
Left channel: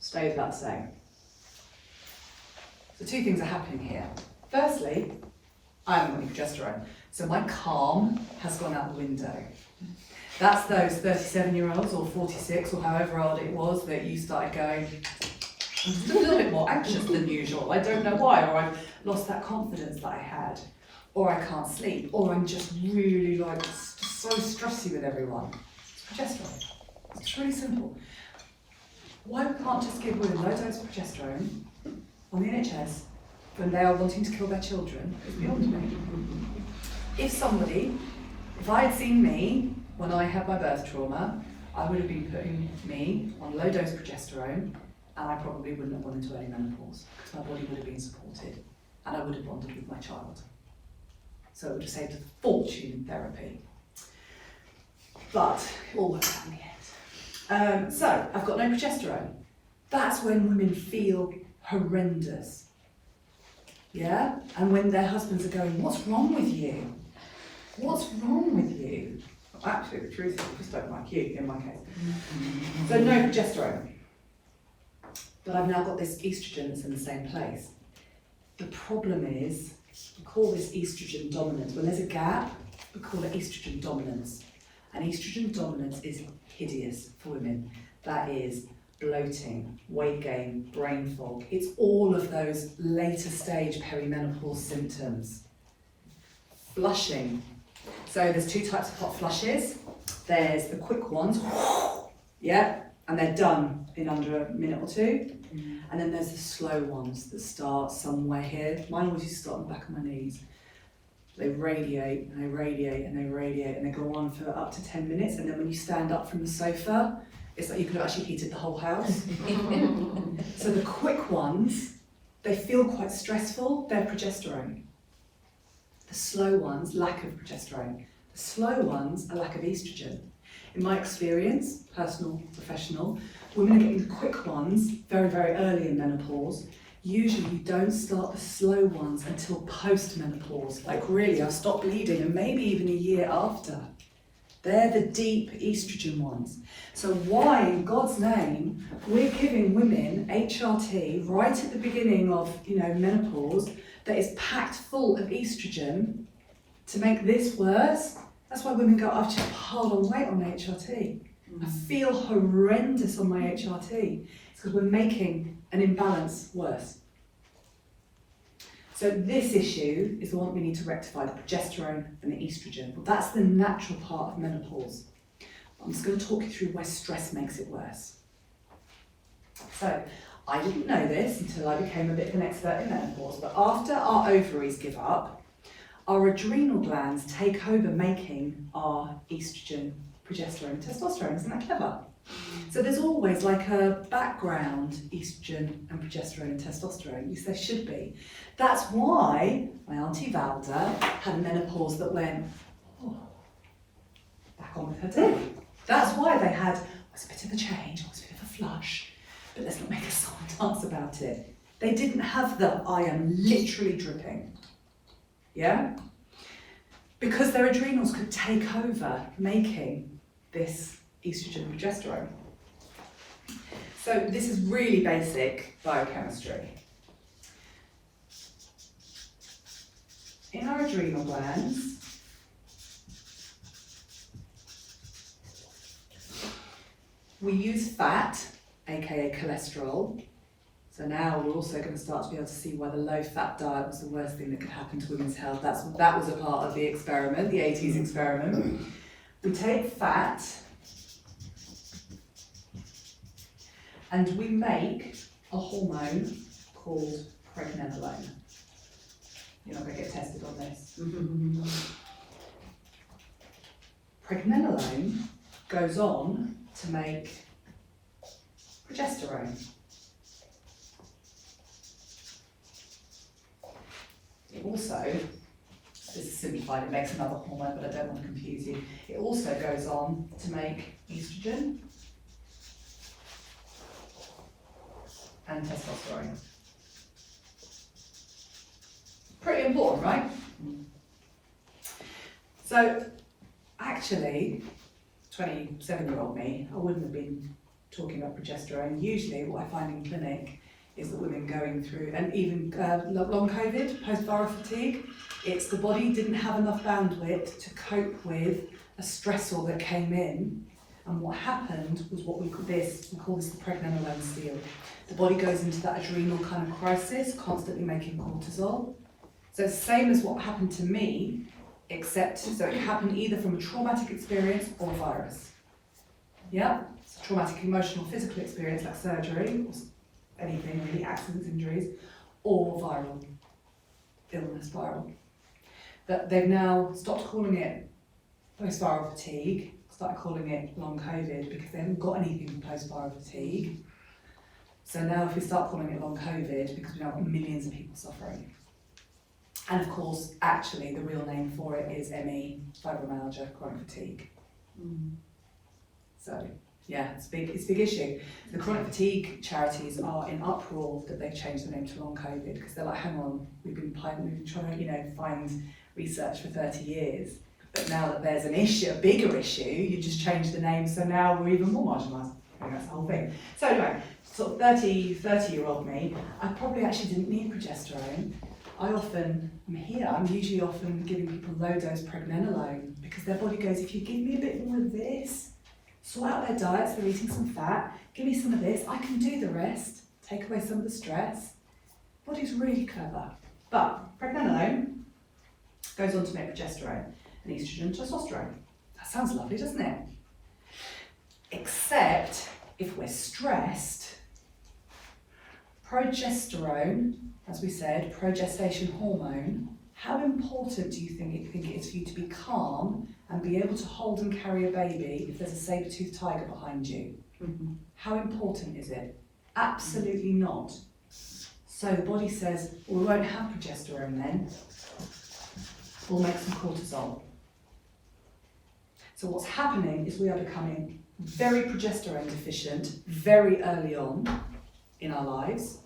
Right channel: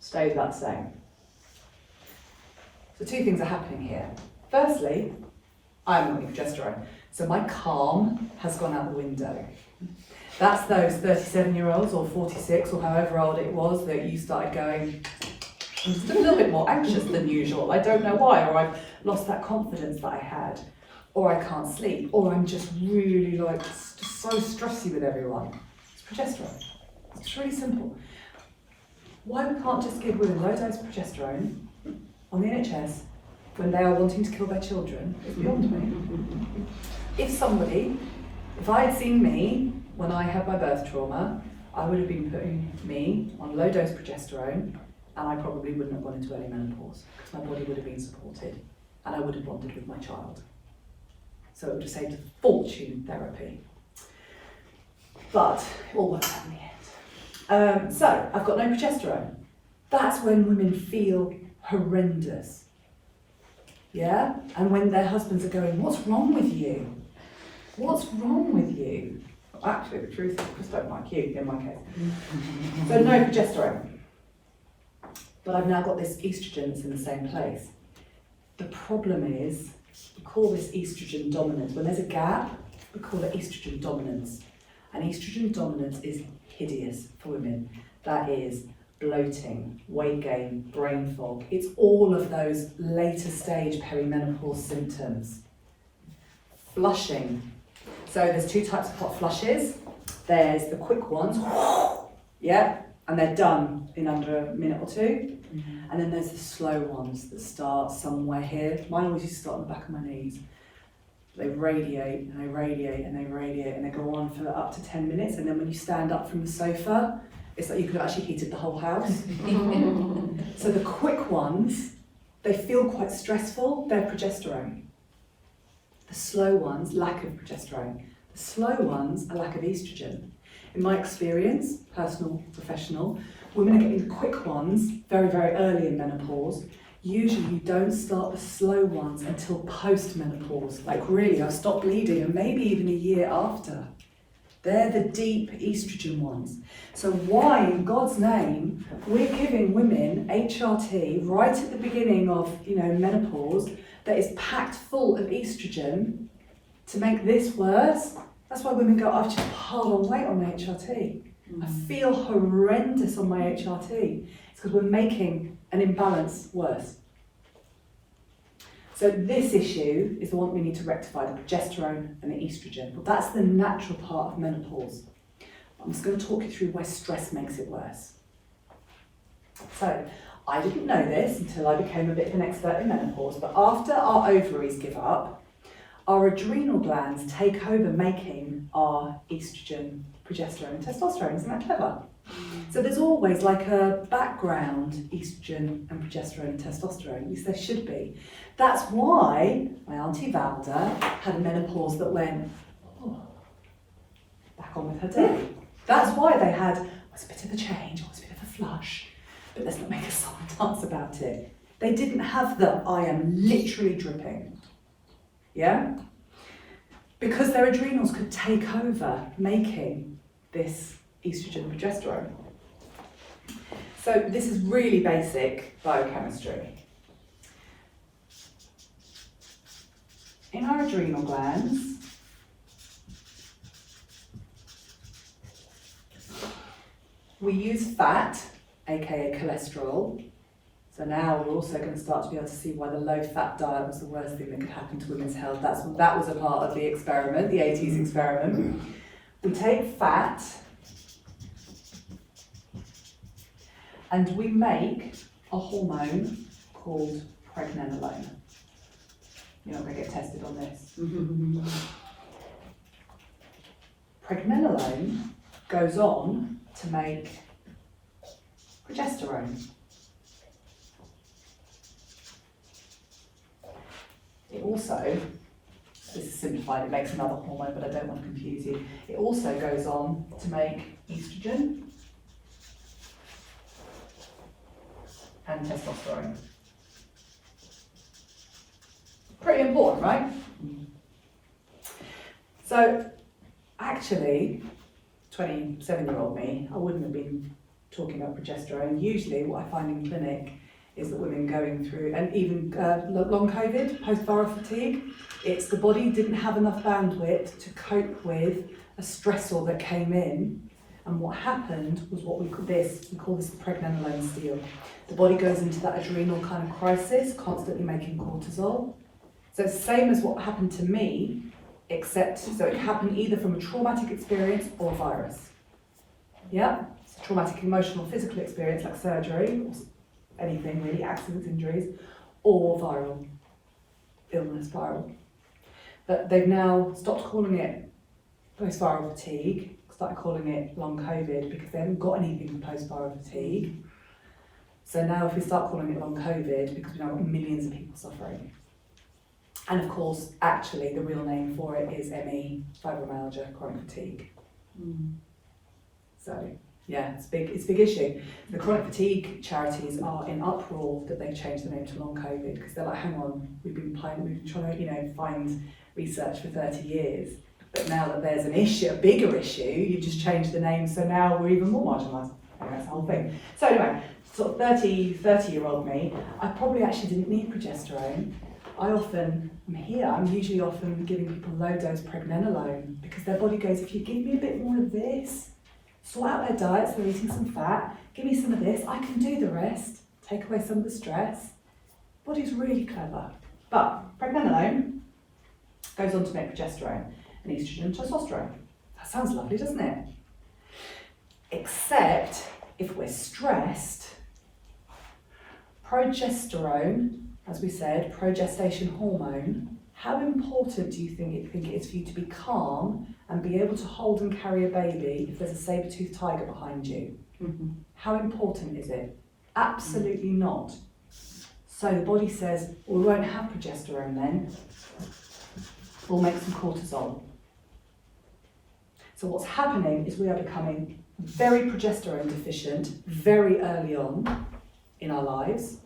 stays about the same. So 2 things are happening here. Firstly, I haven't got any progesterone, so my calm has gone out the window. That's those 37-year-olds or 46 or however old it was that you started going, I'm just a little bit more anxious than usual. I don't know why, or I've lost that confidence that I had, or I can't sleep, or I'm just really like so stressy with everyone. It's progesterone. It's really simple. Why we can't just give women low dose progesterone on the NHS when they are wanting to kill their children is beyond me. If I had seen me when I had my birth trauma, I would have been putting me on low dose progesterone, and I probably wouldn't have gone into early menopause because my body would have been supported and I would have bonded with my child. So it would have saved a fortune in therapy. But it all worked out in the end. So I've got no progesterone. That's when women feel horrendous. Yeah? And when their husbands are going, what's wrong with you? What's wrong with you? Well, actually, the truth is, I just don't like you, in my case. So no progesterone. But I've now got this estrogen that's in the same place. The problem is, we call this estrogen dominance. When there's a gap, we call it estrogen dominance. And estrogen dominance is hideous for women. That is bloating, weight gain, brain fog. It's all of those later stage perimenopause symptoms. Flushing. So there's 2 types of hot flushes. There's the quick ones, yeah, and they're done in under a minute or 2. And then there's the slow ones that start somewhere here. Mine always used to start on the back of my knees. They radiate and they radiate and they radiate and they go on for up to 10 minutes. And then when you stand up from the sofa, it's like you could have actually heated the whole house. So the quick ones, they feel quite stressful. They're progesterone. The slow ones, lack of progesterone. The slow ones, a lack of estrogen. In my experience, personal, professional, women are getting the quick ones very, very early in menopause. Usually you don't start the slow ones until post-menopause. Like really, I've stopped bleeding and maybe even a year after. They're the deep estrogen ones. So why, in God's name, we're giving women HRT right at the beginning of, menopause that is packed full of estrogen to make this worse? That's why women go, I've just piled on weight on my HRT. I feel horrendous on my HRT. It's because we're making an imbalance worse. So this issue is the one we need to rectify, the progesterone and the estrogen. Well, that's the natural part of menopause. I'm just going to talk you through where stress makes it worse. So, I didn't know this until I became a bit of an expert in menopause, but after our ovaries give up, our adrenal glands take over making our estrogen, progesterone and testosterone. Isn't that clever? So there's always like a background estrogen and progesterone and testosterone, at least there should be. That's why my Auntie Valda had menopause that went back on with her day. That's why they had, was a bit of a change, was a bit of a flush, but let's not make a song and dance about it. They didn't have the, I am literally dripping. Yeah? Because their adrenals could take over making this estrogen and progesterone. So this is really basic biochemistry. In our adrenal glands, we use fat, aka cholesterol. So now we're also going to start to be able to see why the low-fat diet was the worst thing that could happen to women's health. That was a part of the experiment, the 80s experiment. We take fat and we make a hormone called pregnenolone. You're not going to get tested on this. Pregnenolone goes on to make progesterone. It also, this is simplified, it makes another hormone, but I don't want to confuse you. It also goes on to make estrogen and testosterone. Pretty important, right? So, actually, 27-year-old me, I wouldn't have been talking about progesterone. Usually what I find in clinic is that women going through, and even long COVID, post-viral fatigue, it's the body didn't have enough bandwidth to cope with a stressor that came in, and what happened was what we call this the pregnenolone steal. The body goes into that adrenal kind of crisis, constantly making cortisol. So it's the same as what happened to me, except, so it happened either from a traumatic experience or a virus. Yeah, it's a traumatic emotional, physical experience like surgery, or anything really, accidents, injuries, or viral illness, viral. But they've now stopped calling it post-viral fatigue, started calling it long COVID because they haven't got anything for post-viral fatigue. So now if we start calling it long COVID, because we now got millions of people suffering. And of course, actually, the real name for it is ME, fibromyalgia, chronic fatigue. So, yeah, it's a big issue. The chronic fatigue charities are in uproar that they've changed the name to long COVID because they're like, hang on, we've been trying to, find research for 30 years. But now that there's an issue, a bigger issue, you just change the name, so now we're even more marginalised. That's the whole thing. So anyway, sort of 30-year-old me, I probably actually didn't need progesterone. I'm usually often giving people low-dose pregnenolone because their body goes, if you give me a bit more of this, sort out their diets, they're eating some fat, give me some of this, I can do the rest, take away some of the stress. Body's really clever. But pregnenolone goes on to make progesterone and estrogen and testosterone. That sounds lovely, doesn't it? Except if we're stressed, progesterone, as we said, progestation hormone, how important do you think it is for you to be calm and be able to hold and carry a baby if there's a saber-toothed tiger behind you? How important is it? Absolutely not. So the body says, well, we won't have progesterone then, we'll make some cortisol. So what's happening is we are becoming very progesterone deficient very early on in our lives.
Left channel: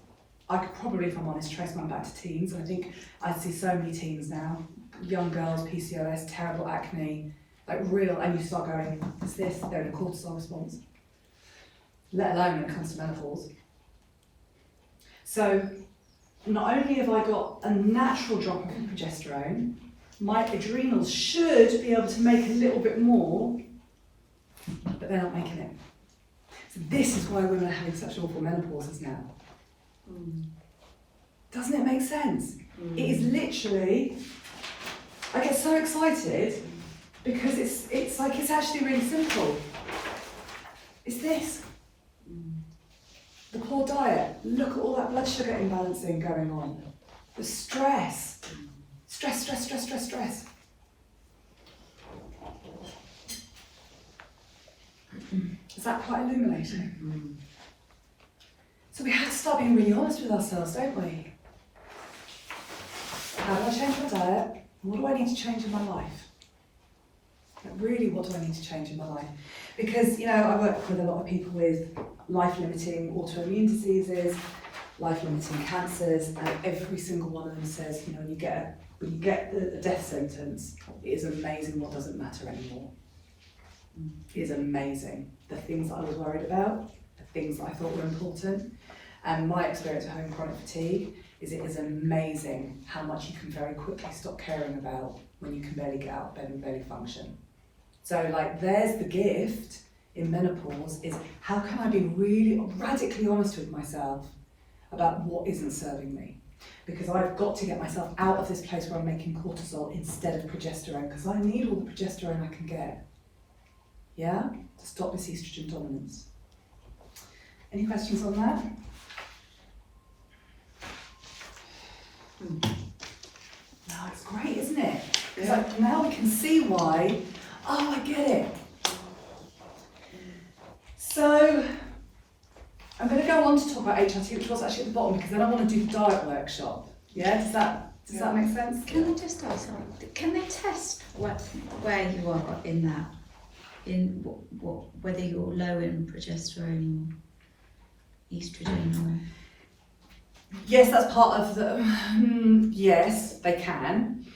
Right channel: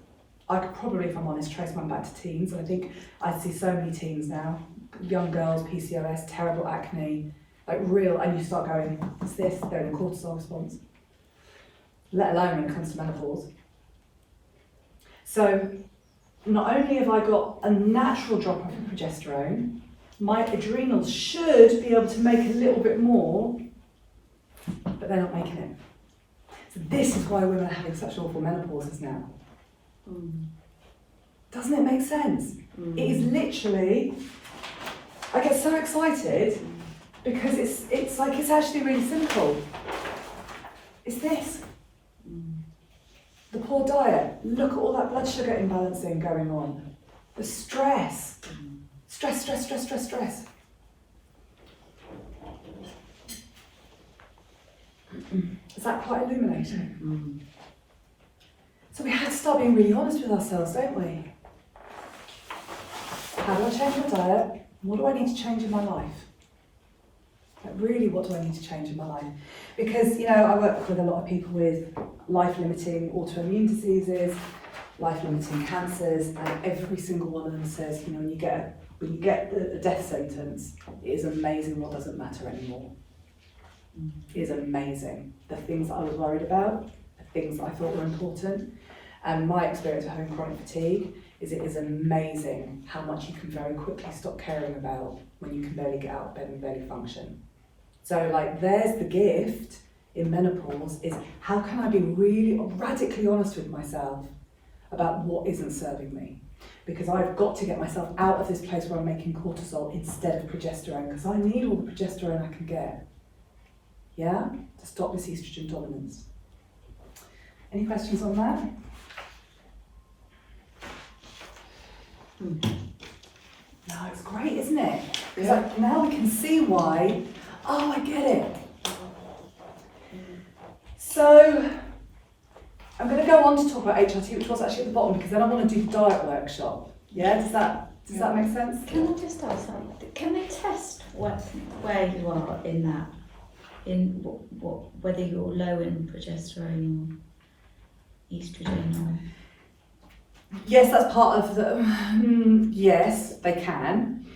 I could probably, if I'm honest, trace mine back to teens. I think I see so many teens now, young girls, PCOS, terrible acne, like real, and you start going, it's this, they're in a cortisol response, let alone when it comes to menopause. So not only have I got a natural drop off in progesterone, my adrenals should be able to make a little bit more, but they're not making it. So this is why women are having such awful menopauses now. Doesn't it make sense? It is literally, I get so excited because it's like, it's actually really simple. It's this. The poor diet, look at all that blood sugar imbalancing going on. The stress. Stress. Is that quite illuminating? So we have to start being really honest with ourselves, don't we? How do I change my diet? What do I need to change in my life? Like really, what do I need to change in my life? Because, I work with a lot of people with life-limiting autoimmune diseases, life-limiting cancers, and every single one of them says, when you get the death sentence, it is amazing what doesn't matter anymore. It is amazing. The things that I was worried about, the things that I thought were important, and my experience of having chronic fatigue is it is amazing how much you can very quickly stop caring about when you can barely get out of bed and barely function. So there's the gift in menopause, is how can I be really radically honest with myself about what isn't serving me? Because I've got to get myself out of this place where I'm making cortisol instead of progesterone, because I need all the progesterone I can get. Yeah? To stop this estrogen dominance. Any questions on that? No, it's great, isn't it? Because now we can see why. Oh, I get it. So, I'm going to go on to talk about HRT, which was actually at the bottom, because then I want to do the diet workshop. Yeah, does that make sense? Can I just ask something? Can they test where you are in that? In whether you're low in progesterone or estrogen? Yes, that's part of the. Yes, they can.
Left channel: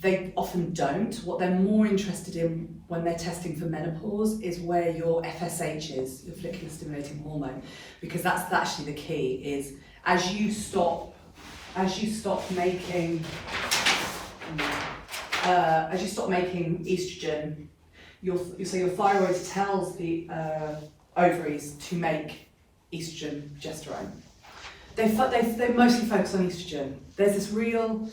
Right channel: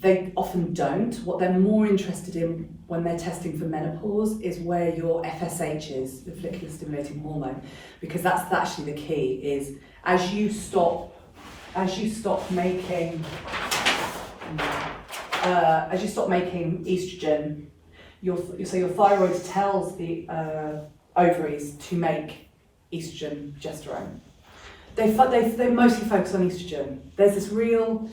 They often don't. What they're more interested in when they're testing for menopause is where your FSH is, your follicular stimulating hormone, because that's actually the key. Is as you stop making estrogen, your thyroid tells the ovaries to make estrogen, progesterone. They mostly focus on estrogen. There's this real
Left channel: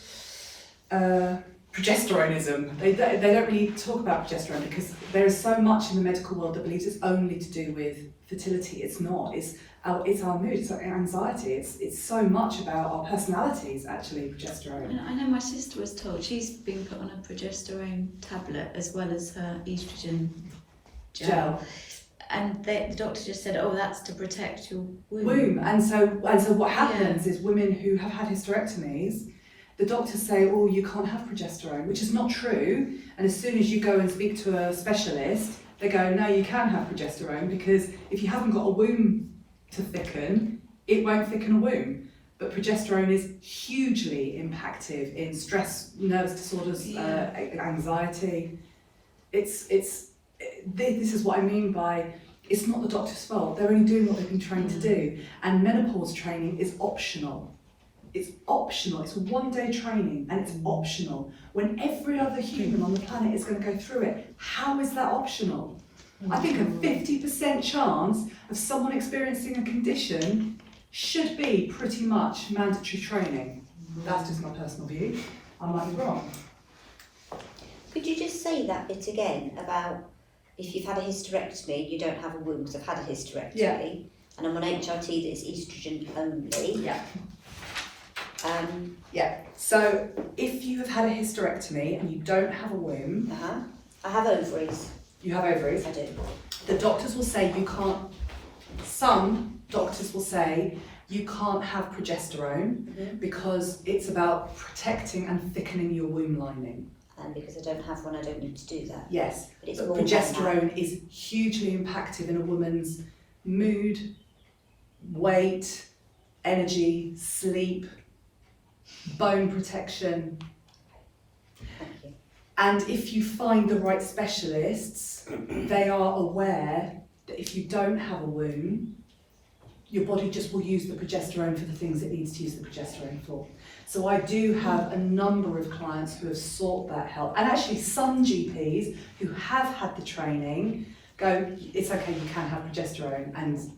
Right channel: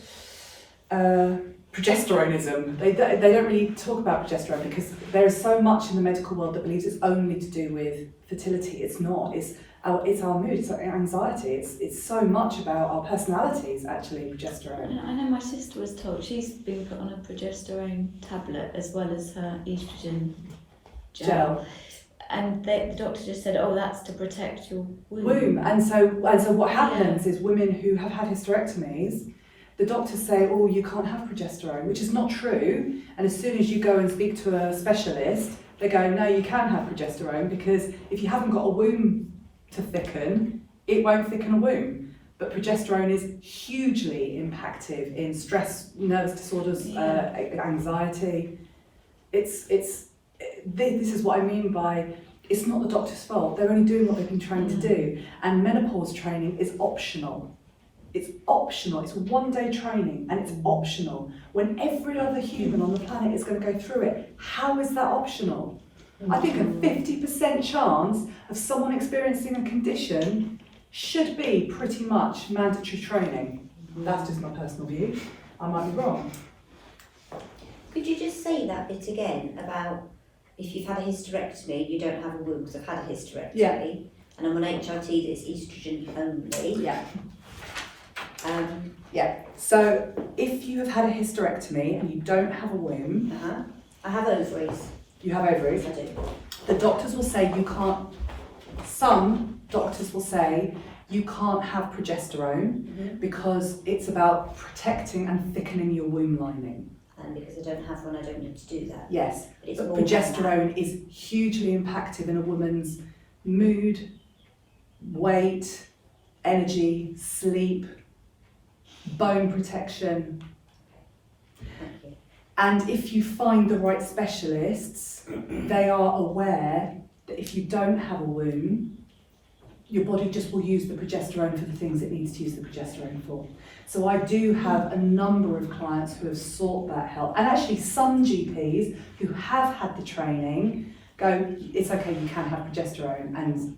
progesteronism. They don't really talk about progesterone because there is so much in the medical world that believes it's only to do with fertility. It's not. It's our mood. It's our anxiety. It's so much about our personalities. Actually, progesterone. I know my sister was told she's been put on a progesterone tablet as well as her estrogen gel. And the doctor just said, "Oh, that's to protect your womb." And so what happens is women who have had hysterectomies, the doctors say, "Oh, you can't have progesterone," which is not true. And as soon as you go and speak to a specialist, they go, "No, you can have progesterone because if you haven't got a womb to thicken, it won't thicken a womb." But progesterone is hugely impactive in stress, nervous disorders, anxiety. This is what I mean by it's not the doctor's fault. They're only doing what they've been trained to do. And menopause training is optional. It's optional. It's 1 day training and it's optional. When every other human on the planet is going to go through it, how is that optional? I think a 50% chance of someone experiencing a condition should be pretty much mandatory training. That's just my personal view. I might be wrong. Could you just say that bit again about if you've had a hysterectomy, you don't have a womb, because I've had a hysterectomy, and I'm on HRT that is estrogen only. So if you have had a hysterectomy and you don't have a womb, I have ovaries. You have ovaries. I do. The doctors will say you can't. Some doctors will say you can't have progesterone because it's about protecting and thickening your womb lining. And because I don't have one, I don't need to do that. Yes, But but progesterone is hugely impactful in a woman's mood, weight, energy, sleep, bone protection. Thank you. And if you find the right specialists, they are aware that if you don't have a womb, your body just will use the progesterone for the things it needs to use the progesterone for. So I do have a number of clients who have sought that help, and actually some GPs who have had the training go, it's okay, you can have progesterone. And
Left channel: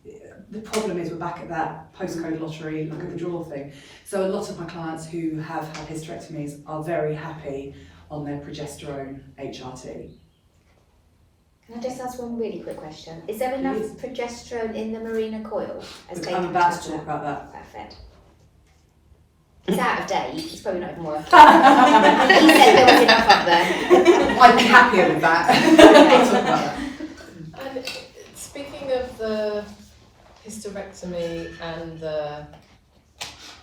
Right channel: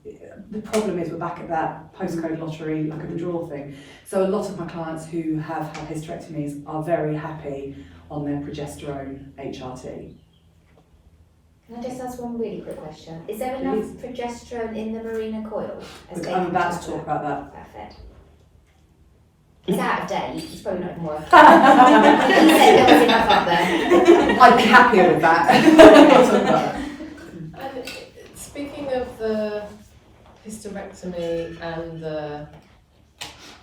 the problem is we're back at that postcode lottery, luck of the draw thing. So a lot of my clients who have had hysterectomies are very happy on their progesterone HRT. Can I just ask one really quick question? Is there enough progesterone in the Marina coil? I'm about to talk about that. Perfect. It's out of date, it's probably not even worth it. I'd be happier with that. I'll talk about that. And speaking of the hysterectomy and the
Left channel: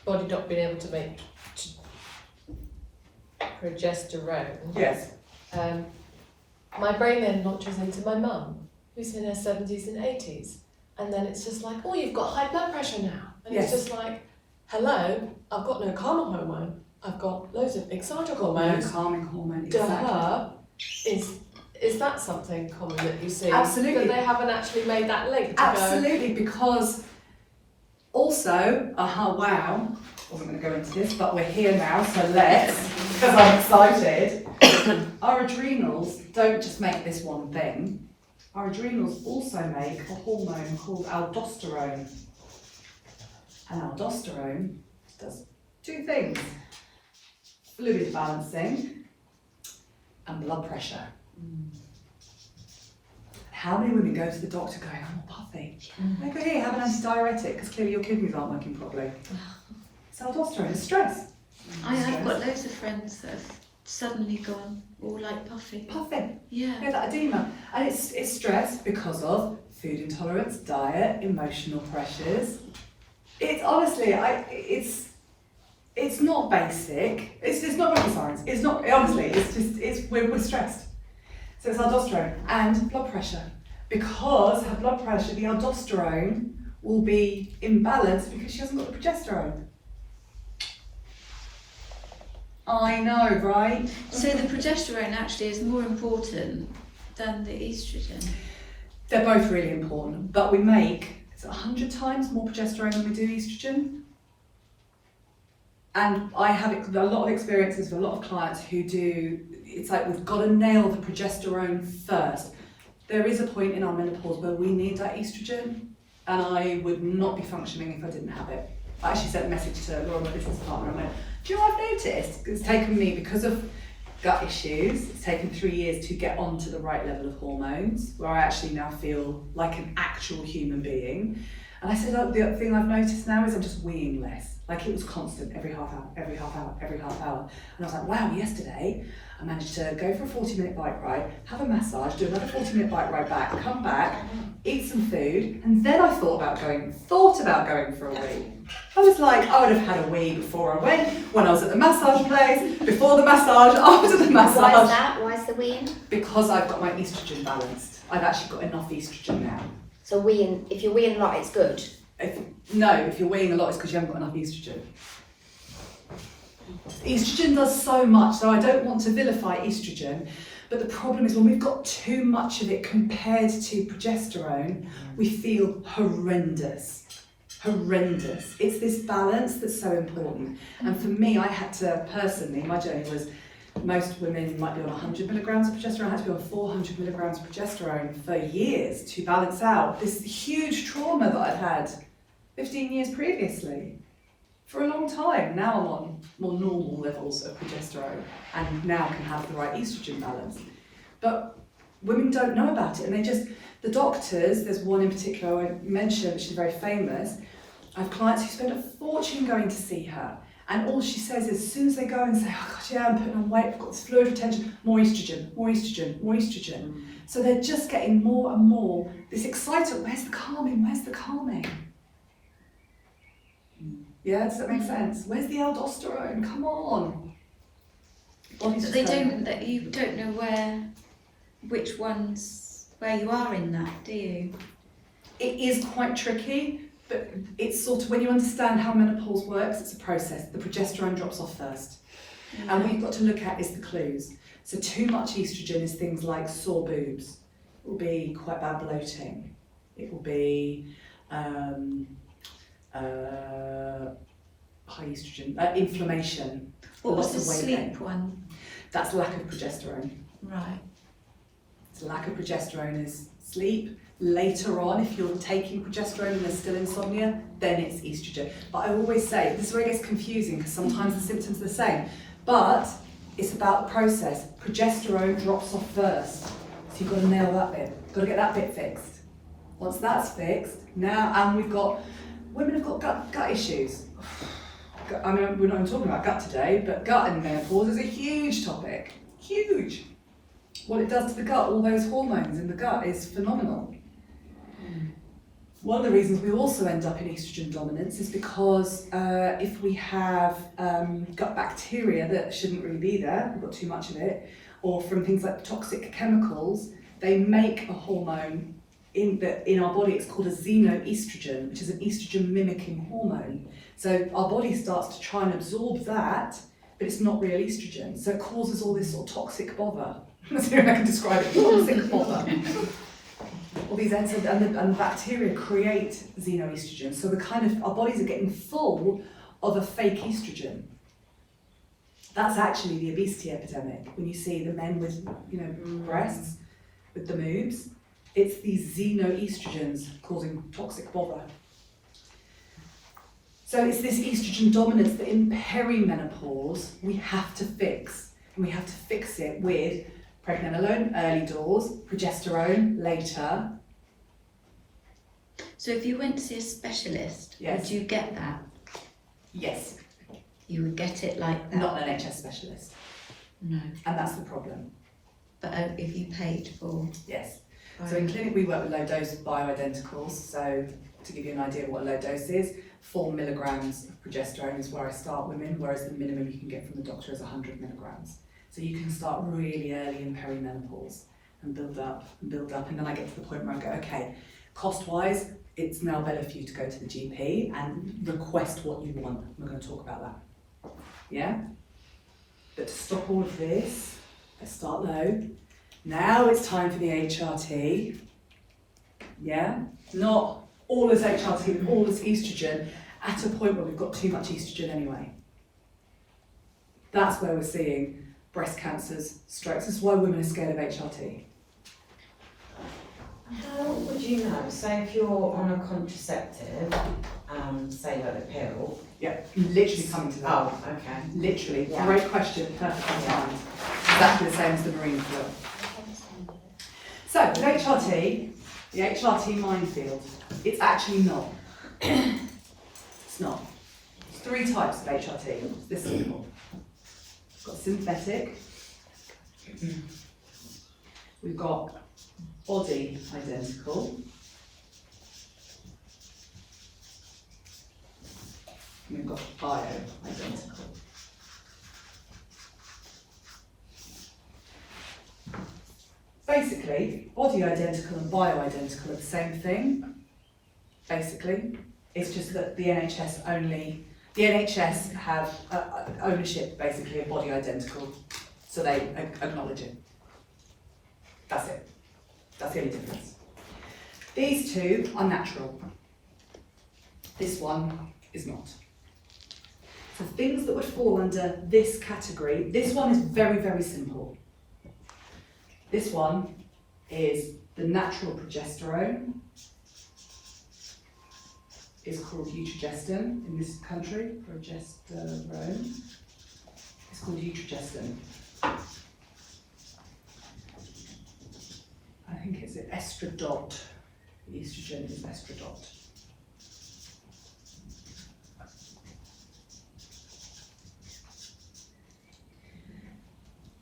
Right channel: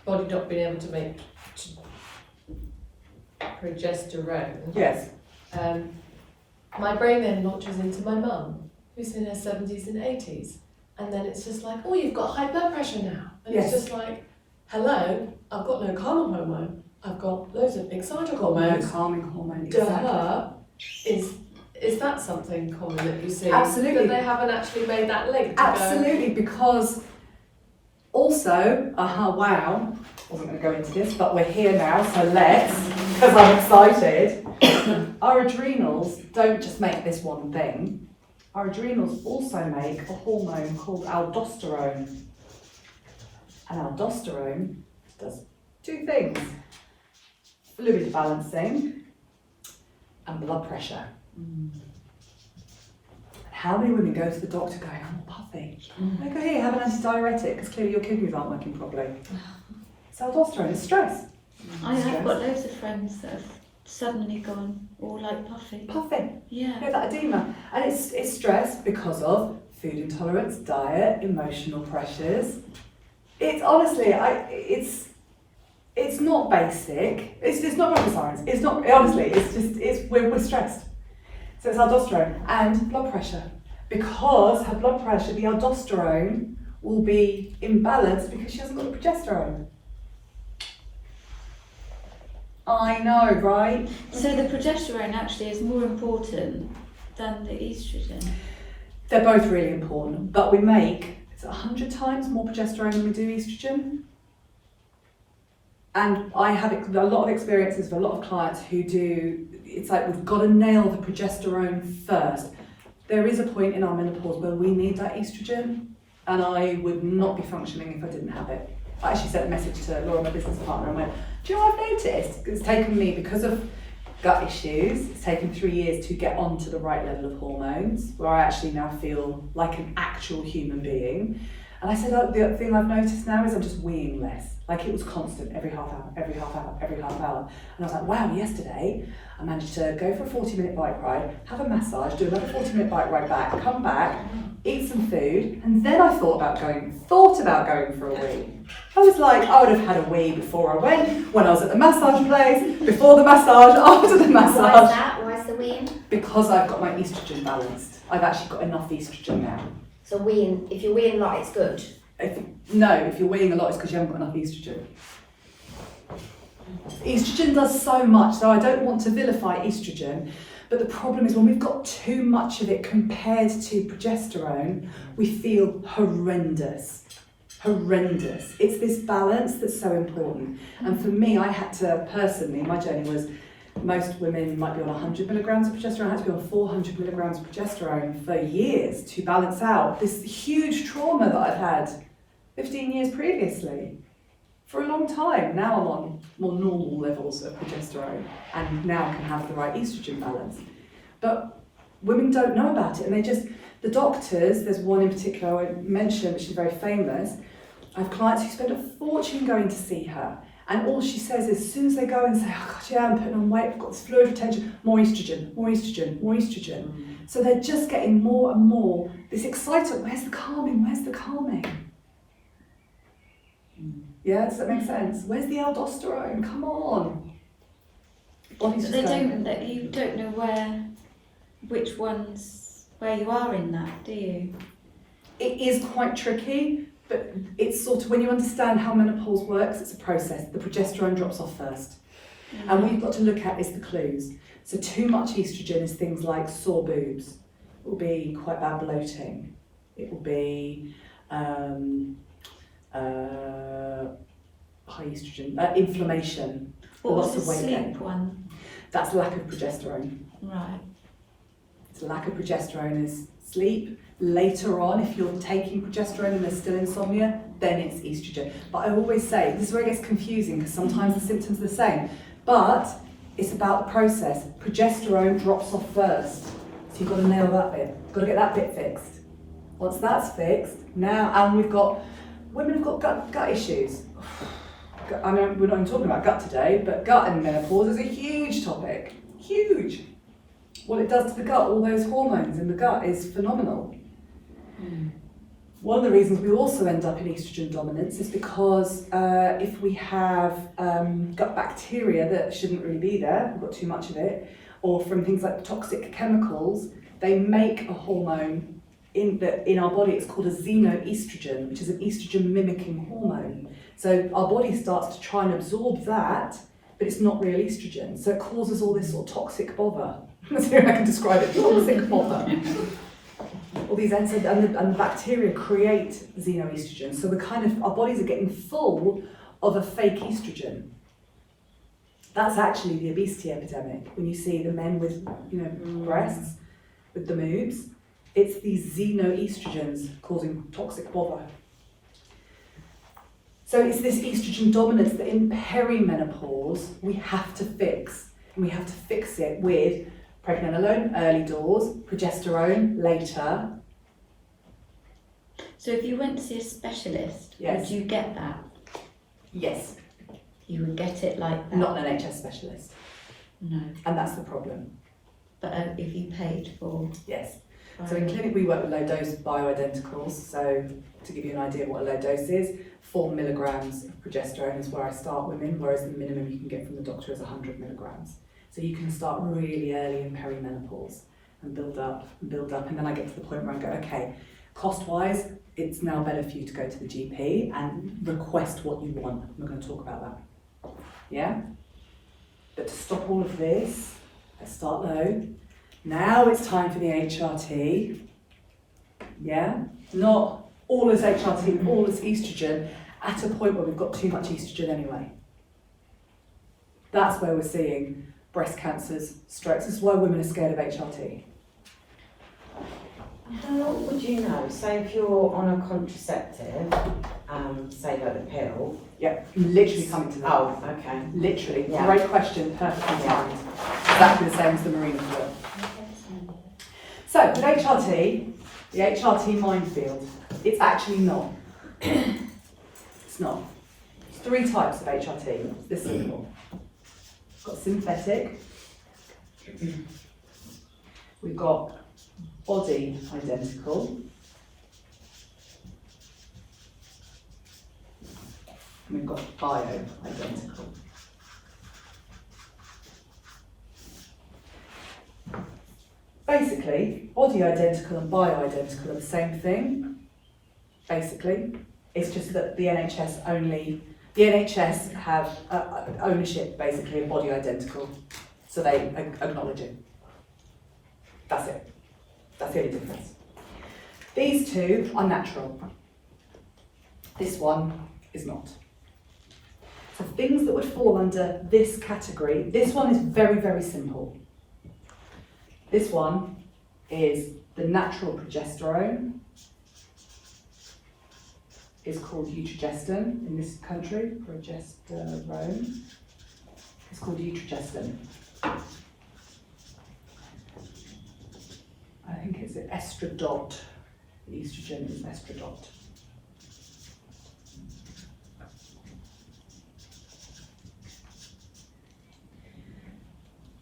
body not being able to make progesterone, Yes. my brain then launches into my mum, who's in her 70s and 80s. And then it's just like, oh, you've got high blood pressure now. And Yes. it's just like, hello, I've got no calming hormone, I've got loads of exciting No hormones. calming hormone, To exactly. her, is that something common that you see? Absolutely. That they haven't actually made that link to Absolutely, because also, wow, wasn't going to go into this, but we're here now, so let's, because I'm excited. Our adrenals don't just make this one thing. Our adrenals also make a hormone called aldosterone. And aldosterone does two things: fluid balancing and blood pressure. How many women go to the doctor going, I'm all puffy? I go, here, have an antidiuretic, because clearly your kidneys aren't working properly. It's aldosterone, it's stress. I've got loads of friends that have suddenly gone all like puffy. Puffing, Yeah. yeah, that edema. And it's stress because of food intolerance, diet, emotional pressures. It's honestly, it's not basic. It's not rocket science. It's not, honestly, we're stressed. So it's aldosterone and blood pressure. Because her blood pressure, the aldosterone will be imbalanced because she hasn't got the progesterone. I know, right? So the progesterone actually is more important than the estrogen. They're both really important, but we make 100 times more progesterone than we do estrogen. And I have a lot of experiences with a lot of clients who do, it's like we've got to nail the progesterone first. There is a point in our menopause where we need that estrogen, and I would not be functioning if I didn't have it. I actually sent a message to Laura, my business partner, and went, do you know what I've noticed? It's taken me, because of gut issues, it's taken 3 years to get onto the right level of hormones, where I actually now feel like an actual human being. And I said, oh, the thing I've noticed now is I'm just weeing less. Like it was constant, every half hour. And I was like, wow, yesterday I managed to go for a 40-minute bike ride, have a massage, do another 40-minute bike ride back, come back, eat some food, and then I thought about going for a wee. I was like, I would have had a wee before I went, when I was at the massage place, before the massage, after the massage. Why is that? Why is the weeing? Because I've got my estrogen balanced. I've actually got enough estrogen now. So weeing, if you're weeing a lot, it's good. If you're weighing a lot, it's because you haven't got enough estrogen. Estrogen does so much, so I don't want to vilify estrogen, but the problem is when we've got too much of it compared to progesterone, we feel horrendous. It's this balance that's so important. And for me, I had to, personally, my journey was, most women might be on 100 milligrams of progesterone. I had to be on 400 milligrams of progesterone for years to balance out this huge trauma that I'd had 15 years previously. For a long time. Now I'm on more normal levels of progesterone and now can have the right estrogen balance. But women don't know about it, and the doctors, there's one in particular I won't mention, but she's very famous. I have clients who spend a fortune going to see her. And all she says is, as soon as they go and say, oh God, yeah, I'm putting on weight, I've got this fluid retention, more estrogen. So they're just getting more and more this excitement, where's the calming? Yeah, does that make sense? Where's the aldosterone? Come on. Body's But just you don't know where you are in that, do you? It is quite tricky, but it's sort of, when you understand how menopause works, it's a process. The progesterone drops off first. And what you've got to look at is the clues. So too much estrogen is things like sore boobs. It will be quite bad bloating. It will be high estrogen, inflammation. What was lots the of weight sleep gain. one? That's lack of progesterone. Right. So lack of progesterone is sleep. Later on, if you're taking progesterone and there's still insomnia, then it's estrogen. But I always say, this is where it gets confusing because sometimes the symptoms are the same. But it's about the process. Progesterone drops off first. So you've got to nail that bit. You've got to get that bit fixed. Once that's fixed, now, and women have got gut issues. I mean, we're not even talking about gut today, but gut and menopause is a huge topic. Huge. What it does to the gut, all those hormones in the gut is phenomenal. One of the reasons we also end up in estrogen dominance is because if we have gut bacteria that shouldn't really be there, we've got too much of it, or from things like toxic chemicals, they make a hormone in our body. It's called a xenoestrogen, which is an estrogen mimicking hormone. So our body starts to try and absorb that, but it's not real estrogen. So it causes all this sort of toxic bother. Let's see how I can describe it. Toxic bother. All these and the bacteria create xenoestrogen. So our bodies are getting full of a fake estrogen. That's actually the obesity epidemic. When you see the men with, breasts, with the moobs, it's these xenoestrogens causing toxic bother. So it's this estrogen dominance that in perimenopause we have to fix. And we have to fix it with pregnenolone, early doors, progesterone, later. So if you went to see a specialist, Yes. would you get that? Yes, You would get it like that? not an NHS specialist. No. And that's the problem. But if you paid for... Yes. So in clinic we work with low dose bioidenticals. So to give you an idea of what a low dose is, 4 milligrams of progesterone is where I start women, whereas the minimum you can get from the doctor is 100 milligrams. So you can start really early in perimenopause and build up, and then I get to the point where I go, okay, cost-wise, it's now better for you to go to the GP and request what you want. We're going to talk about that. Yeah? But to stop all of this, let's start low. Now it's time for the HRT. Yeah? Not all this HRT and all this estrogen at a point where we've got too much estrogen anyway. That's where we're seeing breast cancers, strokes. This is why women are scared of HRT. How would you know? So if you're on a contraceptive, say like the pill. Yep, literally coming to that. Oh, okay. Literally, Yeah. great question, perfectly timed. Exactly the same as the marine pill. So with HRT, the HRT minefield, it's actually not. It's not. There's 3 types of HRT. It's this simple. We've got synthetic. We've got body identical. And we've got bio-identical. Basically, body identical and bio-identical are the same thing. Basically, it's just that the NHS have ownership basically of body identical, so they acknowledge it. That's it. That's the only difference. These 2 are natural. This one is not. So things that would fall under this category, this one is very, very simple. This one is the natural progesterone. It's called Eutrogestin in this country, progesterone. It's called Eutrogestin. I think it's an estradiol. The estrogen is estradiol.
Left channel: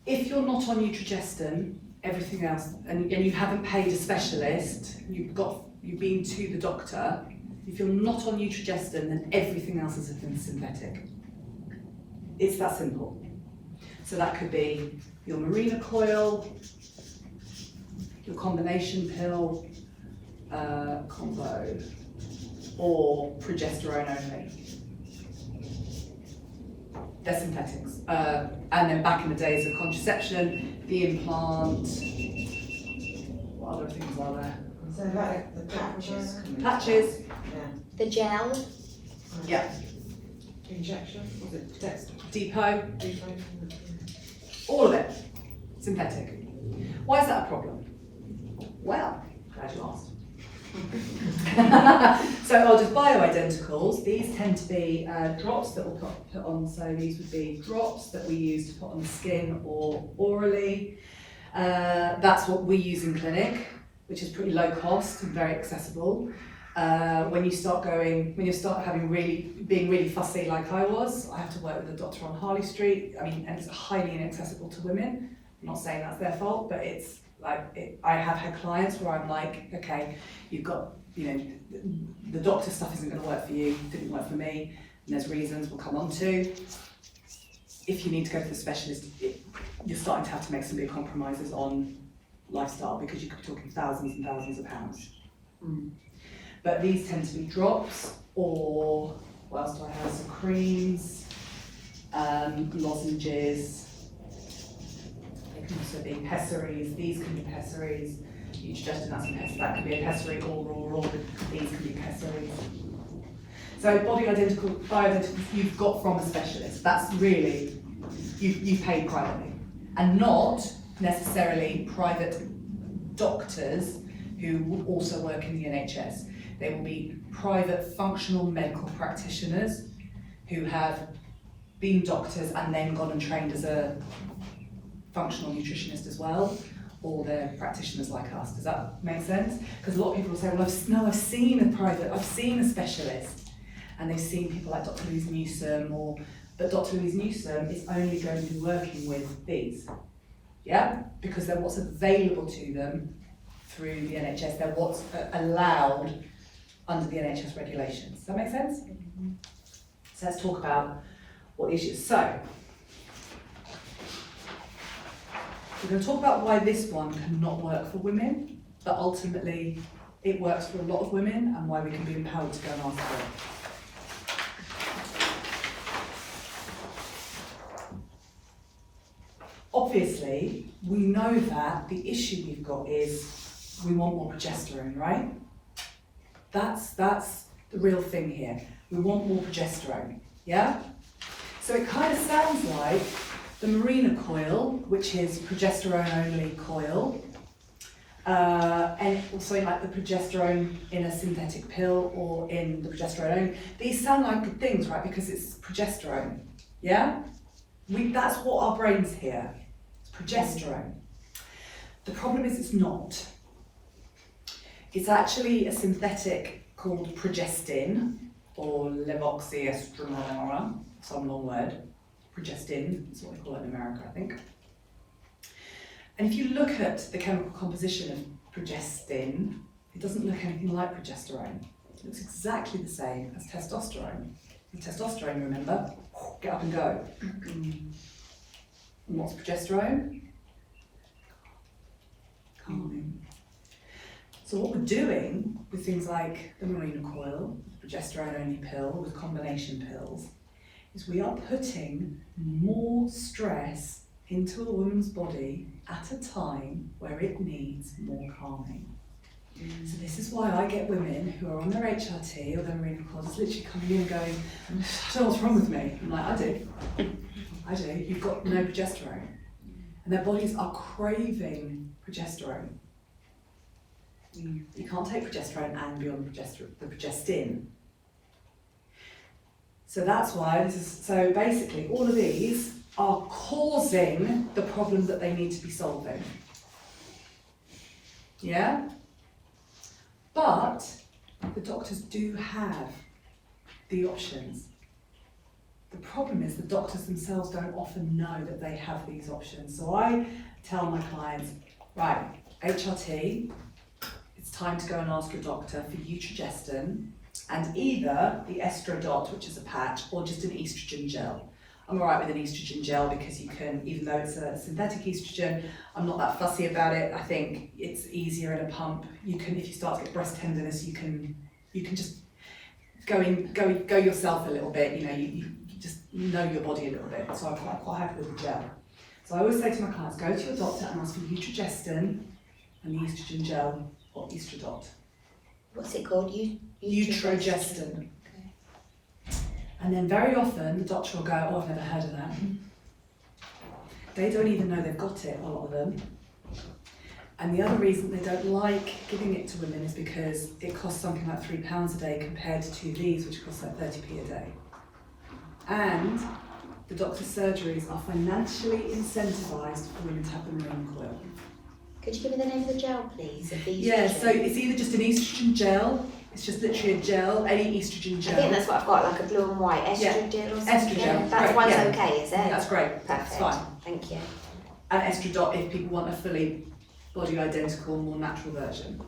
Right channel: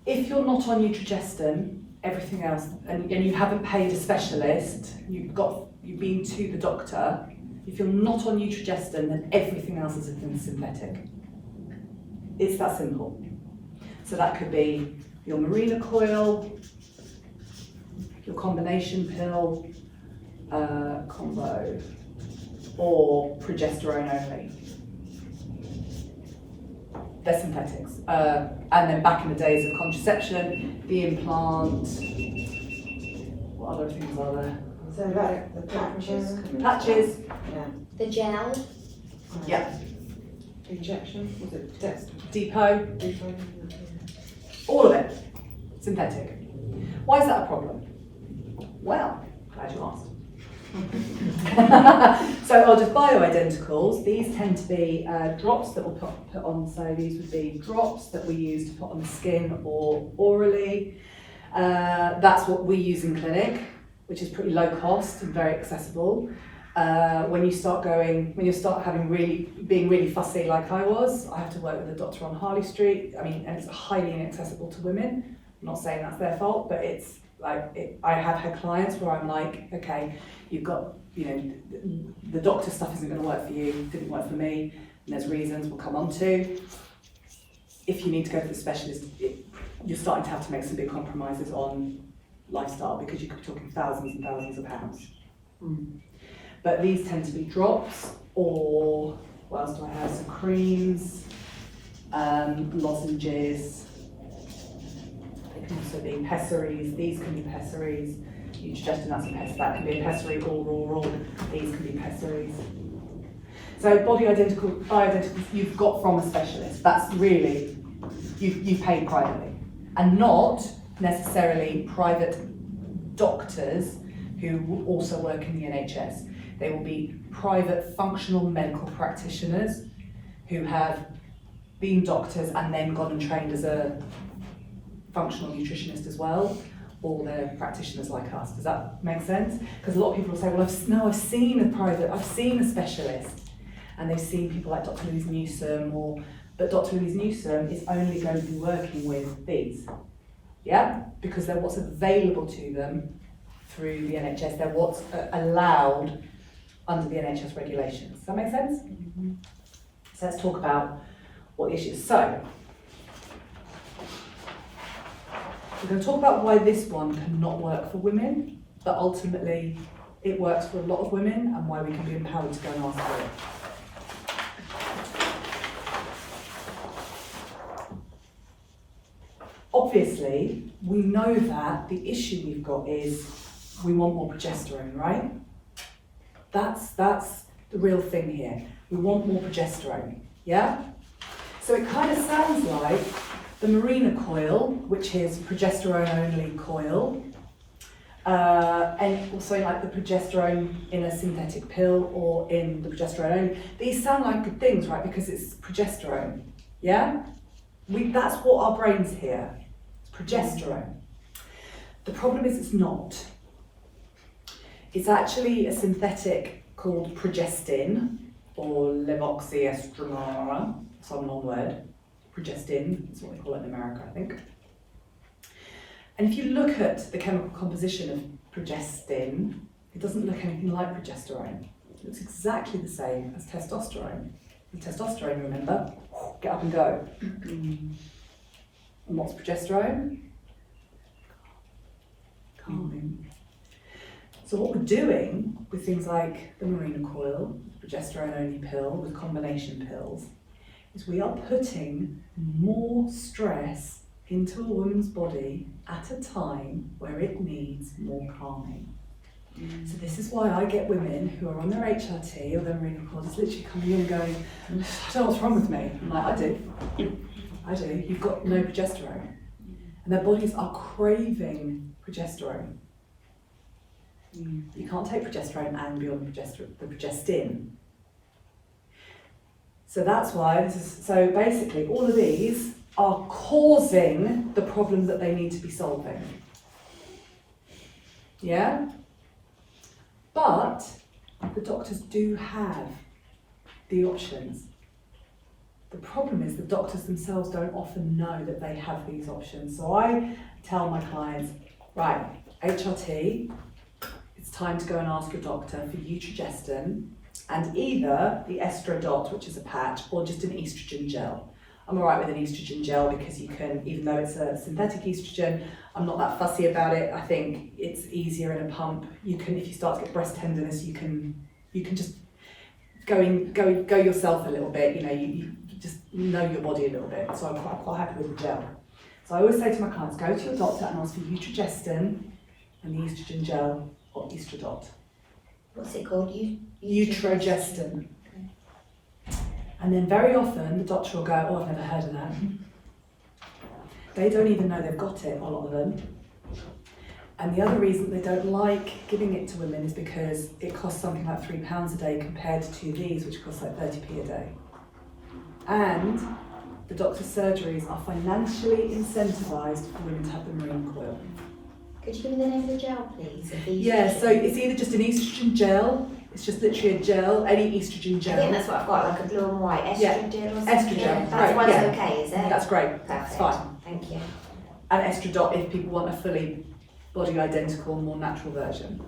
If you're not on Eutrogestin, everything else, and you haven't paid a specialist, you've been to the doctor, if you're not on Eutrogestin, then everything else is synthetic. It's that simple. So that could be your Mirena coil, your combination pill, combo, or progesterone only. they're synthetics. And then back in the days of contraception, the implant, what other things are there? So like the patches. Patches, Yeah. The gel. yeah, Injection, was it depot, all of it, synthetic. Why is that a problem? Well, glad you asked. So I'll just bioidenticals. These tend to be drops that we'll put on. So these would be drops that we use to put on the skin or orally. That's what we use in clinic, which is pretty low cost and very accessible. When you start being really fussy like I was, I have to work with a doctor on Harley Street. I mean, and it's highly inaccessible to women. I'm not saying that's their fault, but it's like, I have had clients where I'm like, okay, you've got, the doctor stuff isn't going to work for you, didn't work for me, and there's reasons we'll come on to. If you need to go to the specialist, you're starting to have to make some big compromises on lifestyle because you could be talking thousands and thousands of pounds. But these tend to be drops, or what else do I have? Some creams, lozenges. They can also be pessaries. These can be pessaries. You suggested that can be a pessary, raw. These can be pessaries. So bioidenticals you've got from a specialist. That's really, you've paid privately. And not necessarily private doctors who will also work in the NHS. They will be private functional medical practitioners who have been doctors and then gone and trained as a functional nutritionist as well, or they're practitioners like us. Does that make sense? Because a lot of people will say, well, I've seen a specialist, and they've seen people like Dr. Louise Newsome, but Dr. Louise Newsome is only going to be working with these, yeah? Because they're what's available to them through the NHS, they're what's allowed under the NHS regulations. Does that make sense? Mm-hmm. So let's talk about what the issue is. So, we're going to talk about why this one cannot work for women, but ultimately it works for a lot of women, and why we can be empowered to go and ask for it. Obviously, we know that the issue we've got is we want more progesterone, right? That's the real thing here. We want more progesterone, yeah? So it kind of sounds like the Mirena coil, which is progesterone-only coil, and also like the progesterone in a synthetic pill or in the progesterone only. These sound like good things, right? Because it's progesterone, yeah? That's what our brains hear. It's progesterone. The problem is it's not. It's actually a synthetic called progestin, or levoxyestrogen, some long word. Progestin is what we call it in America, I think. And if you look at the chemical composition of progestin, it doesn't look anything like progesterone. It looks exactly the same as testosterone. With testosterone, remember, get up and go. And what's progesterone? Calming. So what we're doing with things like the Mirena coil, progesterone-only pill, with combination pills, is we are putting more stress into a woman's body at a time where it needs more calming. So this is why I get women who are on their HRT or their Mirena coil just literally coming in and going, "So what's wrong with me?" I'm like, I do. You've got no progesterone. And their bodies are craving progesterone. You can't take progesterone and be on the progestin. So that's why so basically all of these are causing the problem that they need to be solving. Yeah? But the doctors do have the options. The problem is the doctors themselves don't often know that they have these options. So I tell my clients, right, HRT, it's time to go and ask your doctor for Eutrogestin and either the Estrodot, which is a patch, or just an estrogen gel. I'm all right with an estrogen gel because you can, even though it's a synthetic estrogen, I'm not that fussy about it. I think it's easier in a pump. You can, if you start to get breast tenderness, you can just go yourself a little bit. You just know your body a little bit. So I'm quite happy with the gel. So I always say to my clients, go to your doctor and ask for Utrogestin and the estrogen gel or Estradot. What's it called? Utrogestin. And then very often the doctor will go, oh, I've never heard of that. They don't even know they've got it, a lot of them. And the other reason they don't like giving it to women is because it costs something like £3 a day compared to these, which cost like 30p a day. And the doctor's surgeries are financially incentivised for women to have the marine coil. Could you give me the name of the gel, please? Yeah, so it's either just an estrogen gel, it's just literally a gel, any estrogen I gel. think that's what I've got, like a blue and white estrogen or something. Estrogel, That's right, one's yeah. okay, is it? That's great, Perfect. that's fine. Thank you. And Estradot if people want a fully body identical, more natural version.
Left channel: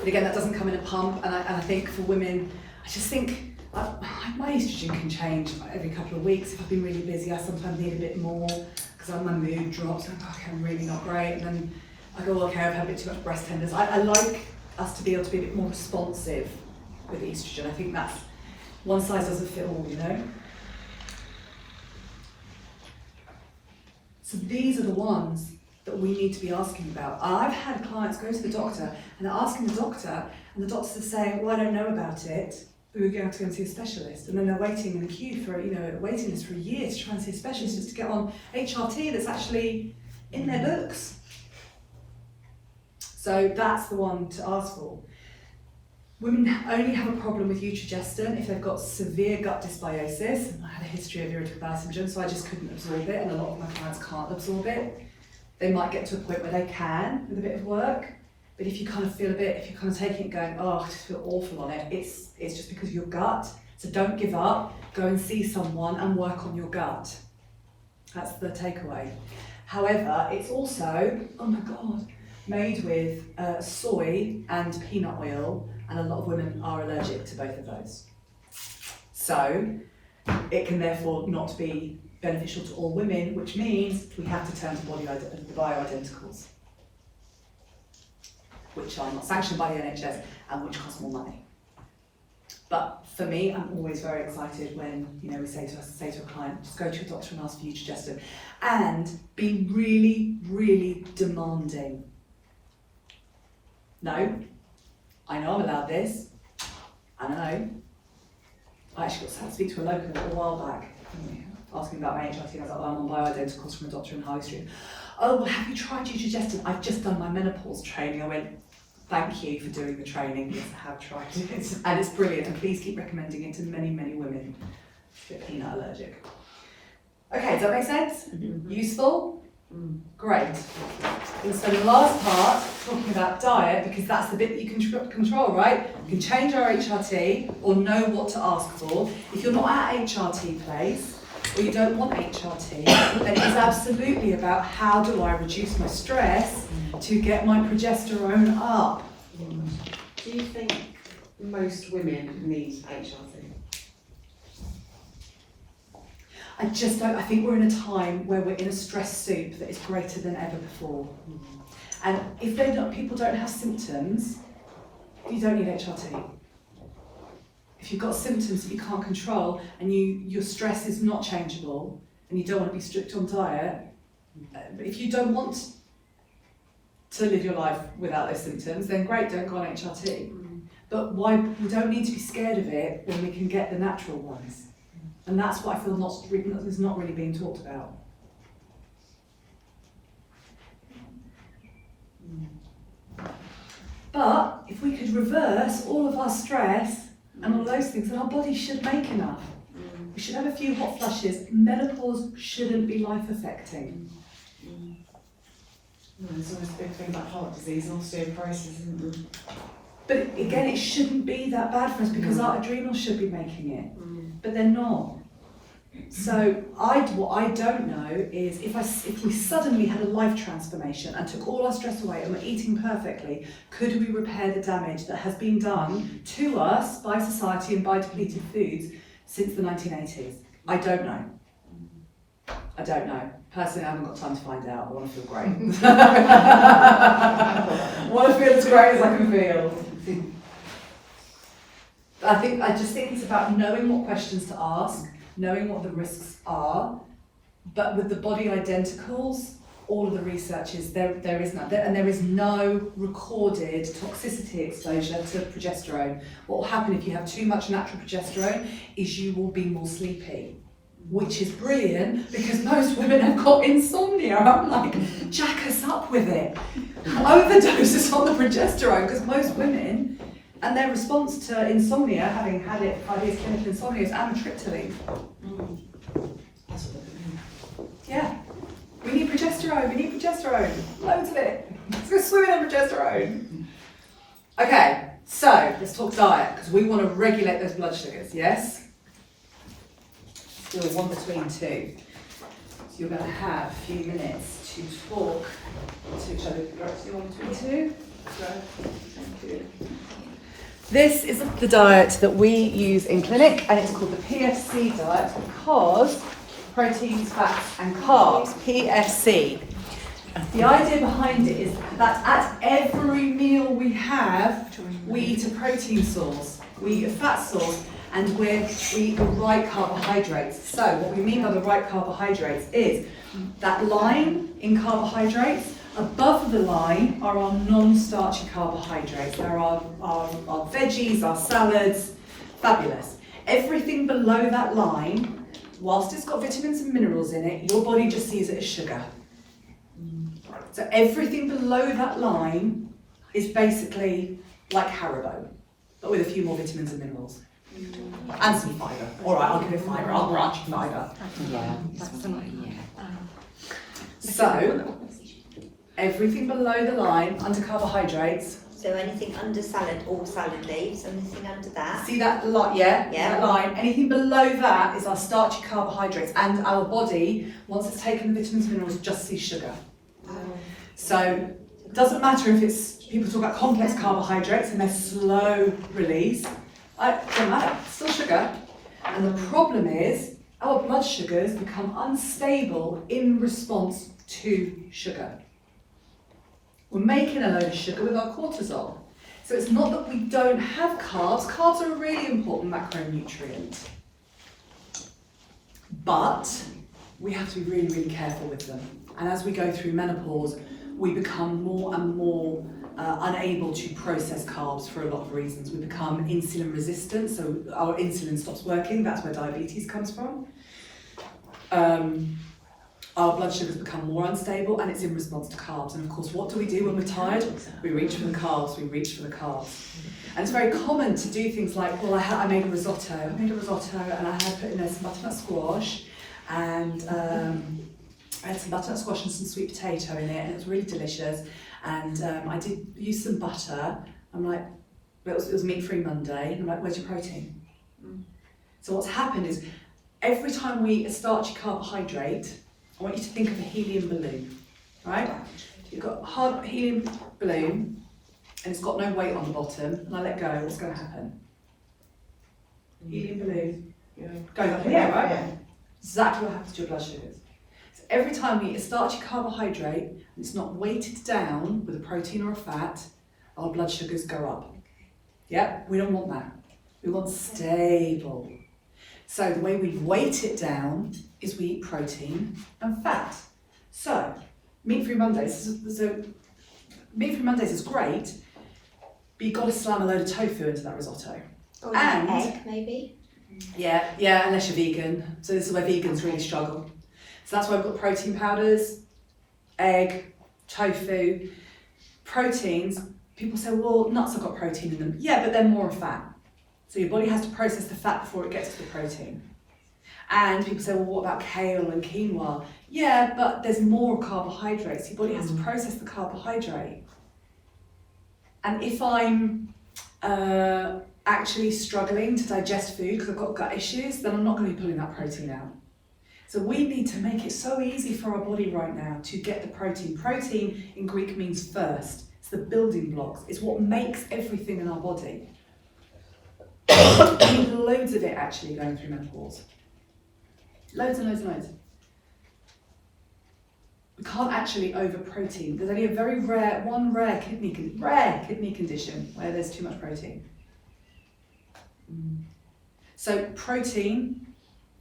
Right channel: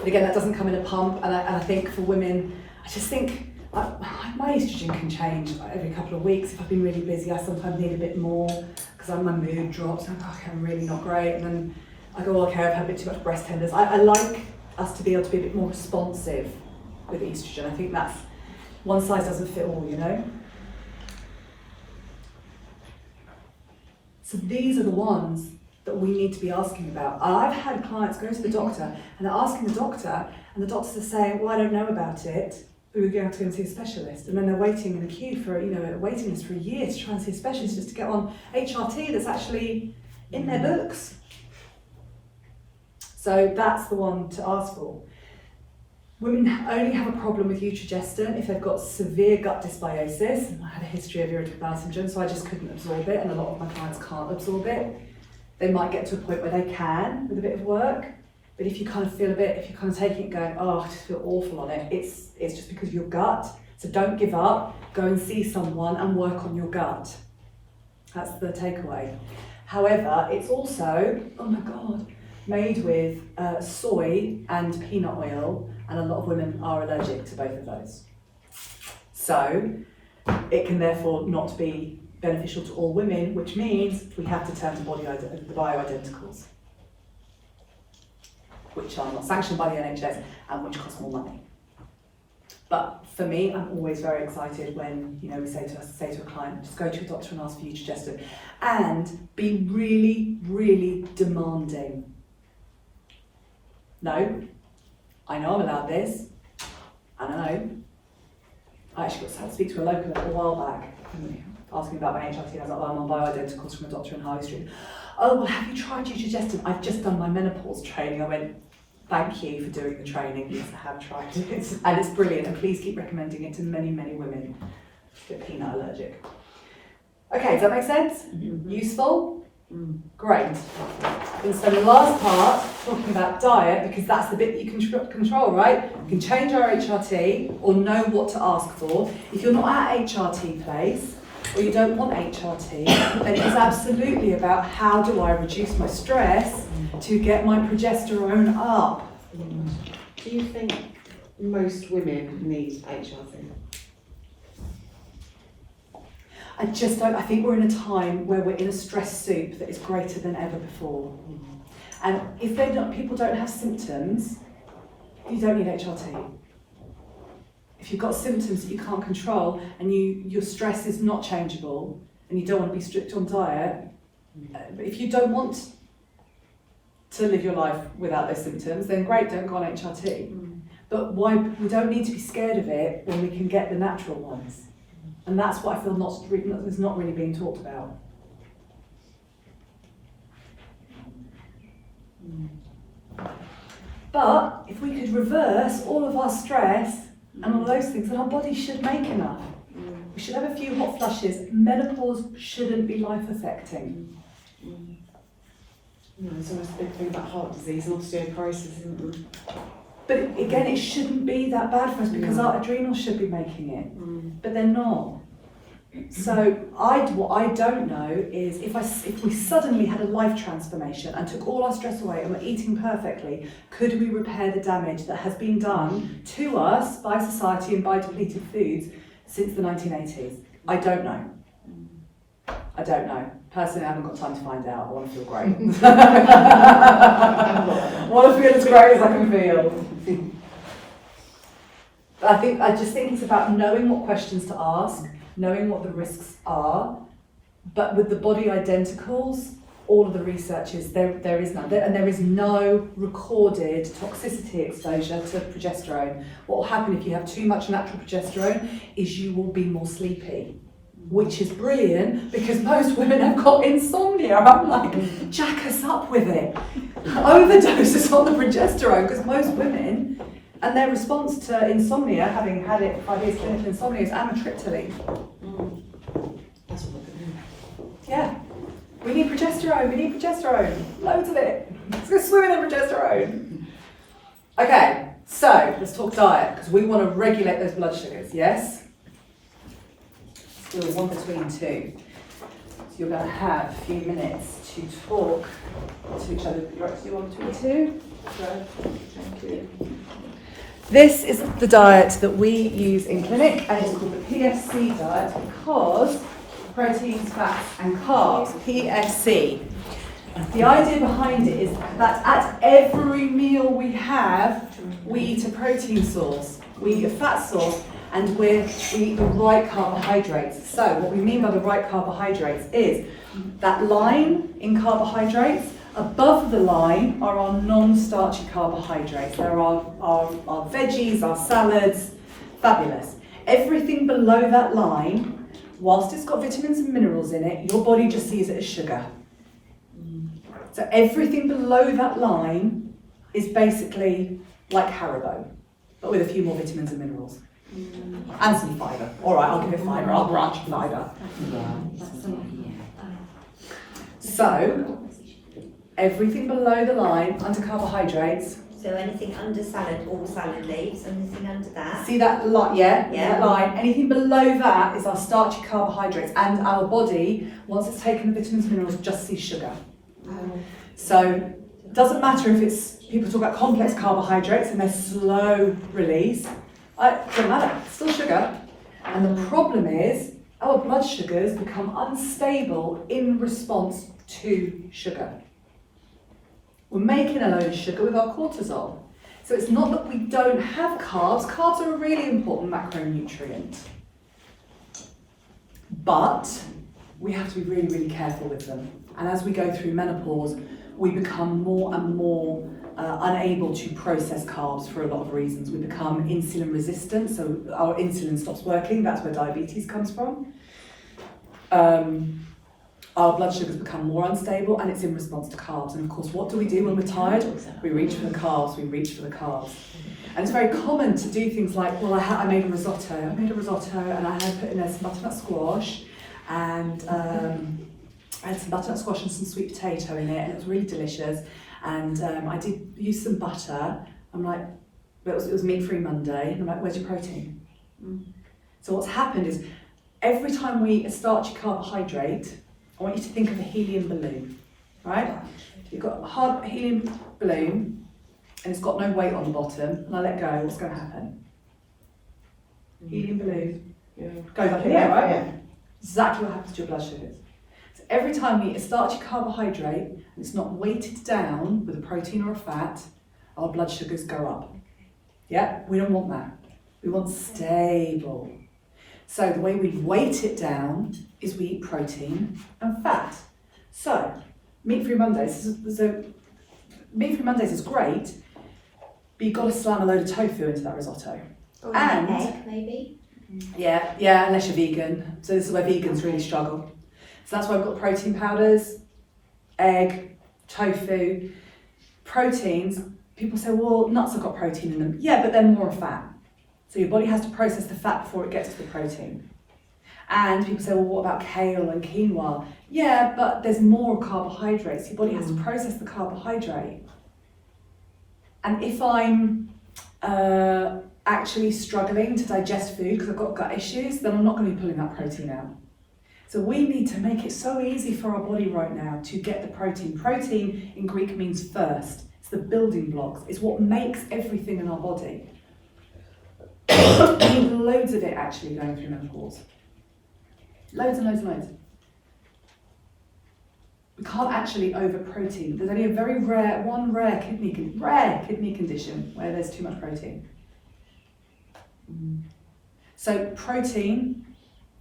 But again, that doesn't come in a pump, and I think for women, I just think my estrogen can change every couple of weeks. If I've been really busy, I sometimes need a bit more because my mood drops. I'm like, okay, I'm really not great, and then I go, okay, I've had a bit too much breast tenders. I like us to be able to be a bit more responsive with estrogen. I think that's one size doesn't fit all, you know. So these are the ones that we need to be asking about. I've had clients go to the doctor and they're asking the doctor, and the doctors are saying, well, I don't know about it. We were going to go and see a specialist, and then they're waiting in the queue for, a waiting list for a year to try and see a specialist just to get on HRT that's actually in their books. So that's the one to ask for. Women only have a problem with Utrogestin if they've got severe gut dysbiosis, and I had a history of irritable bowel syndrome, so I just couldn't absorb it, and a lot of my clients can't absorb it. They might get to a point where they can with a bit of work, but if you kind of feel if you're kind of taking it going, oh, I just feel awful on it, it's just because of your gut. So don't give up, go and see someone and work on your gut. That's the takeaway. However, it's also, oh my God, made with soy and peanut oil, and a lot of women are allergic to both of those. So it can therefore not be beneficial to all women, which means we have to turn to the bioidenticals, which are not sanctioned by the NHS and which cost more money. But for me, I'm always very excited when we say to a client, just go to a doctor and ask for Utrogestin, and be really, really demanding. No, I know I'm allowed this. I know. I actually got to speak to a local a while back, asking about my HRT, and I was like, well, I'm on bioidenticals from a doctor in High Street. Oh, well, have you tried Utrogestin? I've just done my menopause training. I went, thank you for doing the training. Yes, I have tried it. And it's brilliant. And please keep recommending it to many, many women. Get peanut allergic. Okay, does that make sense? Mm-hmm. Useful? Great. I'm going to spend the last part talking about diet, because that's the bit that you can control, right? You can change our HRT or know what to ask for. If you're not at HRT place, or you don't want HRT, then it's absolutely about how do I reduce my stress to get my progesterone up. Do you think most women need HRT? I just don't. I think we're in a time where we're in a stress soup that is greater than ever before. And if people don't have symptoms, you don't need HRT. If you've got symptoms that you can't control and your stress is not changeable and you don't want to be strict on diet, but if you don't want to live your life without those symptoms, then great, don't go on HRT. But why? We don't need to be scared of it when we can get the natural ones. And that's what I feel is not really being talked about. But if we could reverse all of our stress and all of those things, then our body should make enough. We should have a few hot flushes. Menopause shouldn't be life affecting. There's always a big thing about heart disease and osteoporosis, isn't there? But again, it shouldn't be that bad for us because our adrenals should be making it, but they're not. So what I don't know is if we suddenly had a life transformation and took all our stress away and were eating perfectly, could we repair the damage that has been done to us by society and by depleted foods since the 1980s? I don't know. I don't know. Personally, I haven't got time to find out. I want to feel great. I want to feel as great as I can feel. I just think it's about knowing what questions to ask, knowing what the risks are, but with the body identicals, all of the research is there is none, and there is no recorded toxicity exposure to progesterone. What will happen if you have too much natural progesterone is you will be more sleepy, which is brilliant because most women have got insomnia. I'm like, jack us up with it. Overdoses on the progesterone, because most women, and their response to insomnia, having had it 5 years clinical insomnia, is amitriptyline. That's what I Yeah. We need progesterone, loads of it. Let's go swimming in progesterone. Okay, so let's talk diet, because we want to regulate those blood sugars, yes? Still one between two. So you're going to have a few minutes to talk to each other. You're actually one between two? Thank you. This is the diet that we use in clinic, and it's called the PFC diet because proteins, fats and carbs, PFC. The idea behind it is that at every meal we have, we eat a protein source, we eat a fat source, and we eat the right carbohydrates. So what we mean by the right carbohydrates is that line in carbohydrates, above the line are our non-starchy carbohydrates. There are our veggies, our salads, fabulous. Everything below that line, whilst it's got vitamins and minerals in it, your body just sees it as sugar. So everything below that line is basically like Haribo, but with a few more vitamins and minerals. And some fibre. All right, I'll give it fibre, I'll branch fibre. So, everything below the line, under carbohydrates. So anything under salad, all salad leaves, anything under that? See that line? Yeah, Yeah. that line. Anything below that is our starchy carbohydrates, and our body, once it's taken the vitamins and minerals, just sees sugar. So it doesn't matter if it's, people talk about complex carbohydrates and they're slow release. It doesn't matter, it's still sugar. And the problem is our blood sugars become unstable in response to sugar. We're making a load of sugar with our cortisol. So it's not that we don't have carbs. Carbs are a really important macronutrient. But we have to be really, really careful with them. And as we go through menopause, we become more and more unable to process carbs for a lot of reasons. We become insulin resistant, so our insulin stops working. That's where diabetes comes from. Our blood sugars become more unstable, and it's in response to carbs. And of course, what do we do when we're tired? We reach for the carbs, And it's very common to do things like, well, I made a risotto and I had put in there some butternut squash, and I had some butternut squash and some sweet potato in it, and it was really delicious. And I did use some butter. I'm like, well, it was meat-free Monday, and I'm like, where's your protein? So what's happened is, every time we eat a starchy carbohydrate, I want you to think of a helium balloon, right? If you've got a hard helium balloon, and it's got no weight on the bottom, and I let go, what's going to happen? Helium balloon goes up in the air, right? Yeah. Exactly what happens to your blood sugars. So every time we eat a starchy carbohydrate, and it's not weighted down with a protein or a fat, our blood sugars go up. Yeah, we don't want that. We want stable. So the way we weight it down is we eat protein and fat. So meat-free Mondays is great, but you've got to slam a load of tofu into that risotto. Or And- an egg, maybe. Yeah, unless you're vegan. So this is where vegans really struggle. So that's why we've got protein powders, egg, tofu. Proteins, people say, well, nuts have got protein in them. Yeah, but they're more fat. So your body has to process the fat before it gets to the protein. And people say, well, what about kale and quinoa? Yeah, but there's more carbohydrates. Your body has to process the carbohydrate. And if I'm actually struggling to digest food because I've got gut issues, then I'm not going to be pulling that protein out. So we need to make it so easy for our body right now to get the protein. Protein in Greek means first. It's the building blocks. It's what makes everything in our body. We need loads of it actually going through menopause. Loads and loads and loads. We can't actually over-protein. There's only a very rare kidney condition where there's too much protein. So protein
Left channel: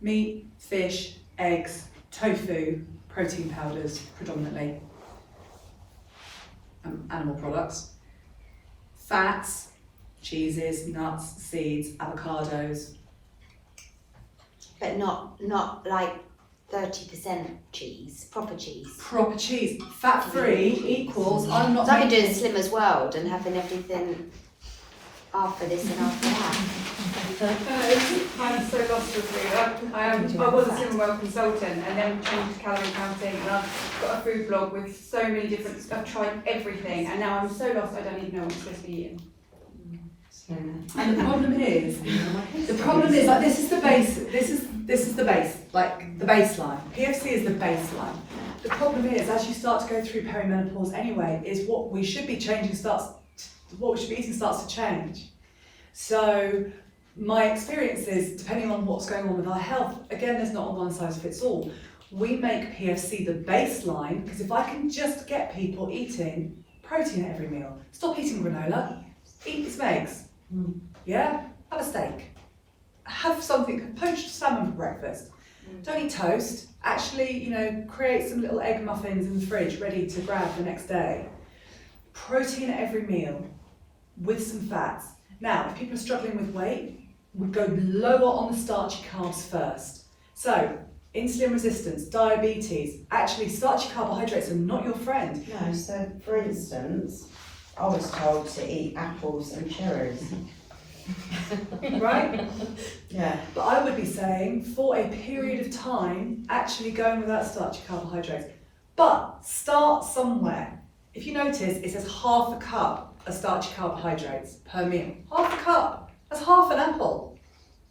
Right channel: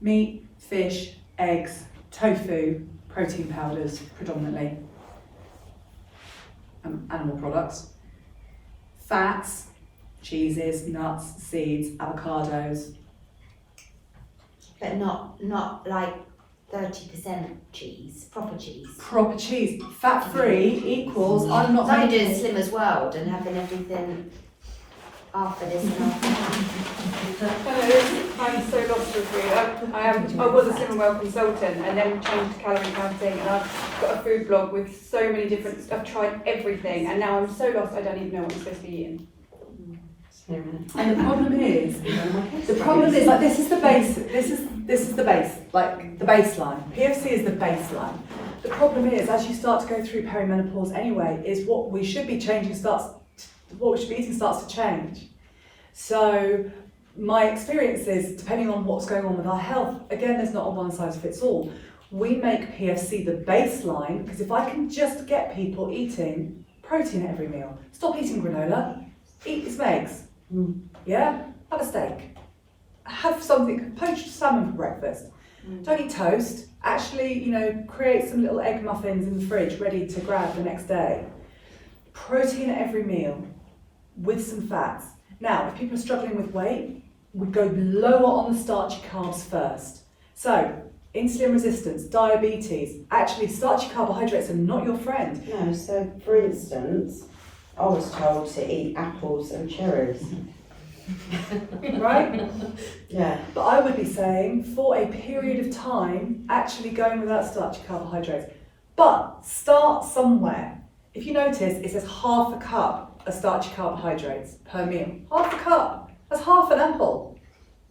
Meat, fish, eggs, tofu, protein powders predominantly, animal products, fats, cheeses, nuts, seeds, avocados. But not like 30% cheese, proper cheese. Proper cheese, fat-free equals, I'm not Like doing making... Slimmer's World and having everything after this and after that. I'm so lost with food. I was a Slimming World consultant and then changed to calorie counting, and I've got a food blog with so many different, I've tried everything and now I'm so lost I don't even know what I'm supposed to be eating. And the problem is like this is the base, this is the base, like the baseline. PFC is the baseline. The problem is, as you start to go through perimenopause anyway, is what we should be eating starts to change. So my experience is, depending on what's going on with our health, again, there's not a one size fits all. We make PFC the baseline, because if I can just get people eating protein at every meal, stop eating granola, eat some eggs, yeah, have a steak, have something, poached salmon for breakfast, don't eat toast, actually, create some little egg muffins in the fridge ready to grab the next day. Protein at every meal with some fats. Now, if people are struggling with weight, we go lower on the starchy carbs first. So, insulin resistance, diabetes, actually starchy carbohydrates are not your friend. No, so for instance, I was told to eat apples and cherries. Right? Yeah. But I would be saying, for a period of time, actually going without starchy carbohydrates. But start somewhere. If you notice, it says half a cup of starchy carbohydrates per meal. Half a cup. That's half an apple.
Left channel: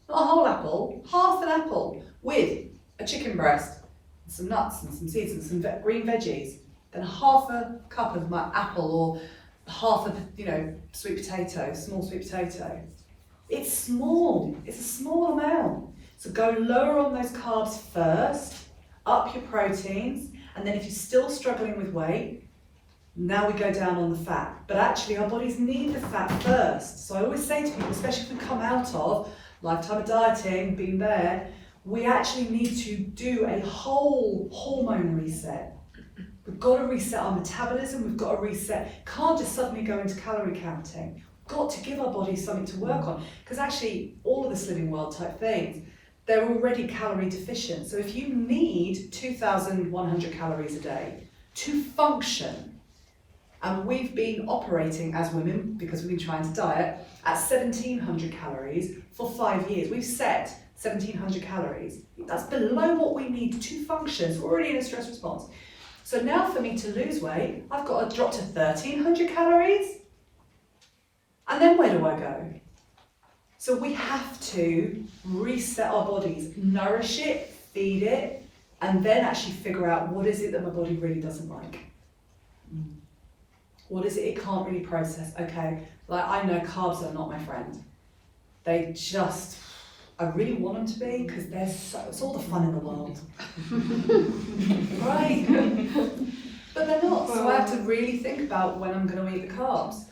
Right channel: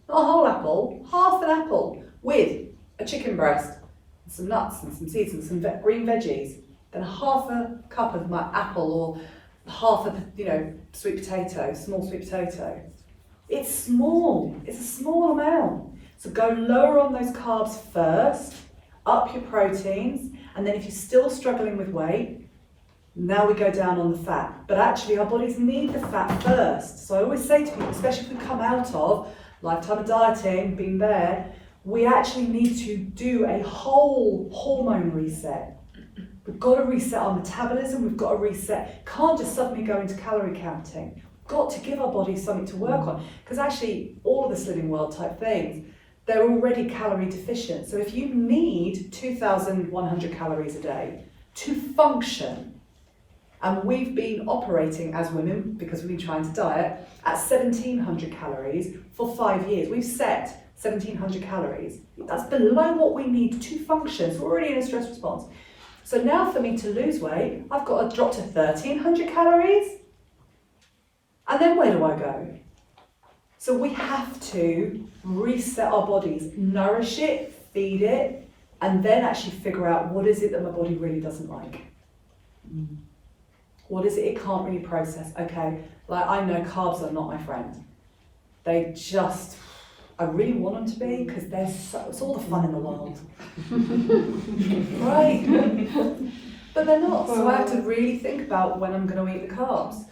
Not a whole apple, half an apple with a chicken breast, and some nuts and some seeds and some green veggies. Then half a cup of my apple, or half of sweet potato, small sweet potato. It's small. It's a small amount. So go lower on those carbs first, up your proteins, and then if you're still struggling with weight, now we go down on the fat. But actually our bodies need the fat first. So I always say to people, especially if we come out of lifetime of dieting, being there, we actually need to do a whole hormone reset. We've got to reset our metabolism, we've got to reset, can't just suddenly go into calorie counting. We've got to give our bodies something to work on. Because actually all of the Slimming World type things, they're already calorie deficient. So if you need 2,100 calories a day to function, and we've been operating as women, because we've been trying to diet, at 1,700 calories for 5 years. We've set 1,700 calories. That's below what we need to function. So we're already in a stress response. So now for me to lose weight, I've got to drop to 1,300 calories. And then where do I go? So we have to reset our bodies, nourish it, feed it, and then actually figure out what is it that my body really doesn't like. What is it it can't really process? Okay, like I know carbs are not my friend. They just, I really want them to be, because it's all the fun in the world. Right? But they're not, so I have to really think about when I'm going to eat the carbs.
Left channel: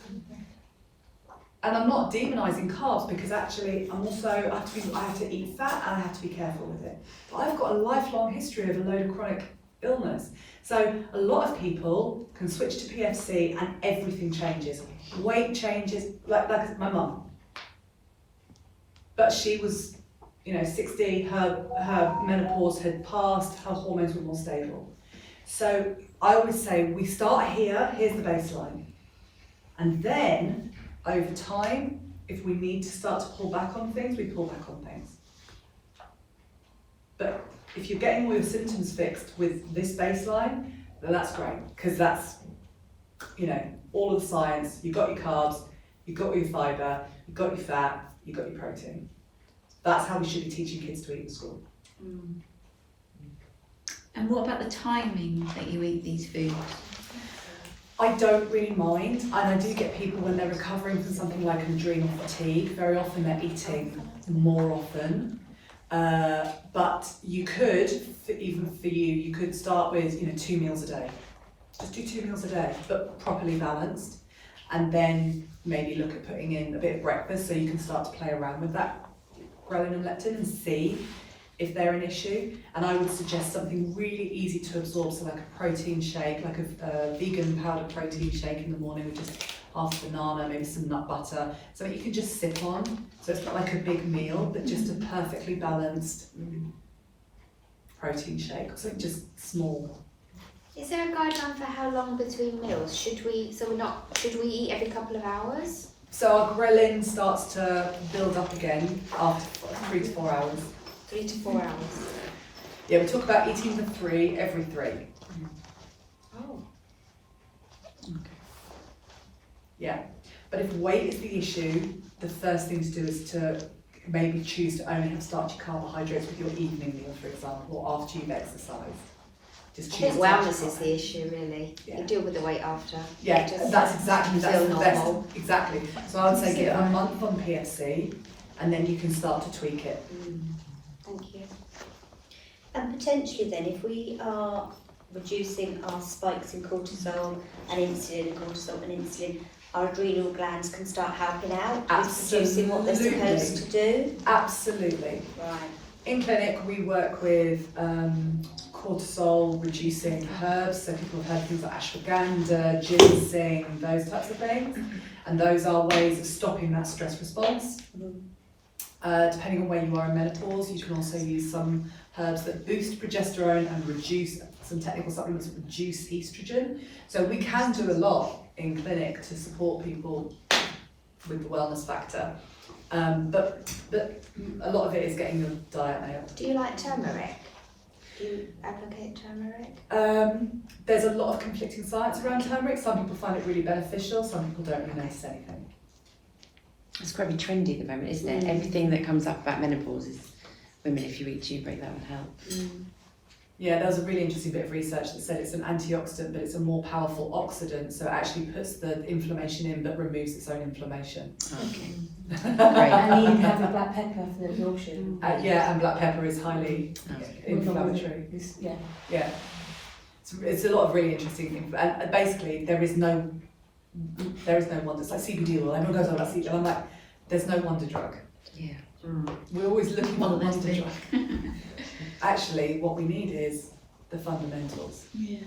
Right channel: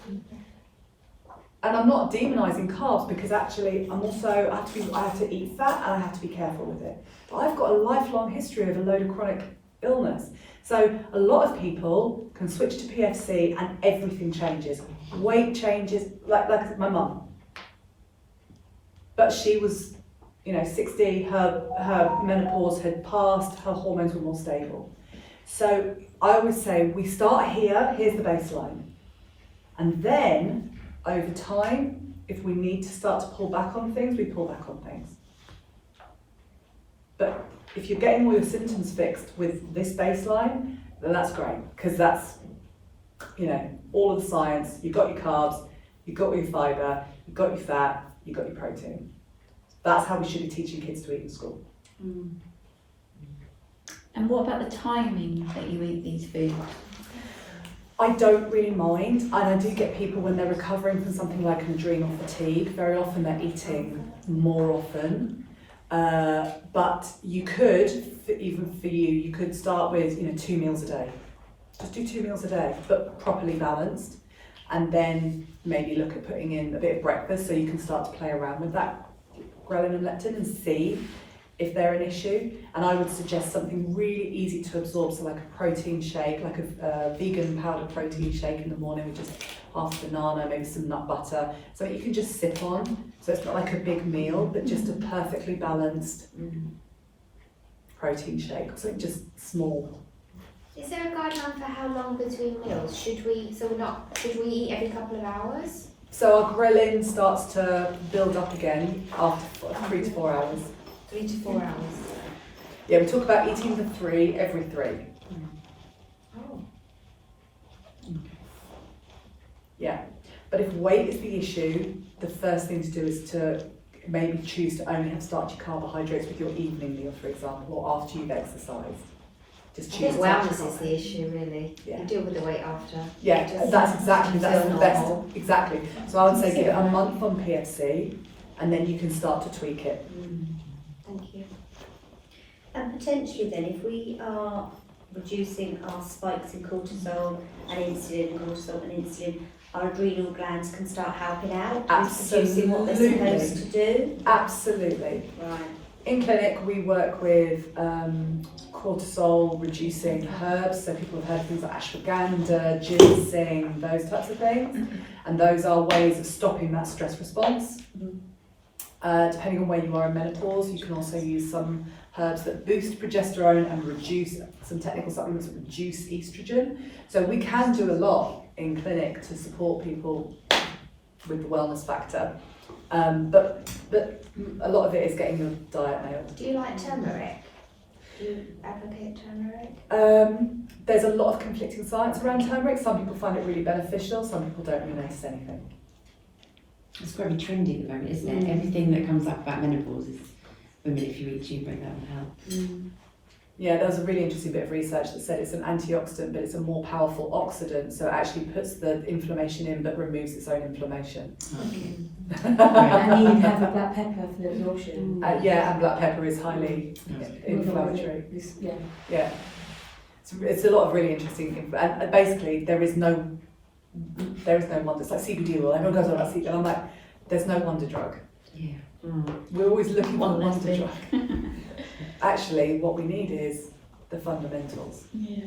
And I'm not demonising carbs, because actually I have to eat fat and I have to be careful with it. But I've got a lifelong history of a load of chronic illness. So a lot of people can switch to PFC and everything changes. Weight changes, like my mum. But she was, 60, her menopause had passed, her hormones were more stable. So I always say, we start here, here's the baseline. And then, over time, if we need to start to pull back on things, we pull back on things. But if you're getting all your symptoms fixed with this baseline, then that's great, because that's, all of the science. You've got your carbs, you've got your fibre, you've got your fat, you've got your protein. That's how we should be teaching kids to eat in school. And what about the timing that you eat these foods? I don't really mind, and I do get people when they're recovering from something like an adrenal fatigue, very often they're eating more often. But you could, even for you could start with 2 meals a day. Just do 2 meals a day, but properly balanced, and then maybe look at putting in a bit of breakfast so you can start to play around with that ghrelin and leptin and see if they're an issue, and I would suggest something really easy to absorb, so like a protein shake, like a vegan powdered protein shake in the morning with just half a banana, maybe some nut butter, so you can just sip on, so it's not like a big meal, but just a perfectly balanced protein shake, so just small. Is there a guideline for how long between meals? Should we eat every couple of hours? So our ghrelin starts to build up again after 3 to 4 hours. 3 to 4 hours. Yeah, we talk about eating for 3 every 3. Oh. Yeah, but if weight is the issue, the first thing to do is to maybe choose to only have starchy carbohydrates with your evening meal, for example, or after you've exercised. Just I choose think starchy wellness is the carbohydrates. issue, really. Yeah. You deal with the weight after. Yeah, Just that's exactly, that's feel the best, normal. exactly. So I would say give it a month on PFC, and then you can start to tweak it. Thank you. And potentially then, if we are reducing our spikes in cortisol and insulin, our adrenal glands can start helping out with producing what they're supposed to do. Absolutely. Right. In clinic, we work with cortisol reducing herbs, so people have heard things like ashwagandha, ginseng, those types of things, and those are ways of stopping that stress response. Depending on where you are in menopause, you can also use some herbs that boost progesterone and reduce, some technical supplements that reduce estrogen. So we can do a lot in clinic to support people with the wellness factor. But a lot of it is getting your diet nailed. Do you like turmeric? Do you advocate turmeric? There's a lot of conflicting science around turmeric. Some people find it really beneficial, some people don't really notice anything. It's very trendy at the moment, isn't it? Everything that comes up about menopause is women, if you eat turmeric, that would help. Yeah, there was a really interesting bit of research that said it's an antioxidant, but it's a more powerful oxidant, so it actually puts the inflammation in but removes its own inflammation. Okay. I need to have a black pepper for the absorption. Yeah, and black pepper is highly inflammatory. Yeah. Yeah. It's a lot of really interesting, and basically there is no wonder. It's like CBD oil. Everyone goes on about CBD, and I'm like, there's no wonder drug. Yeah. We're always looking for the What wonder must drug. Actually, what we need is the fundamentals. Yeah.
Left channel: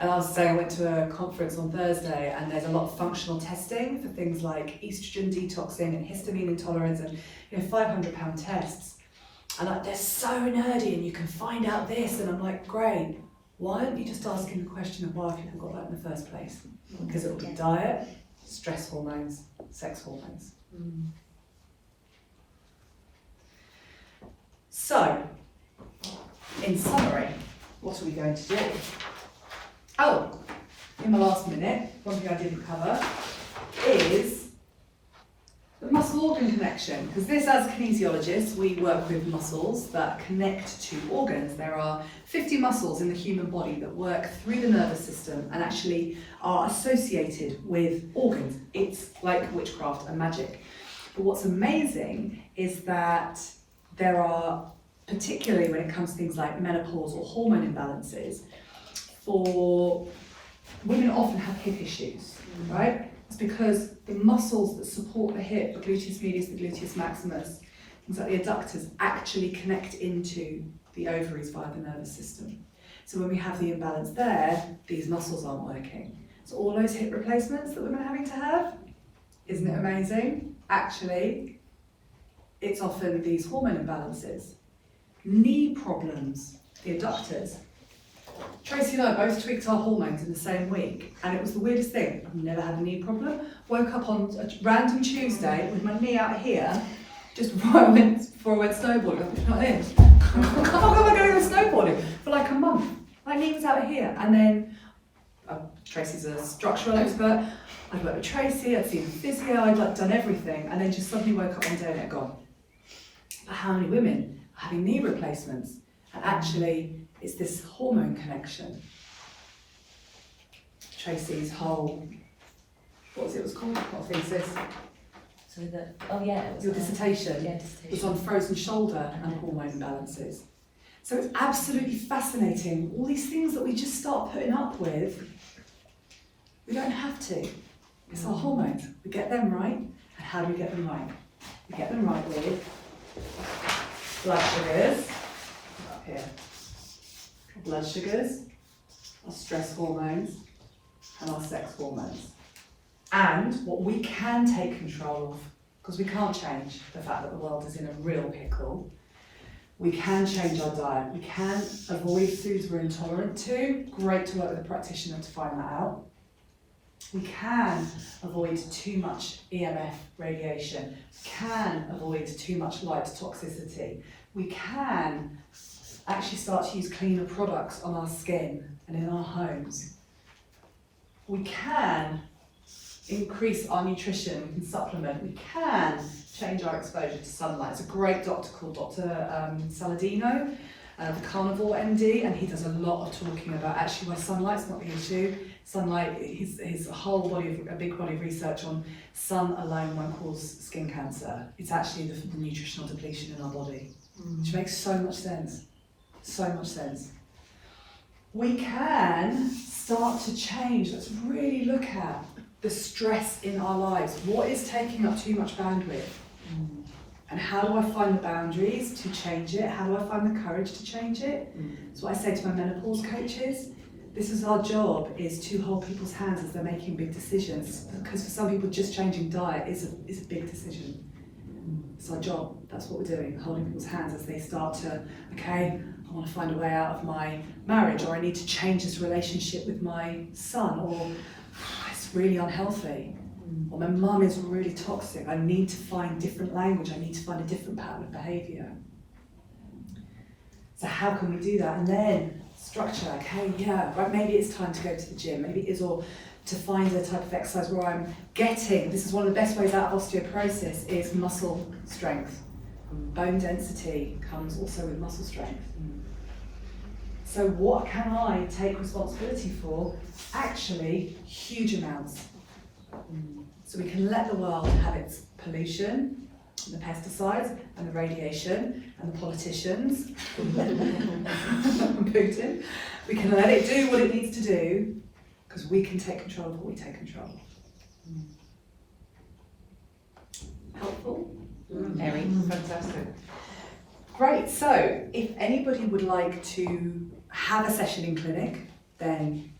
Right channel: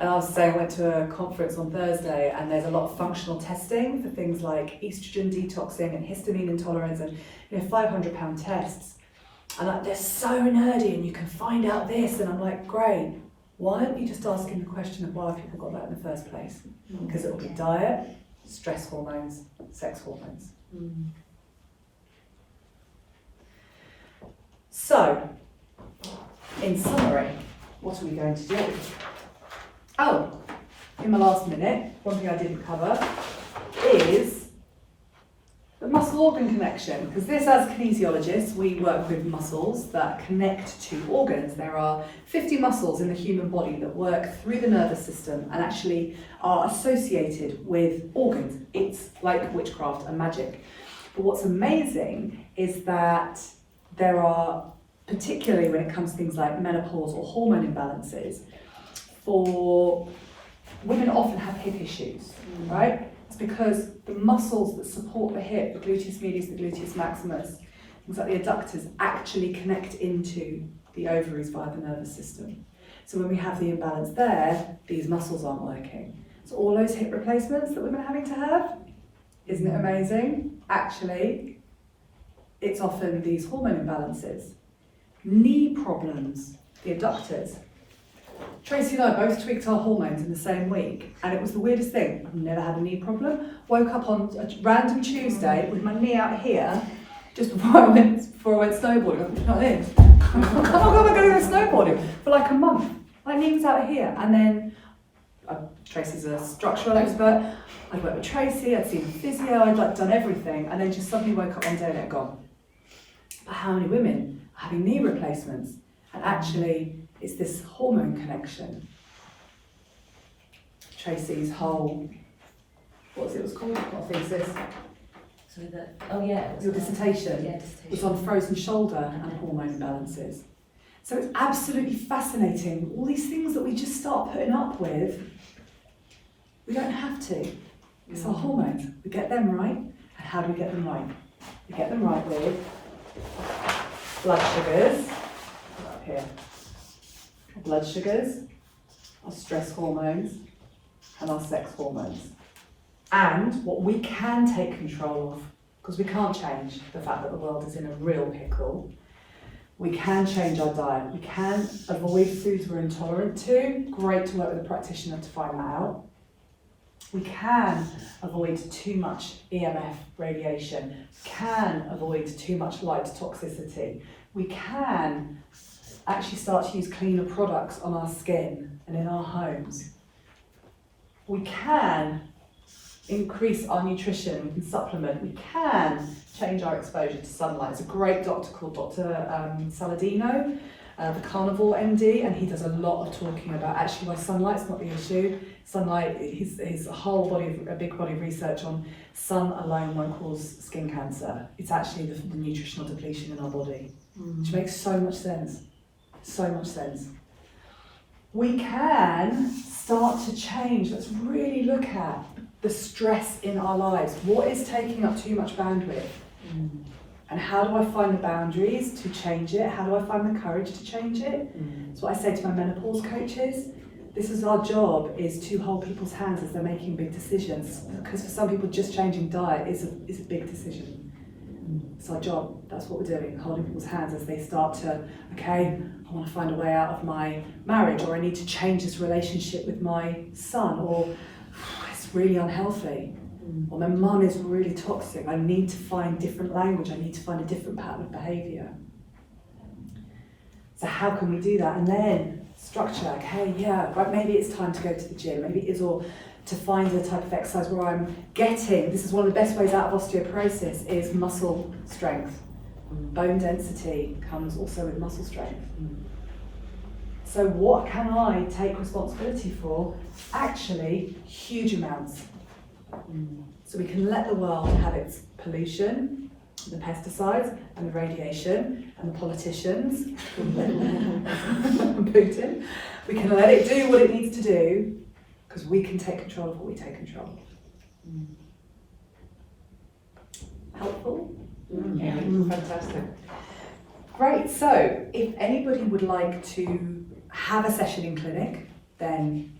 And I was saying, I went to a conference on Thursday, and there's a lot of functional testing for things like estrogen detoxing and histamine intolerance, and 500-pound tests. And they're so nerdy, and you can find out this, and I'm like, great. Why aren't you just asking the question of why people got that in the first place? Because it'll be diet, stress hormones, sex hormones. So, in summary, what are we going to do? Oh, in my last minute, one thing I didn't cover is the muscle-organ connection. Because this, as kinesiologists, we work with muscles that connect to organs. There are 50 muscles in the human body that work through the nervous system and actually are associated with organs. It's like witchcraft and magic. But what's amazing is that there are, particularly when it comes to things like menopause or hormone imbalances, for women often have hip issues, right? It's because the muscles that support the hip, the gluteus medius, the gluteus maximus, things like the adductors, actually connect into the ovaries via the nervous system. So when we have the imbalance there, these muscles aren't working. So all those hip replacements that women are having to have, isn't it amazing? Actually, it's often these hormone imbalances. Knee problems, the adductors. Tracy and I both tweaked our hormones in the same week, and it was the weirdest thing. I've never had a knee problem. Woke up on a random Tuesday with my knee out here, just before I went snowboarding. I was like this. Oh, I'm going to go snowboarding for like a month. My knee was out here, and then Tracy's a structural expert. I'd worked with Tracy, I'd seen a physio, I'd done everything, and then just suddenly woke up one day and it had gone. But how many women are having knee replacements? And actually, it's this hormone connection. Tracy's whole, what was it called? What thesis? So that, Your dissertation Yeah, was on frozen shoulder and hormone imbalances. So it's absolutely fascinating. All these things that we just start putting up with, we don't have to. It's our hormones. We get them right. And how do we get them right? We get them right with blood sugars, here. Our blood sugars, our stress hormones, and our sex hormones. And what we can take control of, because we can't change the fact that the world is in a real pickle, we can change our diet. We can avoid foods we're intolerant to. Great to work with a practitioner to find that out. We can avoid too much EMF radiation. Can avoid too much light toxicity. We can actually start to use cleaner products on our skin and in our homes. We can increase our nutrition, we can supplement, we can change our exposure to sunlight. There's a great doctor called Dr. Saladino, the carnivore MD, and he does a lot of talking about actually why sunlight's not the issue. Sunlight, his a big body of research on sun alone won't cause skin cancer. It's actually the nutritional depletion in our body, which makes so much sense. So much sense. We can start to change. Let's really look at the stress in our lives. What is taking up too much bandwidth? And how do I find the boundaries to change it? How do I find the courage to change it? That's what I say to my menopause coaches. This is our job, is to hold people's hands as they're making big decisions. Because for some people, just changing diet is a big decision. It's our job. That's what we're doing, holding people's hands as they start to, okay, I want to find a way out of my marriage, or I need to change this relationship with my son, or it's really unhealthy, or my mum is really toxic. I need to find different language. I need to find a different pattern of behaviour. So how can we do that? And then structure, okay, yeah, right, maybe it's time to go to the gym, maybe it is, or to find a type of exercise where I'm getting, this is one of the best ways out of osteoporosis, is muscle strength. Bone density comes also with muscle strength. So what can I take responsibility for? Actually, huge amounts. So we can let the world have its pollution, the pesticides and the radiation and the politicians, and Putin. We can let it do what it needs to do, because we can take control of what we take control of. Helpful? Very fantastic. Great, so if anybody would like to have a session in clinic, then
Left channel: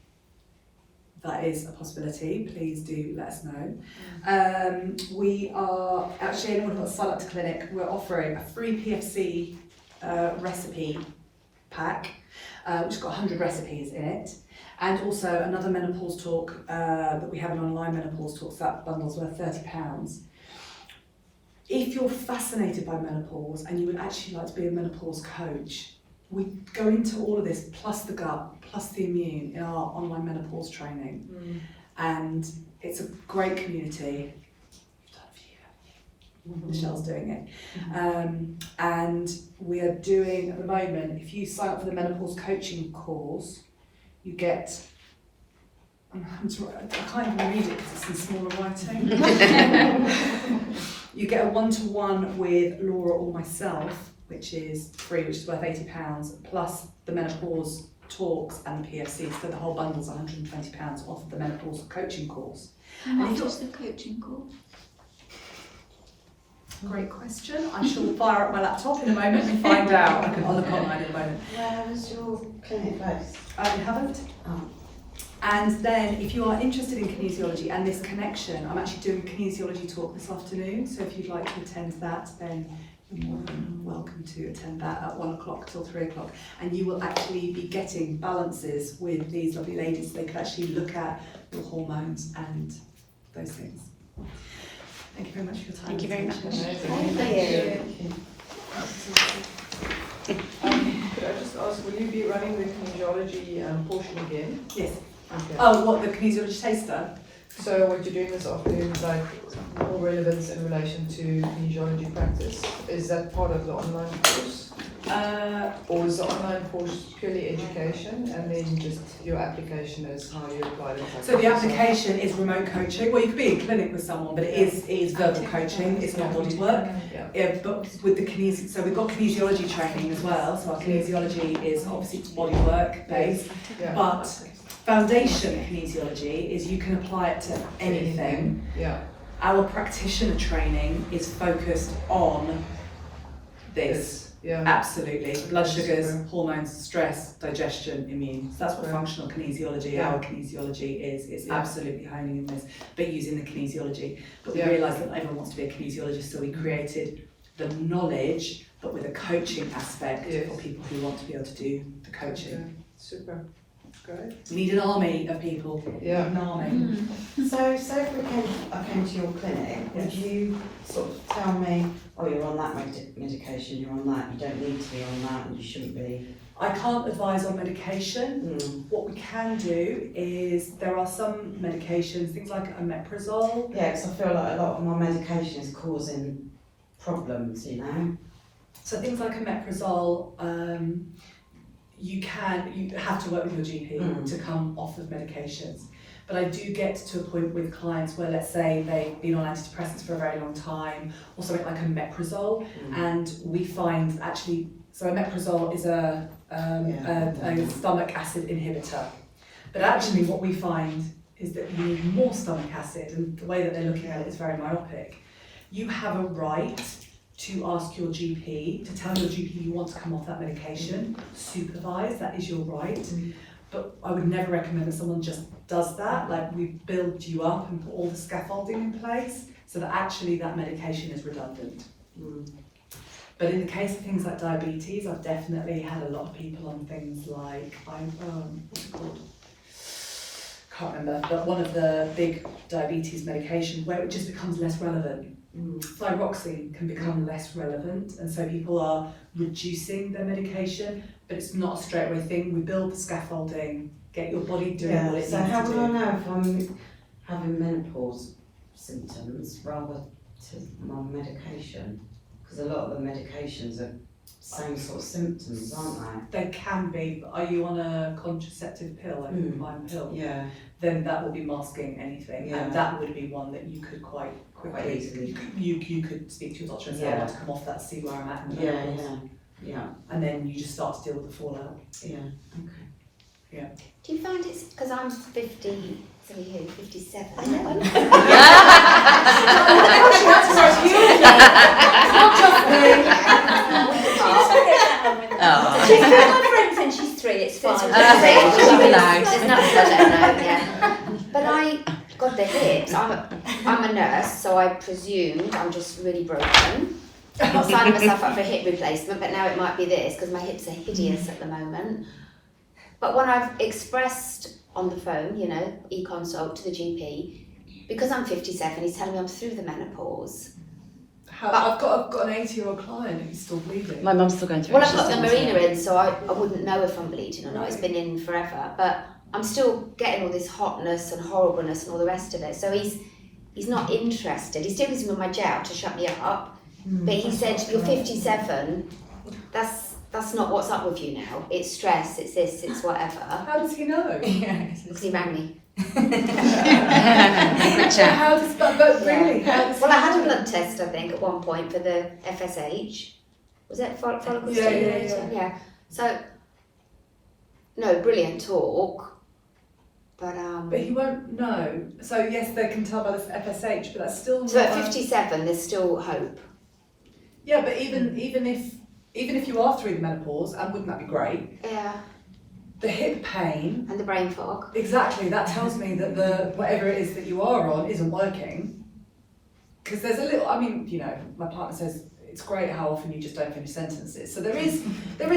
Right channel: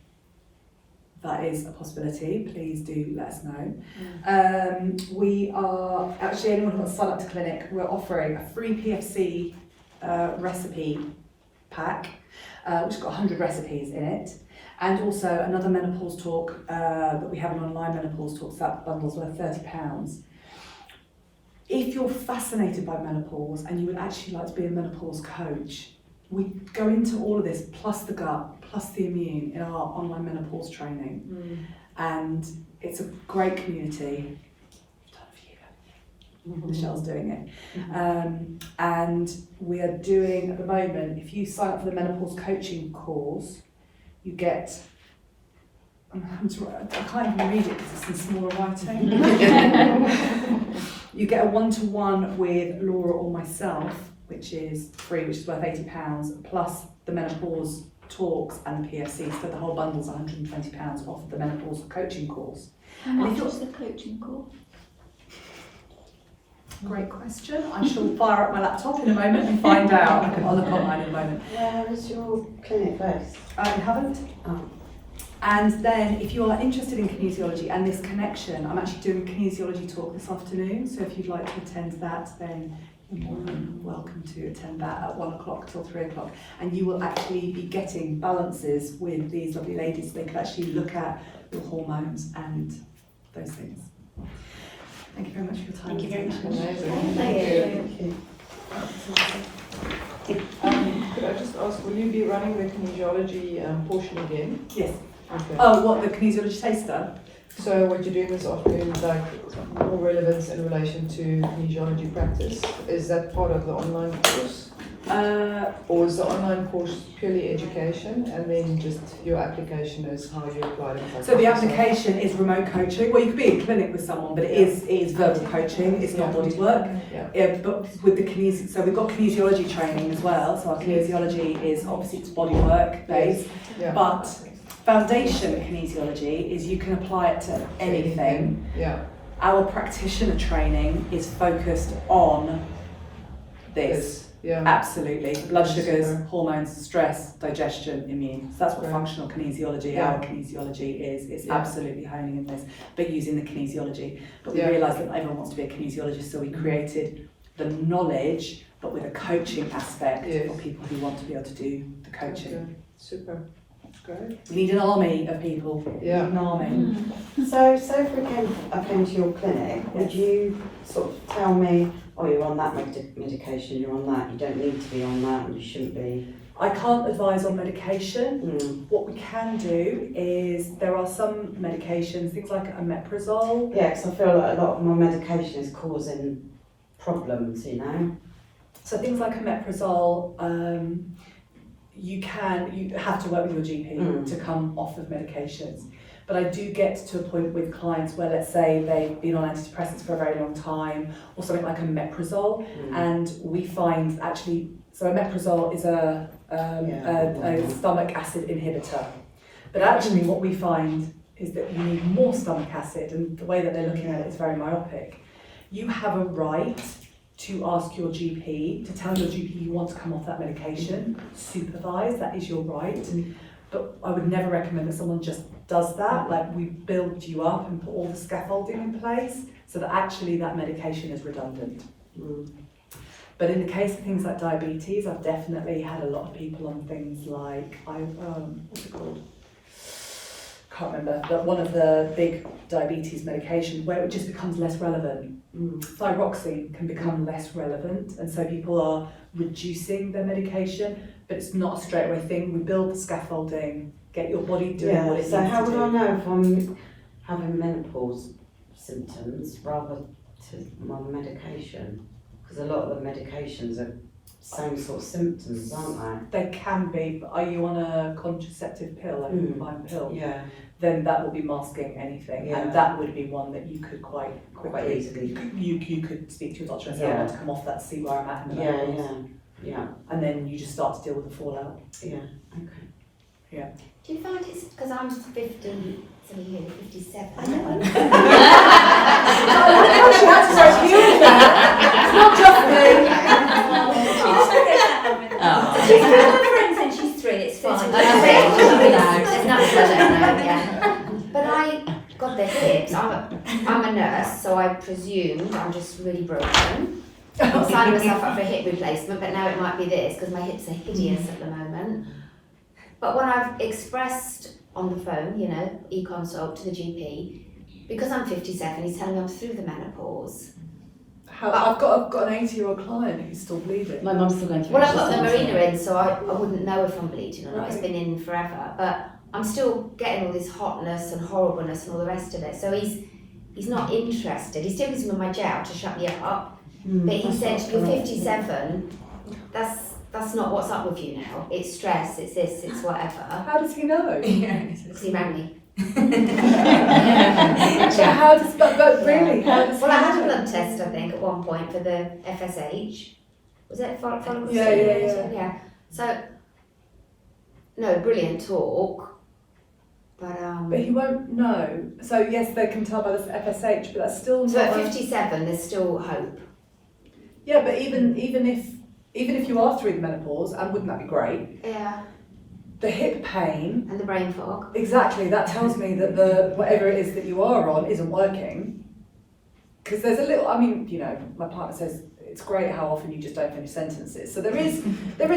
that is a possibility. Please do let us know. We are, actually, anyone who wants to sign up to clinic, we're offering a free PFC recipe pack, which has got 100 recipes in it, and also another menopause talk that we have, an online menopause talk, so that bundle's worth £30. If you're fascinated by menopause and you would actually like to be a menopause coach, we go into all of this, plus the gut, plus the immune, in our online menopause training. And it's a great community. You've done a few. Michelle's doing it. And we are doing, at the moment, if you sign up for the menopause coaching course, you get, I can't even read it because it's in smaller writing. You get a one-to-one with Laura or myself, which is free, which is worth £80, plus the menopause talks and the PFC. So the whole bundle's £120 off the menopause coaching course. How much is the coaching course? Great question. I shall fire up my laptop in a moment and find out. I'll look online in a moment. Where is your clinic based? You haven't? And then if you are interested in kinesiology and this connection, I'm actually doing a kinesiology talk this afternoon. So if you'd like to attend that, then you're more than welcome to attend that at 1 o'clock till 3 o'clock. And you will actually be getting balances with these lovely ladies. They could actually look at your hormones and those things. Thank you very much for your time. Thank you very much. Thank you. Could I just ask, will you be running the kinesiology portion again? Yes. Okay. Oh, what, the kinesiology taster? So what you're doing this afternoon is like more relevance in relation to kinesiology practice. Is that part of the online course? Or is the online course purely education and then just your application is how you apply it? So the application is remote coaching. Well, you could be in clinic with someone, but it is verbal coaching. It's not body work. Yeah. But with the so we've got kinesiology training as well. So our kinesiology is obviously it's body work based, Yeah. but foundation kinesiology is you can apply it to anything. Yeah. Our practitioner training is focused on this. Yeah. Absolutely. Blood sugars, Super. hormones, stress, digestion, immune. So that's what Right. functional kinesiology, Yeah. our kinesiology is. It's Yeah. absolutely honing in this, but using the kinesiology. But we Yeah. realised that everyone wants to be a kinesiologist, so we created the knowledge, but with a coaching aspect Yes. for people who want to be able to do the coaching. Okay. Super. Great. We need an army of people. Yeah. An army. So if I came to your clinic, would you sort of tell me, oh, you're on that medication, you're on that, you don't need to be on that, and you shouldn't be? I can't advise on medication. What we can do is there are some medications, things like omeprazole. Yeah, because I feel like a lot of my medication is causing problems, you know? So things like omeprazole, you have to work with your GP to come off of medications. But I do get to a point with clients where, let's say, they've been on antidepressants for a very long time, or something like omeprazole, and we find actually, so omeprazole is a stomach acid inhibitor. But actually what we find is that you need more stomach acid, and the way that they're looking at it is very myopic. You have a right to ask your GP, to tell your GP you want to come off that medication, supervise, that is your right. But I would never recommend that someone just does that. Like, we build you up and put all the scaffolding in place so that actually that medication is redundant. But in the case of things like diabetes, I've definitely had a lot of people on things like, what's it called? Can't remember, but one of the big diabetes medications where it just becomes less relevant. Thyroxine can become less relevant, and so people are reducing their medication, but it's not a straight away thing. We build the scaffolding, get your body doing what it needs to do. So how do I know if I'm having menopause symptoms rather to my medication? Because a lot of the medications are same sort of symptoms, aren't They can be, but are you on a contraceptive pill, like a combined pill? they? Yeah. Then that will be masking anything, Yeah. and that would be one that you could quite Quite quickly, easily. you could speak to your doctor and say, I want to come off that, see where I'm at in the menopause. Yeah. And then you just start to deal with the fallout. Yeah. Do you find it's, because I'm 50, so you 57. She had to work you in there. It's not just me. She's got my friend since she's 3, it's fine. There's nothing I don't know, yeah. But I got the hips, I'm a nurse, so I presume I'm just really broken. I'm signing myself up for a hip replacement, but now it might be this, because my hips are hideous at the moment. But when I've expressed on the phone, you know, e-consult to the GP, because I'm 57, he's telling me I'm through the menopause. I've got an 80-year-old client who's still bleeding. My mum's still going through it. Well, I've She's got the 17. marina in, so I wouldn't know if I'm bleeding or not. It's Right. been in forever, but I'm still getting all this hotness and horribleness and all the rest of it. So he's not interested. He still gives me my gel to shut me up, but he said, "You're 57. That's not what's up with you now. It's stress. It's this. It's whatever." How does he know? Because he rang me. So how does that, but really, how does he Well, I had a know? blood test, I think, at one point for the FSH. Was that follicle Yeah. stimulation? Yeah. So, no, brilliant talk, but But he won't know. So yes, they can tell by this FSH, but that's still so not. at 57, there's still hope. Yeah, but even if you are through the menopause, and wouldn't that be great? Yeah. The hip pain, And the brain fog. exactly, that tells me that the whatever it is that you are on isn't working. Because there's a little, I mean, you know, my partner says it's great how often you just don't finish sentences. So there is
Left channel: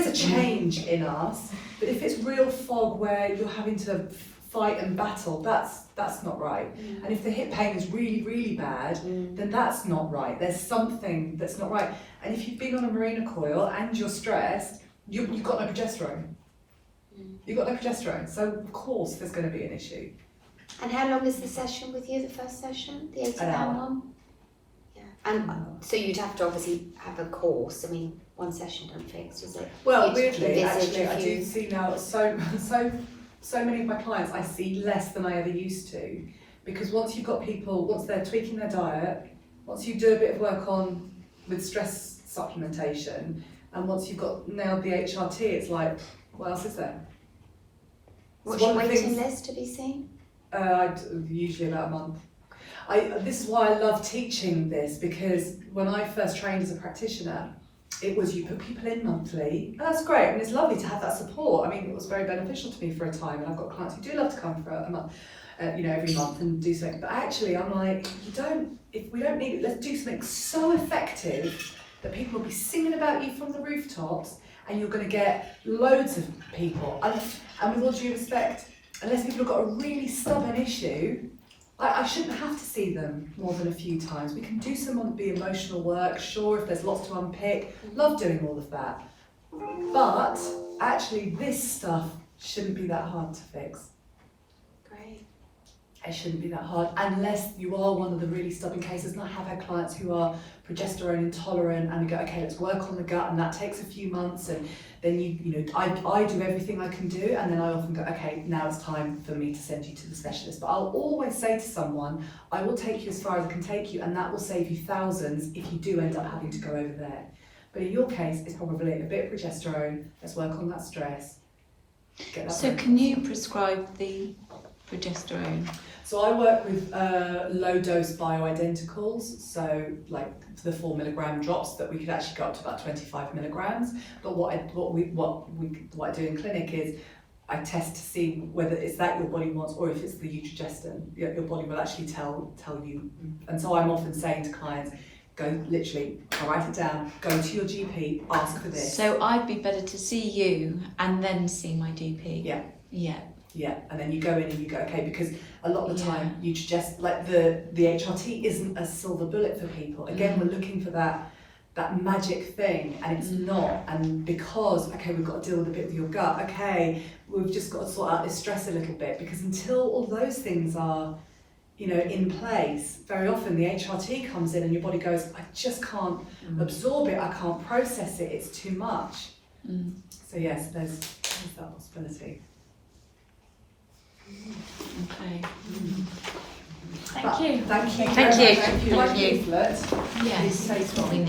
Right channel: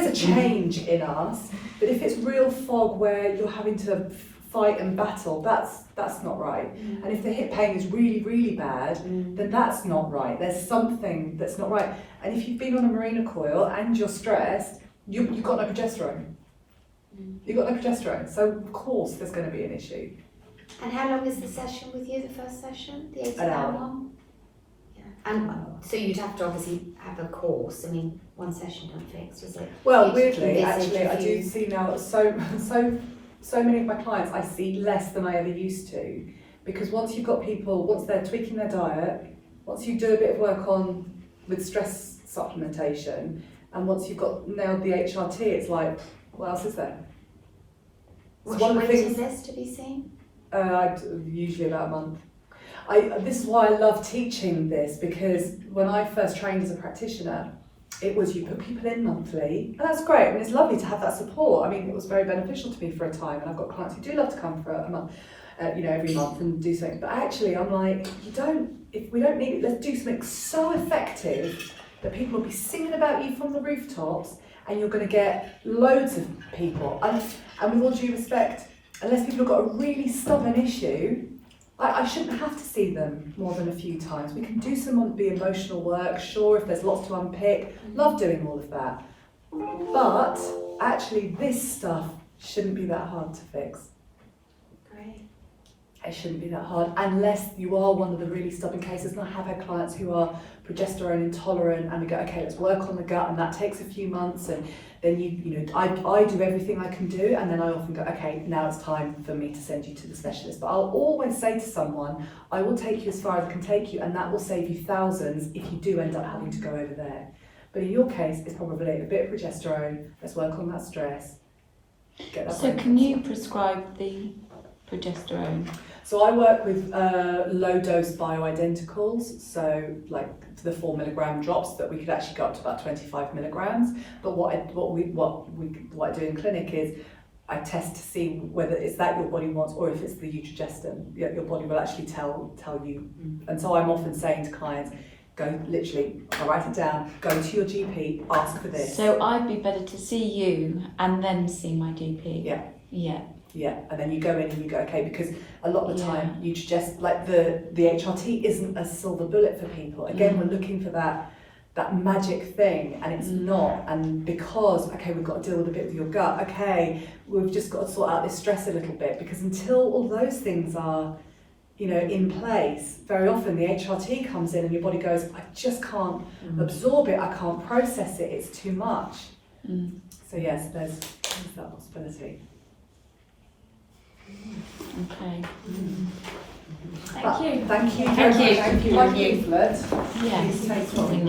a change in us, but if it's real fog where you're having to fight and battle, that's not right. And if the hip pain is really, really bad, then that's not right. There's something that's not right. And if you've been on a marina coil and you're stressed, you've got no progesterone. You've got no progesterone, so of course there's going to be an issue. And how long is the session with you, the first session? The 80 An hour. one? Yeah. And so you'd have to obviously have a course. I mean, one session don't fix, does it? Well, You'd weirdly, envisage actually, a I do few- see now so many of my clients I see less than I ever used to, because once they're tweaking their diet, once you do a bit of work with stress supplementation, and once you've got nailed the HRT, it's like, what else is there? What's one your of the waiting things- list to be seen? Usually about a month. This is why I love teaching this, because when I first trained as a practitioner, it was you put people in monthly, and that's great, and it's lovely to have that support. I mean, it was very beneficial to me for a time, and I've got clients who do love to come for a month, every month and do something. But actually, I'm like, if we don't need it, let's do something so effective that people will be singing about you from the rooftops, and you're going to get loads of people. And with all due respect, unless people have got a really stubborn issue, I shouldn't have to see them more than a few times. We can do some of the emotional work, sure, if there's lots to unpick, love doing all of that. But actually this stuff shouldn't be that hard to fix. Great. It shouldn't be that hard, unless you are one of the really stubborn cases. And I have had clients who are progesterone intolerant, and we go, okay, let's work on the gut, and that takes a few months, and then I do everything I can do, and then I often go, okay, now it's time for me to send you to the specialist. But I'll always say to someone, I will take you as far as I can take you, and that will save you thousands if you do end up having to go over there. But in your case, it's probably a bit of progesterone, let's work on that stress, get that So right. can you prescribe the progesterone? So I work with low dose bioidenticals, so like the 4 milligram drops that we could actually go up to about 25 milligrams. But what I do in clinic is I test to see whether it's that your body wants or if it's the eutrogestin. Your body will actually tell you. And so I'm often saying to clients, go literally, I'll write it down, go to your GP, ask for this. So I'd be better to see you and then see my GP? Yeah. Yeah. Yeah, and then you go in and you go, okay, because a lot of the time you just, like the HRT isn't a silver bullet for people. Again, we're looking for that magic thing, and it's not. And because, okay, we've got to deal with a bit with your gut, okay, we've just got to sort out this stress a little bit, because until all those things are, in place, very often the HRT comes in and your body goes, I just can't absorb it, I can't process it, it's too much. So yes, there's that possibility. Okay. Thank you. Thank you. Thank you. If you like leaflet, Yes. please take one.